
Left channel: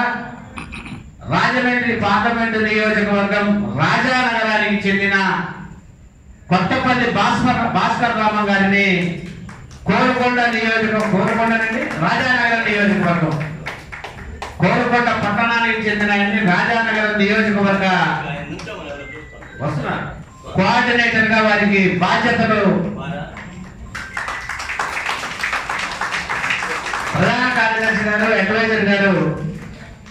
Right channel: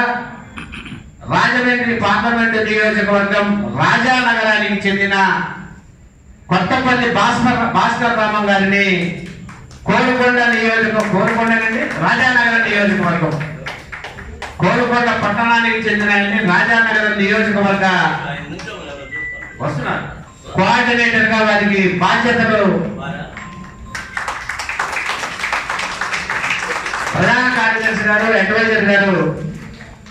రాజమండ్రి పార్లమెంటు నియోజకవర్గం రాజానగరానికి చెందిన కొత్తపల్లి భాస్కర్ రామం గారిని కోరుకొండ రాజానగరం నియోజకవర్గం కోరుకొండ పట్టణానికి చెందిన ఆయన్ని రాజానగరం నియోజకవర్గ వస్తున్నారు కోఆర్డినేటర్ గా వారికి బాధ్యతలు ప్రధాన కార్యదర్శి గారు అడ్వైజర్ గారు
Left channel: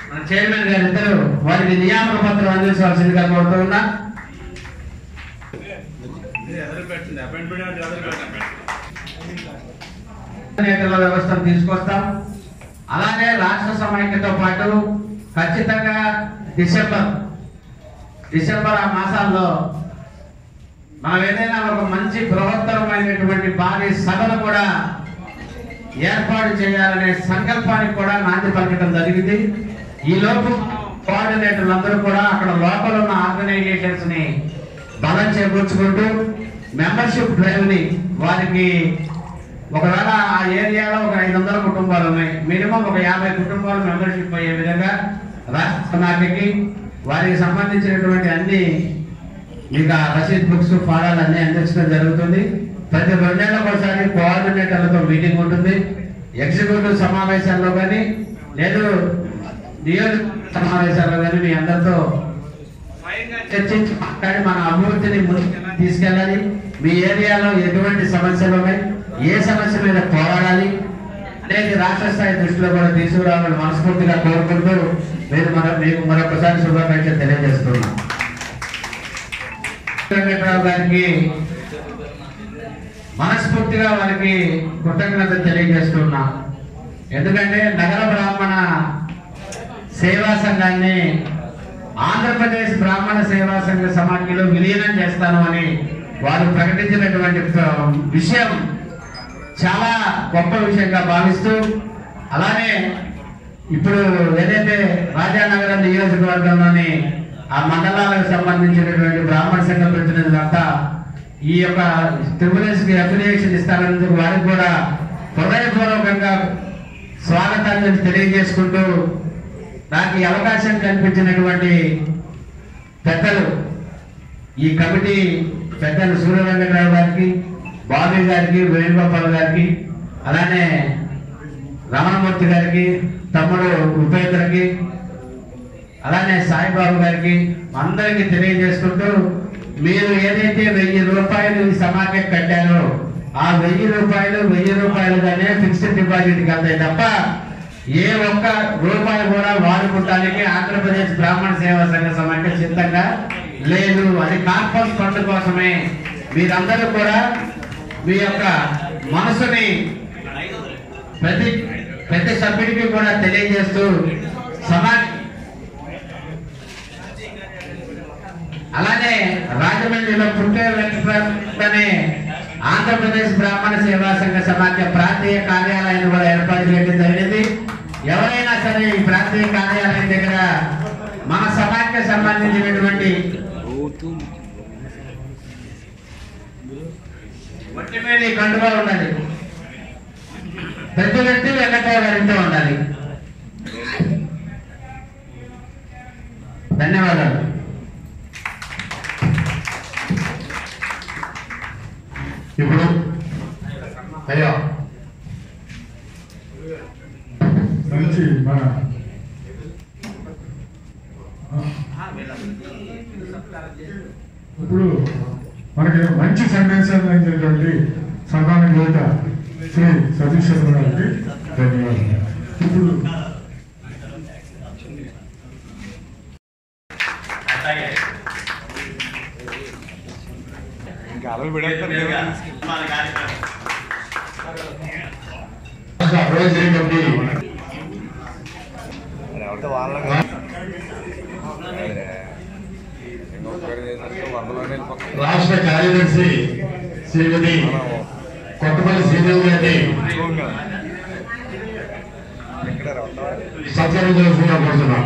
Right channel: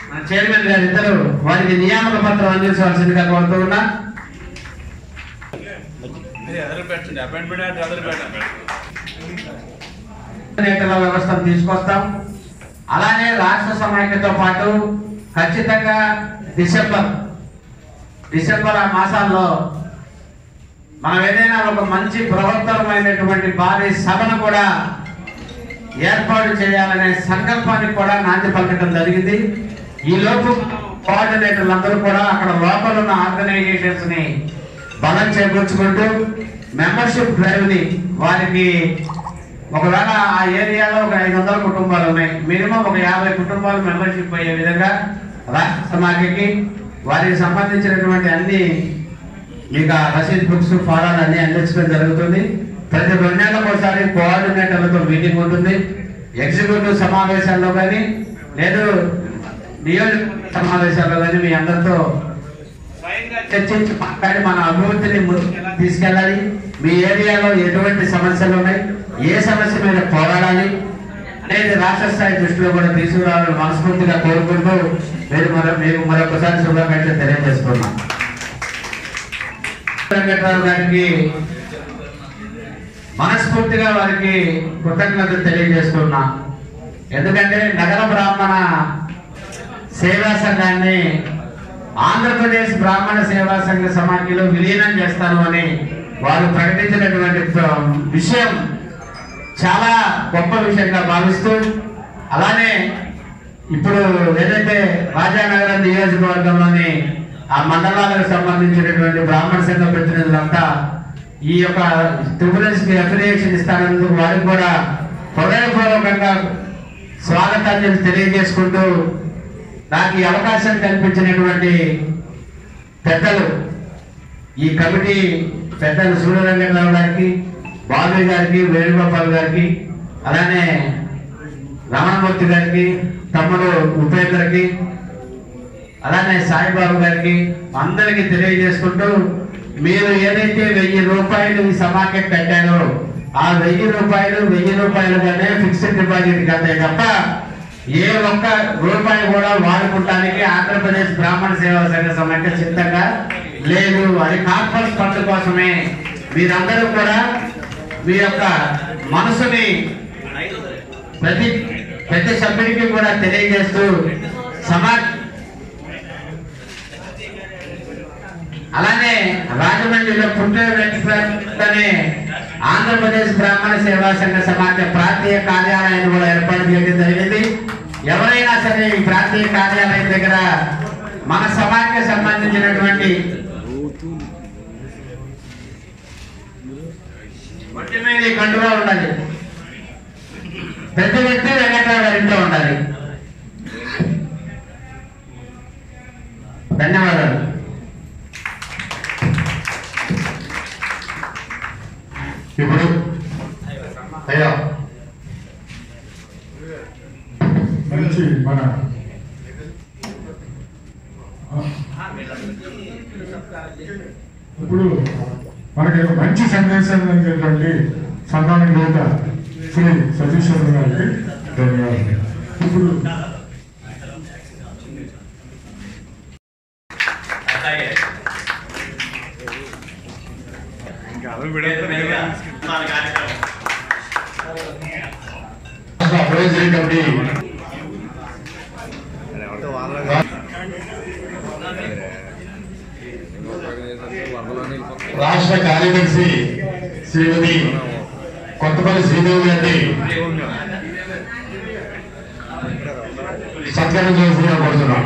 మన చైర్మన్ గారు ఇద్దరు వారికి నియామక పత్రం అందించవలసిందిగా కోరుతూ ఉన్నా. వ్యవస్థను తీసుకొస్తాం. అలానే రాష్ట్ర సమైక్యతో పాటు ఖచ్చితంగా డిసెంబర్ ఆ మాసాల్లో మనం ఏదైనా ఒక మంచి బృహత్తరమైనటువంటి భారీ సభను కూడా ఏర్పాటు చేయాలనే సంకల్పానికి కూడా నాంది పలకడం జరిగింది. ఈ లోపు మనం కోఆర్డినేటర్లు అందరూ కూడా అక్కడ లోపల ఉన్న ఆర్గనైజేషన్స్ ని బలం చేకూర్చుకుంటూ మెంబర్షిప్ డ్రైవ్ని వారికి ఒకవేళ ఆ ఏరియాలో ఒక 500 కుటుంబాలు ఉన్నాయి, మినిమం ఒక 50 కుటుంబాలు మెంబర్షిప్ అయ్యే విధంగా రాష్ట్ర సమాఖ్యకి వారికి సంబంధించినటువంటి అన్ని ఇక రసీద్ బుక్స్ ఫారాలు అన్ని అందించడం జరుగుతుంది. ప్రతి 2 నెలలకు ఒకసారి కోఆర్డినేటర్లతో మీటింగ్ ఉంటుంది. ఎగ్జిక్యూటివ్ సమావేశాల్లో కానీ లేదు నియోజకవర్గ సమావేశాల్లో కానీ మీ అందరితో స్వయంగా చర్చించి మాట్లాడి మన అభివృద్ధిని ముందుకు ఎలా తీసుకెళ్ళాలి, మీ ఏరియాలో ఎటువంటి సమస్యలు ఉన్నాయి, ఏ సమస్య మీద పోరాడాలి అనేది రాష్ట్ర స్థాయి దృష్టిలో కూడా తీసుకురావాలని మనస్ఫూర్తిగా కోరుకుంటూ మీకు మరొకసారి శుభాకాంక్షలు తెలియజేస్తున్నాం. వెంకట్రావు గారికి మనస్ఫూర్తిగా వారికి కృతజ్ఞతలు తెలియజేస్తున్నా. ఎందుకంటే నగర బ్రాహ్మణ సేవా సంఘాన్ని ఆంధ్రప్రదేశ్ బ్రాహ్మణ సేవా సంఘ సమాఖ్యలో విలీనం చేస్తాను అని వారు ప్రకటించినటువంటి విషయం చాలా గొప్ప విషయంగా భావిస్తూ, అలానే ఇప్పుడు ఏదైతే రాజానగరం నియోజకవర్గంలోని ఆ మండలాలకు సంబంధించినటువంటి బ్రాహ్మణ సంఘ ప్రతినిధులంతా ఈ యొక్క ట్రిబ్యునల్స్ కి అఫిలియేషన్ ఇస్తానందుకు వారికి కూడా హృదయపూర్వకంగా స్వాగతాన్ని తెలియజేసుకుంటూ, నాకు ఈ అవకాశం కల్పించినటువంటి పెద్దలు ఈ కమిటీ పెద్దలు సూర్యరంగరావు గారికి, బాబీ గారికి, వేణుగోపాల్ గారికి, అలానే రమణమూర్తి గారికి, తమ్ముడు ఉపేంద్రకి, అలానే సాయిబాబు గారికి అందరికీ తెలియజేసుకుంటూ, మీరు ఏదైతే 1000 రూపాయలు ఈ సమాఖ్య కట్టారో ఆ 1000 రూపాయలుగానే ఫిక్స్డ్ డిపాజిట్ కట్టాయి తప్ప ఏ ఒక్క రూపాయి కూడా వాడుకుంటానికి ఆంధ్రప్రదేశ్ బ్రాహ్మణ సేవా సంఘ సమాఖ్య సిద్ధంగా లేదు. అది కార్పొరేట్ ఫండ్ కోసమే. మీరందరూ కూడా మీ యొక్క మనసుని ప్రతి సభ్యుడికి కూడా తెలియజేస్తూ అలానే రాజమండ్రిలో పుట్టిన వెంకటరామనే ఆంధ్రప్రదేశ్ బ్రాహ్మణ సేవా సంఘ సమాఖ్య ప్రాంతీయ కార్యాలయాన్ని కూడా ఏర్పాటు చేయడం జరిగింది. ఎవరైనా సరే ఈ ప్రాంతీయ కార్యాలయం దగ్గర మన సమాఖ్య సంబంధించినటువంటి ఒంటి మీద కండుగా ఉండాలి, ప్రతి వ్యక్తి వెంకటరావు గారింట్లో ఉండాలి. ధన్యవాదాలు. ఇప్పుడు అయ్యా మంచి మన ఇప్పుడు మనకి మంచి సందేశం ఇచ్చేటువంటి సన్మానం చేత శ్రీ సతీష్ శర్మ గారికి ధన్యవాదాలు. ఇప్పుడు రాష్ట్ర కార్యదర్శి శ్రీమతి కొత్తపల్లి శ్రీదేవి గారిని సత్కరించాల్సిందిగా కోరుతున్నాం.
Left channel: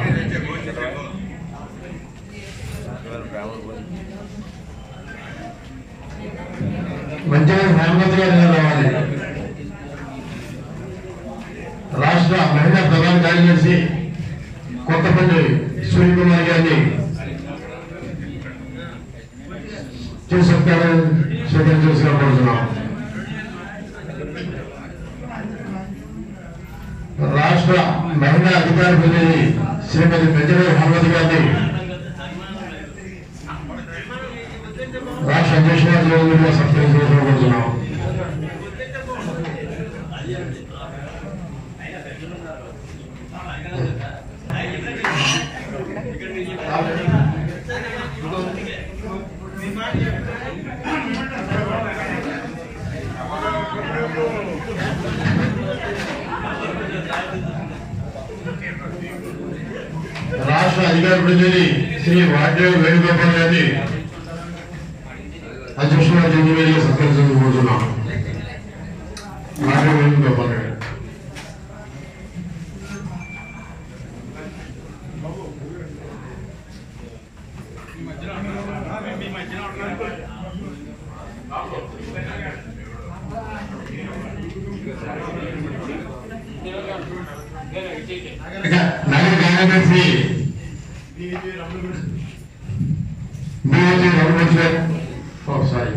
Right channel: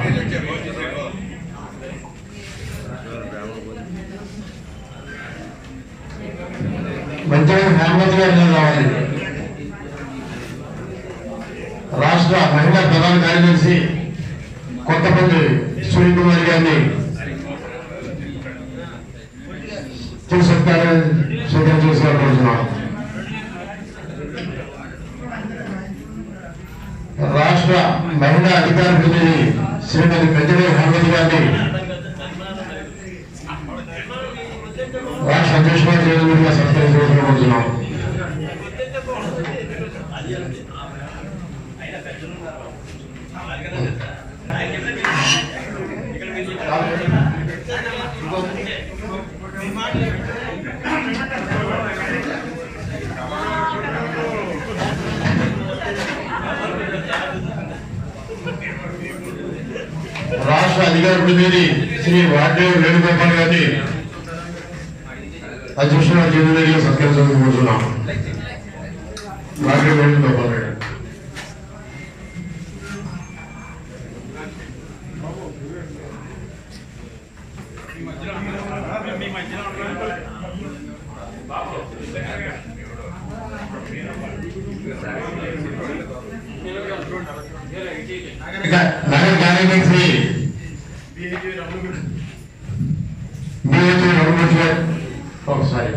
మంచిగా హేమవతి గారిని రావాలి. రాష్ట్ర మహిళా ప్రధాన కార్యదర్శి కొత్తపల్లి సూర్యకుమారి గారిని స్వీకరించాల్సిగా కోరుతున్నాం. రాష్ట్ర మహిళా అధికార ప్రతినిధి శ్రీమతి పెద్దల హేమవతి గారిని రాష్ట్ర అధ్యక్షులుగా సత్కరించాల్సిగా కోరుతున్నాం. రాష్ట్ర అధికార ప్రతినిధి శ్రీ వాడ్డేవి వేణుగోపాల్ గారిని అధ్యక్షులుగా జడ్జిగా సత్కరించాలని కోరుతున్నాం. వాడ్డేవి వేణుగోపాల్ గారు మీ మధ్యలో నగర కార్యదర్శి ఒకసారి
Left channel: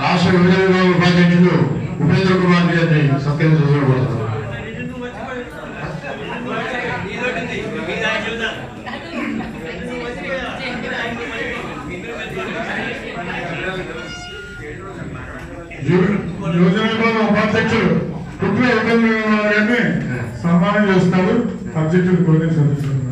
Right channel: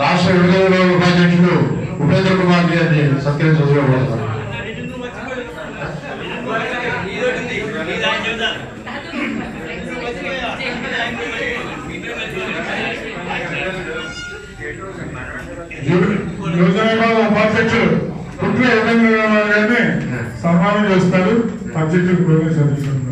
రాష్ట్ర విభజన ఉపాధ్యక్షుడు ఉపేంద్ర కుమార్ గారిని సత్యం చదువుకోబోతున్నారు. యోజన విభాగం ఉపాధ్యక్షుడు కుట్ల ఉపేంద్ర గారిని సన్మానం చేస్తారు. అధ్యక్షుడు కోనే సతీష్ గారు.